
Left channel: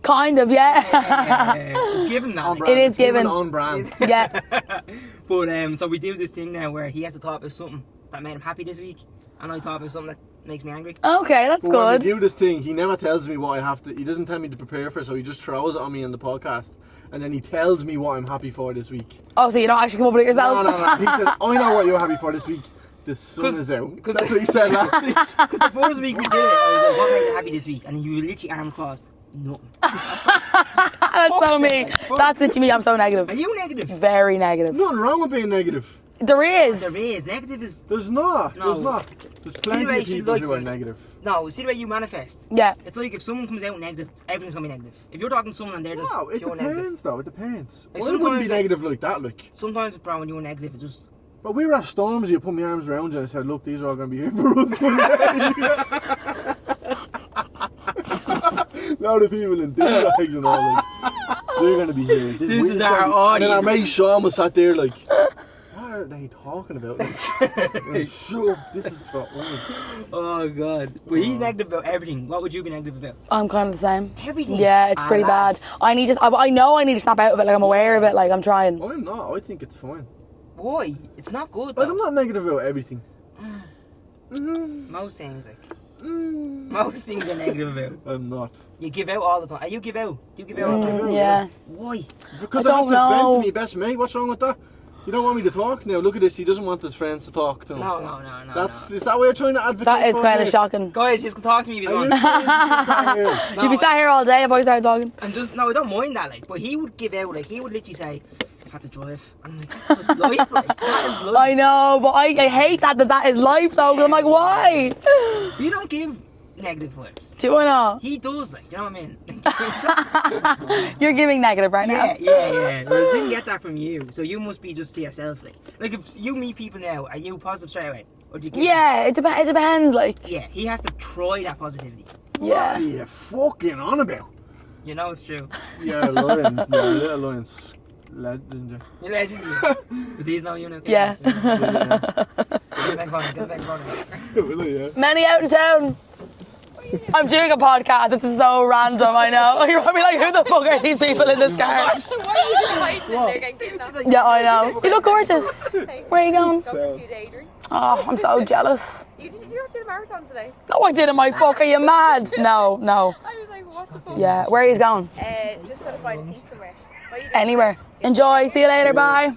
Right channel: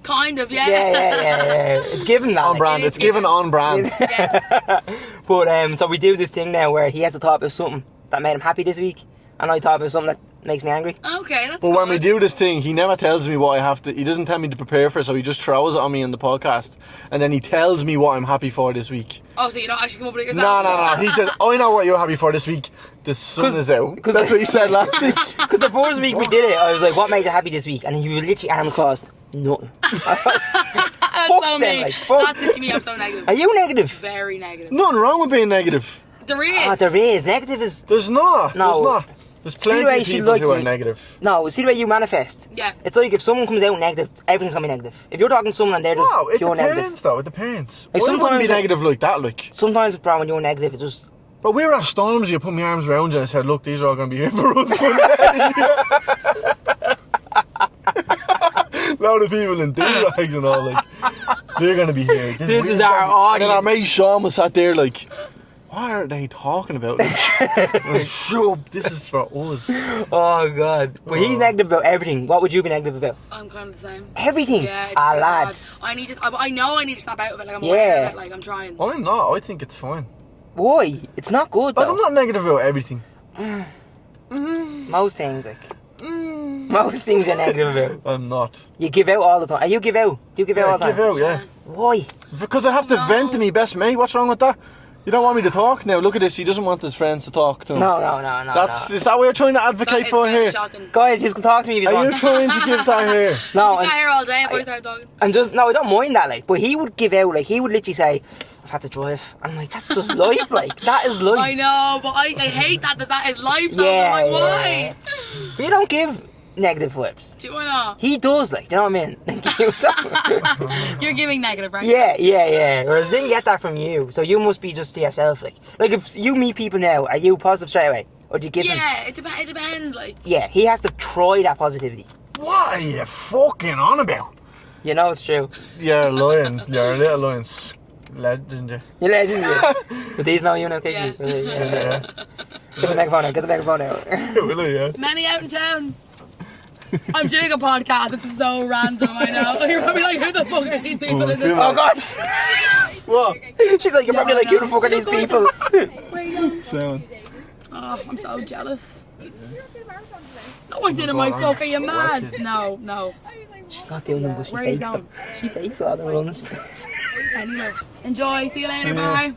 kind of, yeah. Yeah. It's given that. On like. brand. It is It's given given. on brand. Yeah. But so we do this thing now where he has to talk about something that made him happy this week, and I talk about something that makes me angry. Okay, that's But good. when we do this thing, he never tells me what I have to. He doesn't tell me to prepare for, so he just throws it on me in the podcast, and then he tells me what I'm happy for this week. Oh, so you don't actually come up with it yourself? No. He says, "I know what you're happy for this week. The sun is out." Because that's what he said last week. Because the first week we did it, I was like, what made you happy this week? And he was literally arm crossed. Nothing. That's so me. That's literally me. I'm so negative. Are you negative? Very negative. Nothing wrong with being negative. There is. Oh, there is. Negative is... There's not. No. There's not. There's plenty way of she people likes who are me. negative. No, see the way you manifest? Yeah. It's like if someone comes out negative, everything's going to be negative. If you're talking to someone and they're just No, it pure depends negative. though. It depends. Like, I wouldn't sometimes, be negative like that. Like, sometimes, bro, when you're negative, it just... but we were at Storms. You put my arms around you and I said, "Look, these are all going to be here for us one day." Load of people in D-bags and all, like, they're going to be here. This is our And then our audience. mate Sean was sat there like, what are they talking about? Like, shut up, this is for us. Oh, God. But he's negative about everything. What would you be negative about? I'm kind of the same. Everything? Yeah, it's pretty lads. bad. I know I need to snap out of it. Like, I'm aware of Yeah. it. Like, I'm trying. I'm not, I think it's fine. Why? It's not good, Like, though. I'm not negative about everything. Most things, like... Most things you're negative about. I'm not. You give out all the time. You give out. Do you give out all the give time? out, yeah. Why? Because I I have to don't vent to know. me best mate. What's wrong with that? You don't want me to talk now. Look at this. He doesn't want his friends to talk to him. No. Is that what you're trying to advocate That is for kind here? of shocking. Guys, you can talk to me if you Are you want. trying to give that here? No, You'd be sat I'm- here all day if I started talking. I'm just... No, I don't mind that, like. But he would give out, like, he would literally say, I've had to drive. I'm like, that's just life, like. That is life. I know, but I hate that is life though. Yeah, I'm like, why? You don't give negative vibes. Do I not? He does, like, do you know what I mean? You're giving negative right Yeah, now. yeah. Whereas they didn't get that from you, so you must be just to yourself, like. Like, if you meet people now, are you positive straight away? Or do you give them... Yeah, it depends. Like, Yeah, he has to try that positivity. What are you fucking on about? You know it's true. You're a lion. You're a little lion. Legend, yeah. You're legendary. But these know you now, Kasey. Yeah. Yeah. Get the microphone out, get the microphone out. Really, yeah. many out in town. I'm doing a podcast. This is so random. I know. You're probably like, who the fuck are these people in this Oh, car? God. What? She's like, you're Yeah, probably like, I who know. the fuck You are look these people? gorgeous. Where are you going? Sound. Oh, I'm so jealous. You not do the marathon today? No, I didn't. My fuck, are you mad? No. I was like, what? Not doing Yeah, it, where are she you going? hates all the runs. Anywhere. Enjoy. See you later. Bye.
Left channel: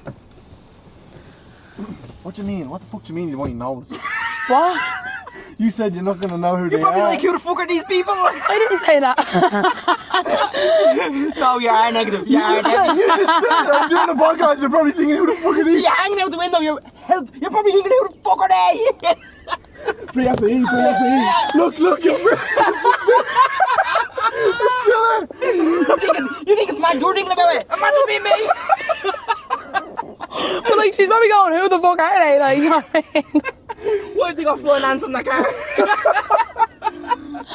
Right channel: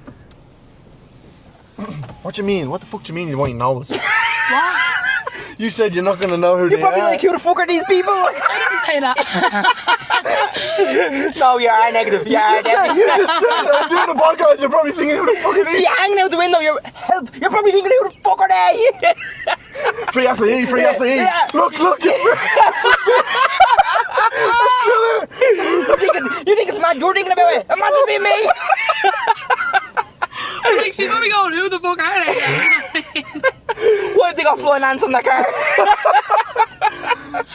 What do you mean? What the fuck do you mean you won't know us? What? You said you're not going to know who You're they probably are. like, who the fuck are these people? I didn't say that. No, you are negative. You are negative. You just said I'm doing a podcast. You're probably thinking, who the fuck are these? You're hanging out the window. You're probably thinking, who the fuck are they? Free SAE, free SAE. Look, it's You think it's mad? You're thinking about it. Imagine being me. But like, she's probably going, who the fuck are they? Like, you know what I mean? Why did they got flying ants on that car?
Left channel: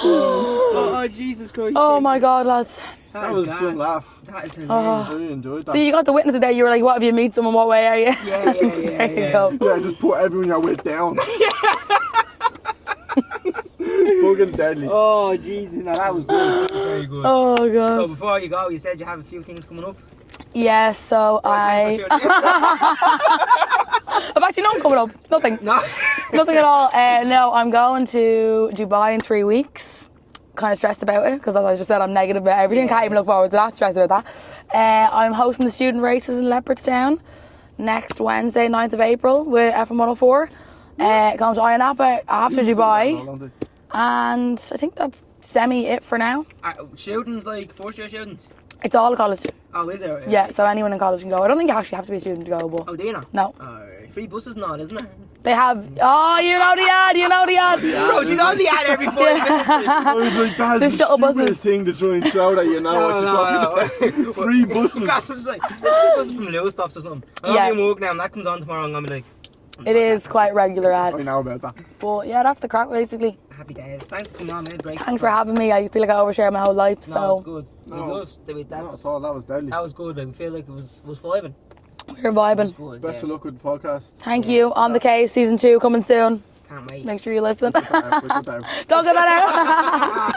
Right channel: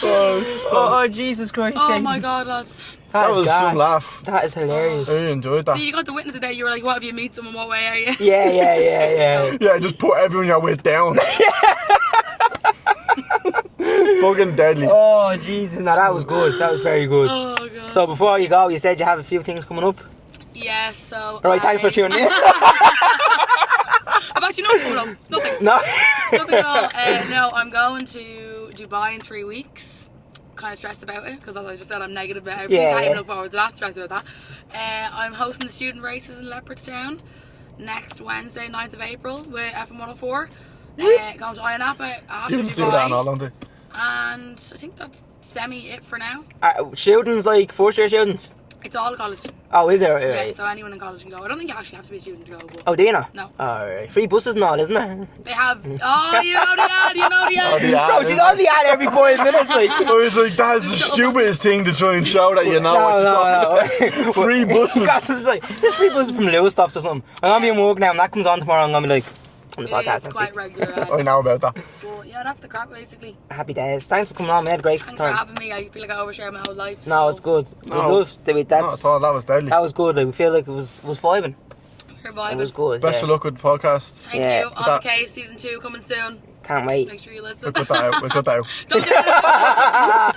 Oh, Jesus Christ. Oh my god, lads. That was some gas. laugh. That is hilarious. I really enjoyed that. So you got the witness today, you were like, what, if you meet someone, what way are you? Yeah. Yeah, just put everyone you're with down. Fucking deadly. Oh, Jesus. No, that was good. That was very good. Oh god. So before you go, you said you have a few things coming up. Yeah, so Right, thanks for tuning in. I've actually not coming up. Nothing. No. Nothing at all. No, I'm going to Dubai in 3 weeks. Kind of stressed about it because, as I just said, I'm negative about everything. Yeah, Can't even yeah. look forward to that. Stressed about that. I'm hosting the student races in Leopardstown next Wednesday, 9th of April, with FM 104. Going to Ayanapa after Didn't say that in Dubai, all, don't they? and I think that's it for now. Students like first year students. It's all college. Oh, is there? Yeah, so anyone in college can go. I don't think you actually have to be a student to go, but Oh, do you not? no. Alright. Free buses and all, isn't there? They have. Oh, you know the ad. You know the ad. the ad. Bro, she's on the ad every 5 minutes. Like, I was like, that's the shuttle buses. stupidest thing to try and shout at you now. what you're talking about. Free buses. That's just like, there's free buses from Lewis stops or something. I'm gonna Yeah. be in work now, and that comes on tomorrow. I'm gonna be like, on the It podcast is next quite week. regular I ad. know about that. But yeah, that's the crack basically. Happy days. Thanks for coming on. We had a great Thanks time. for having me. I feel like I overshare my whole life. No, So it's good. We No. love it. Not at all, that was deadly. That was good. Like, we feel like it was vibing. We're It was vibing. good. Best yeah. of luck with the podcast. Thank Yeah, you. On the case, season 2 coming soon. Can't wait. Make sure you listen. We'll cut that out. We'll cut that out. Don't get that out.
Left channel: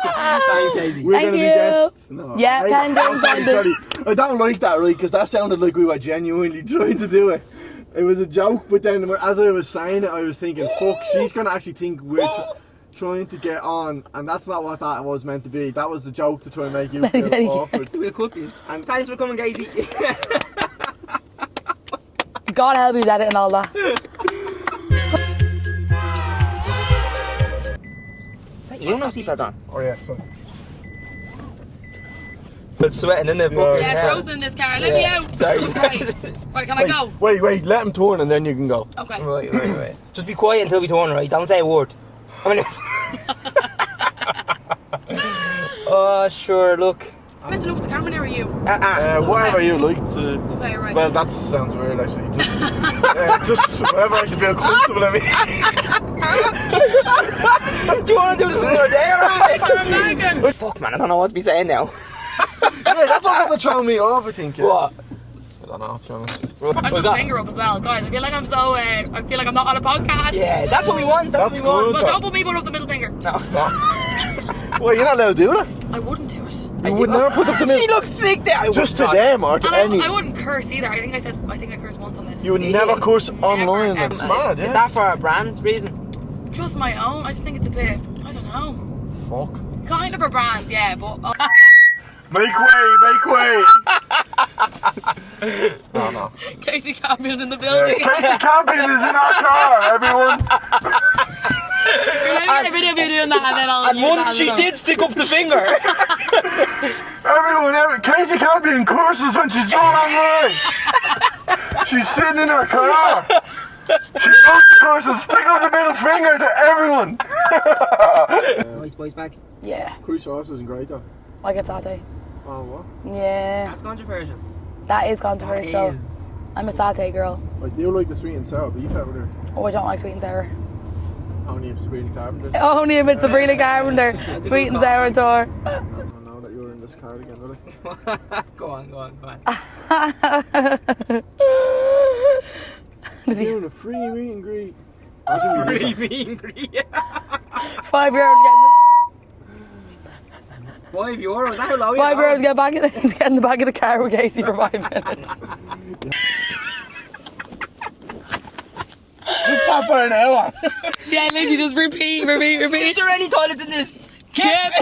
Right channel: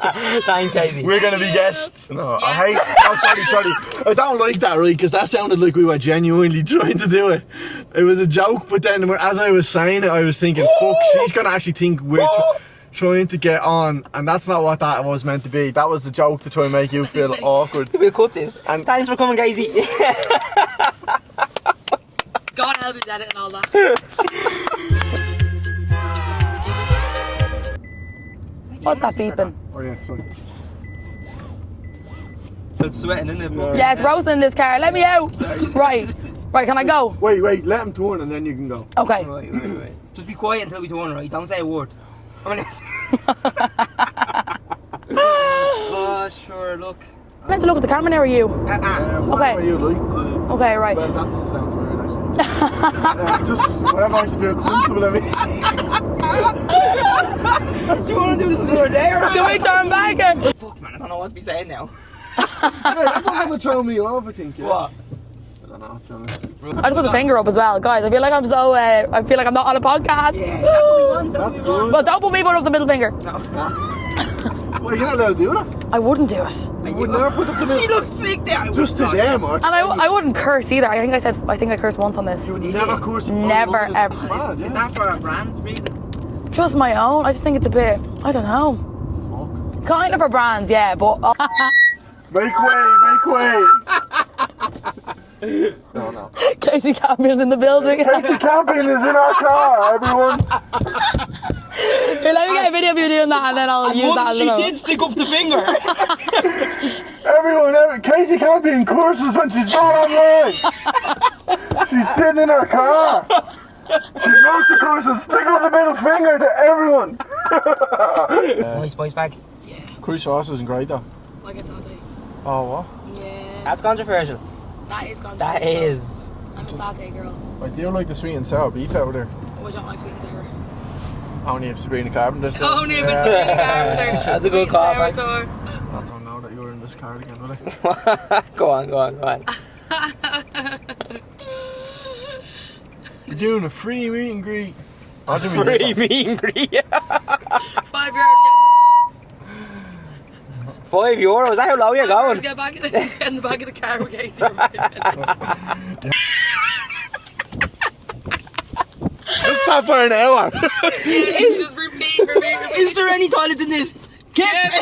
Thanks, Kasey. We're Thank going to be you. guests. No, Yeah, I hate one day. oh, sorry. I don't like that, right? Because that sounded like we were genuinely trying to do it. It was a joke, but then as I was saying it, I was thinking, fuck, she's going to actually think we're... trying to get on, and that's not what that was meant to be. That was a joke to try and make you feel awkward. We'll cut this. And- Thanks for coming, Kasey. God help he's editing all that. You're not beeping. Oh yeah, sorry. It's sweating, isn't it? Yeah, it's roasting in this car. Let me out. Sorry. Right, can I go? Wait, let him turn and then you can go. Okay. Right. Just be quiet until we turn, right? Don't say a word. How many minutes? Oh, sure, look. I'm meant to look at the camera now, or you? Whatever Okay. you like. Okay, right. Well, that sounds weird actually. Just whatever makes you feel comfortable, I mean. Do you want to do this over there? Can we turn back? Fuck, man, I don't know what to be saying now. Hey, that's what's gonna throw me off, I think. Yeah. What? I don't know, to be honest. I put the finger up as well, guys. I feel like I'm so. I feel like I'm not on a podcast. Yeah, that's what we want. That's what we want. good. Well, don't put me up the middle finger. No. Well, you're not allowed to do that. I wouldn't do it. You would never put up the She looked sick there. Just to them or to And anyone. I wouldn't curse either. I think I cursed once on this. You would never curse Never, online. ever. That's mad, yeah. Is that for a brand reason? Just my own. I just think it's a bit. I don't know. Fuck. Kind of for brands, yeah, but. Make way! Oh no. Kasey Campion's in the building. Kasey Campion is in our car, everyone. Here, let me get a video of you doing that and then I'll use that. Once as she a- did stick up the finger. Everyone, Kasey Campion curses when she's going online. She's sitting in her car. She knows the curses, stick out the middle finger to everyone. Nice spice bag. Yeah, Curry sauce isn't great though. I get satay. Oh, what? Yeah, That's controversial. that is That controversial. is. I'm a satay girl. I do like the sweet and sour beef out there. Oh, I don't like sweet and sour. Only if Sabrina Carpenter's there. Only if it's Sabrina Carpenter. That's a Sweet good and sour call, tour. I don't know that you're in this car again, will I? Go on. Doing a free meet and greet. Free meet and greet. €5 getting. €5? Is that how low you're €5 going? get back in the back of the car with Kasey for 5 minutes. Just stop for an hour. Yeah, Kasey just repeat. Is there any toilets in this? Get.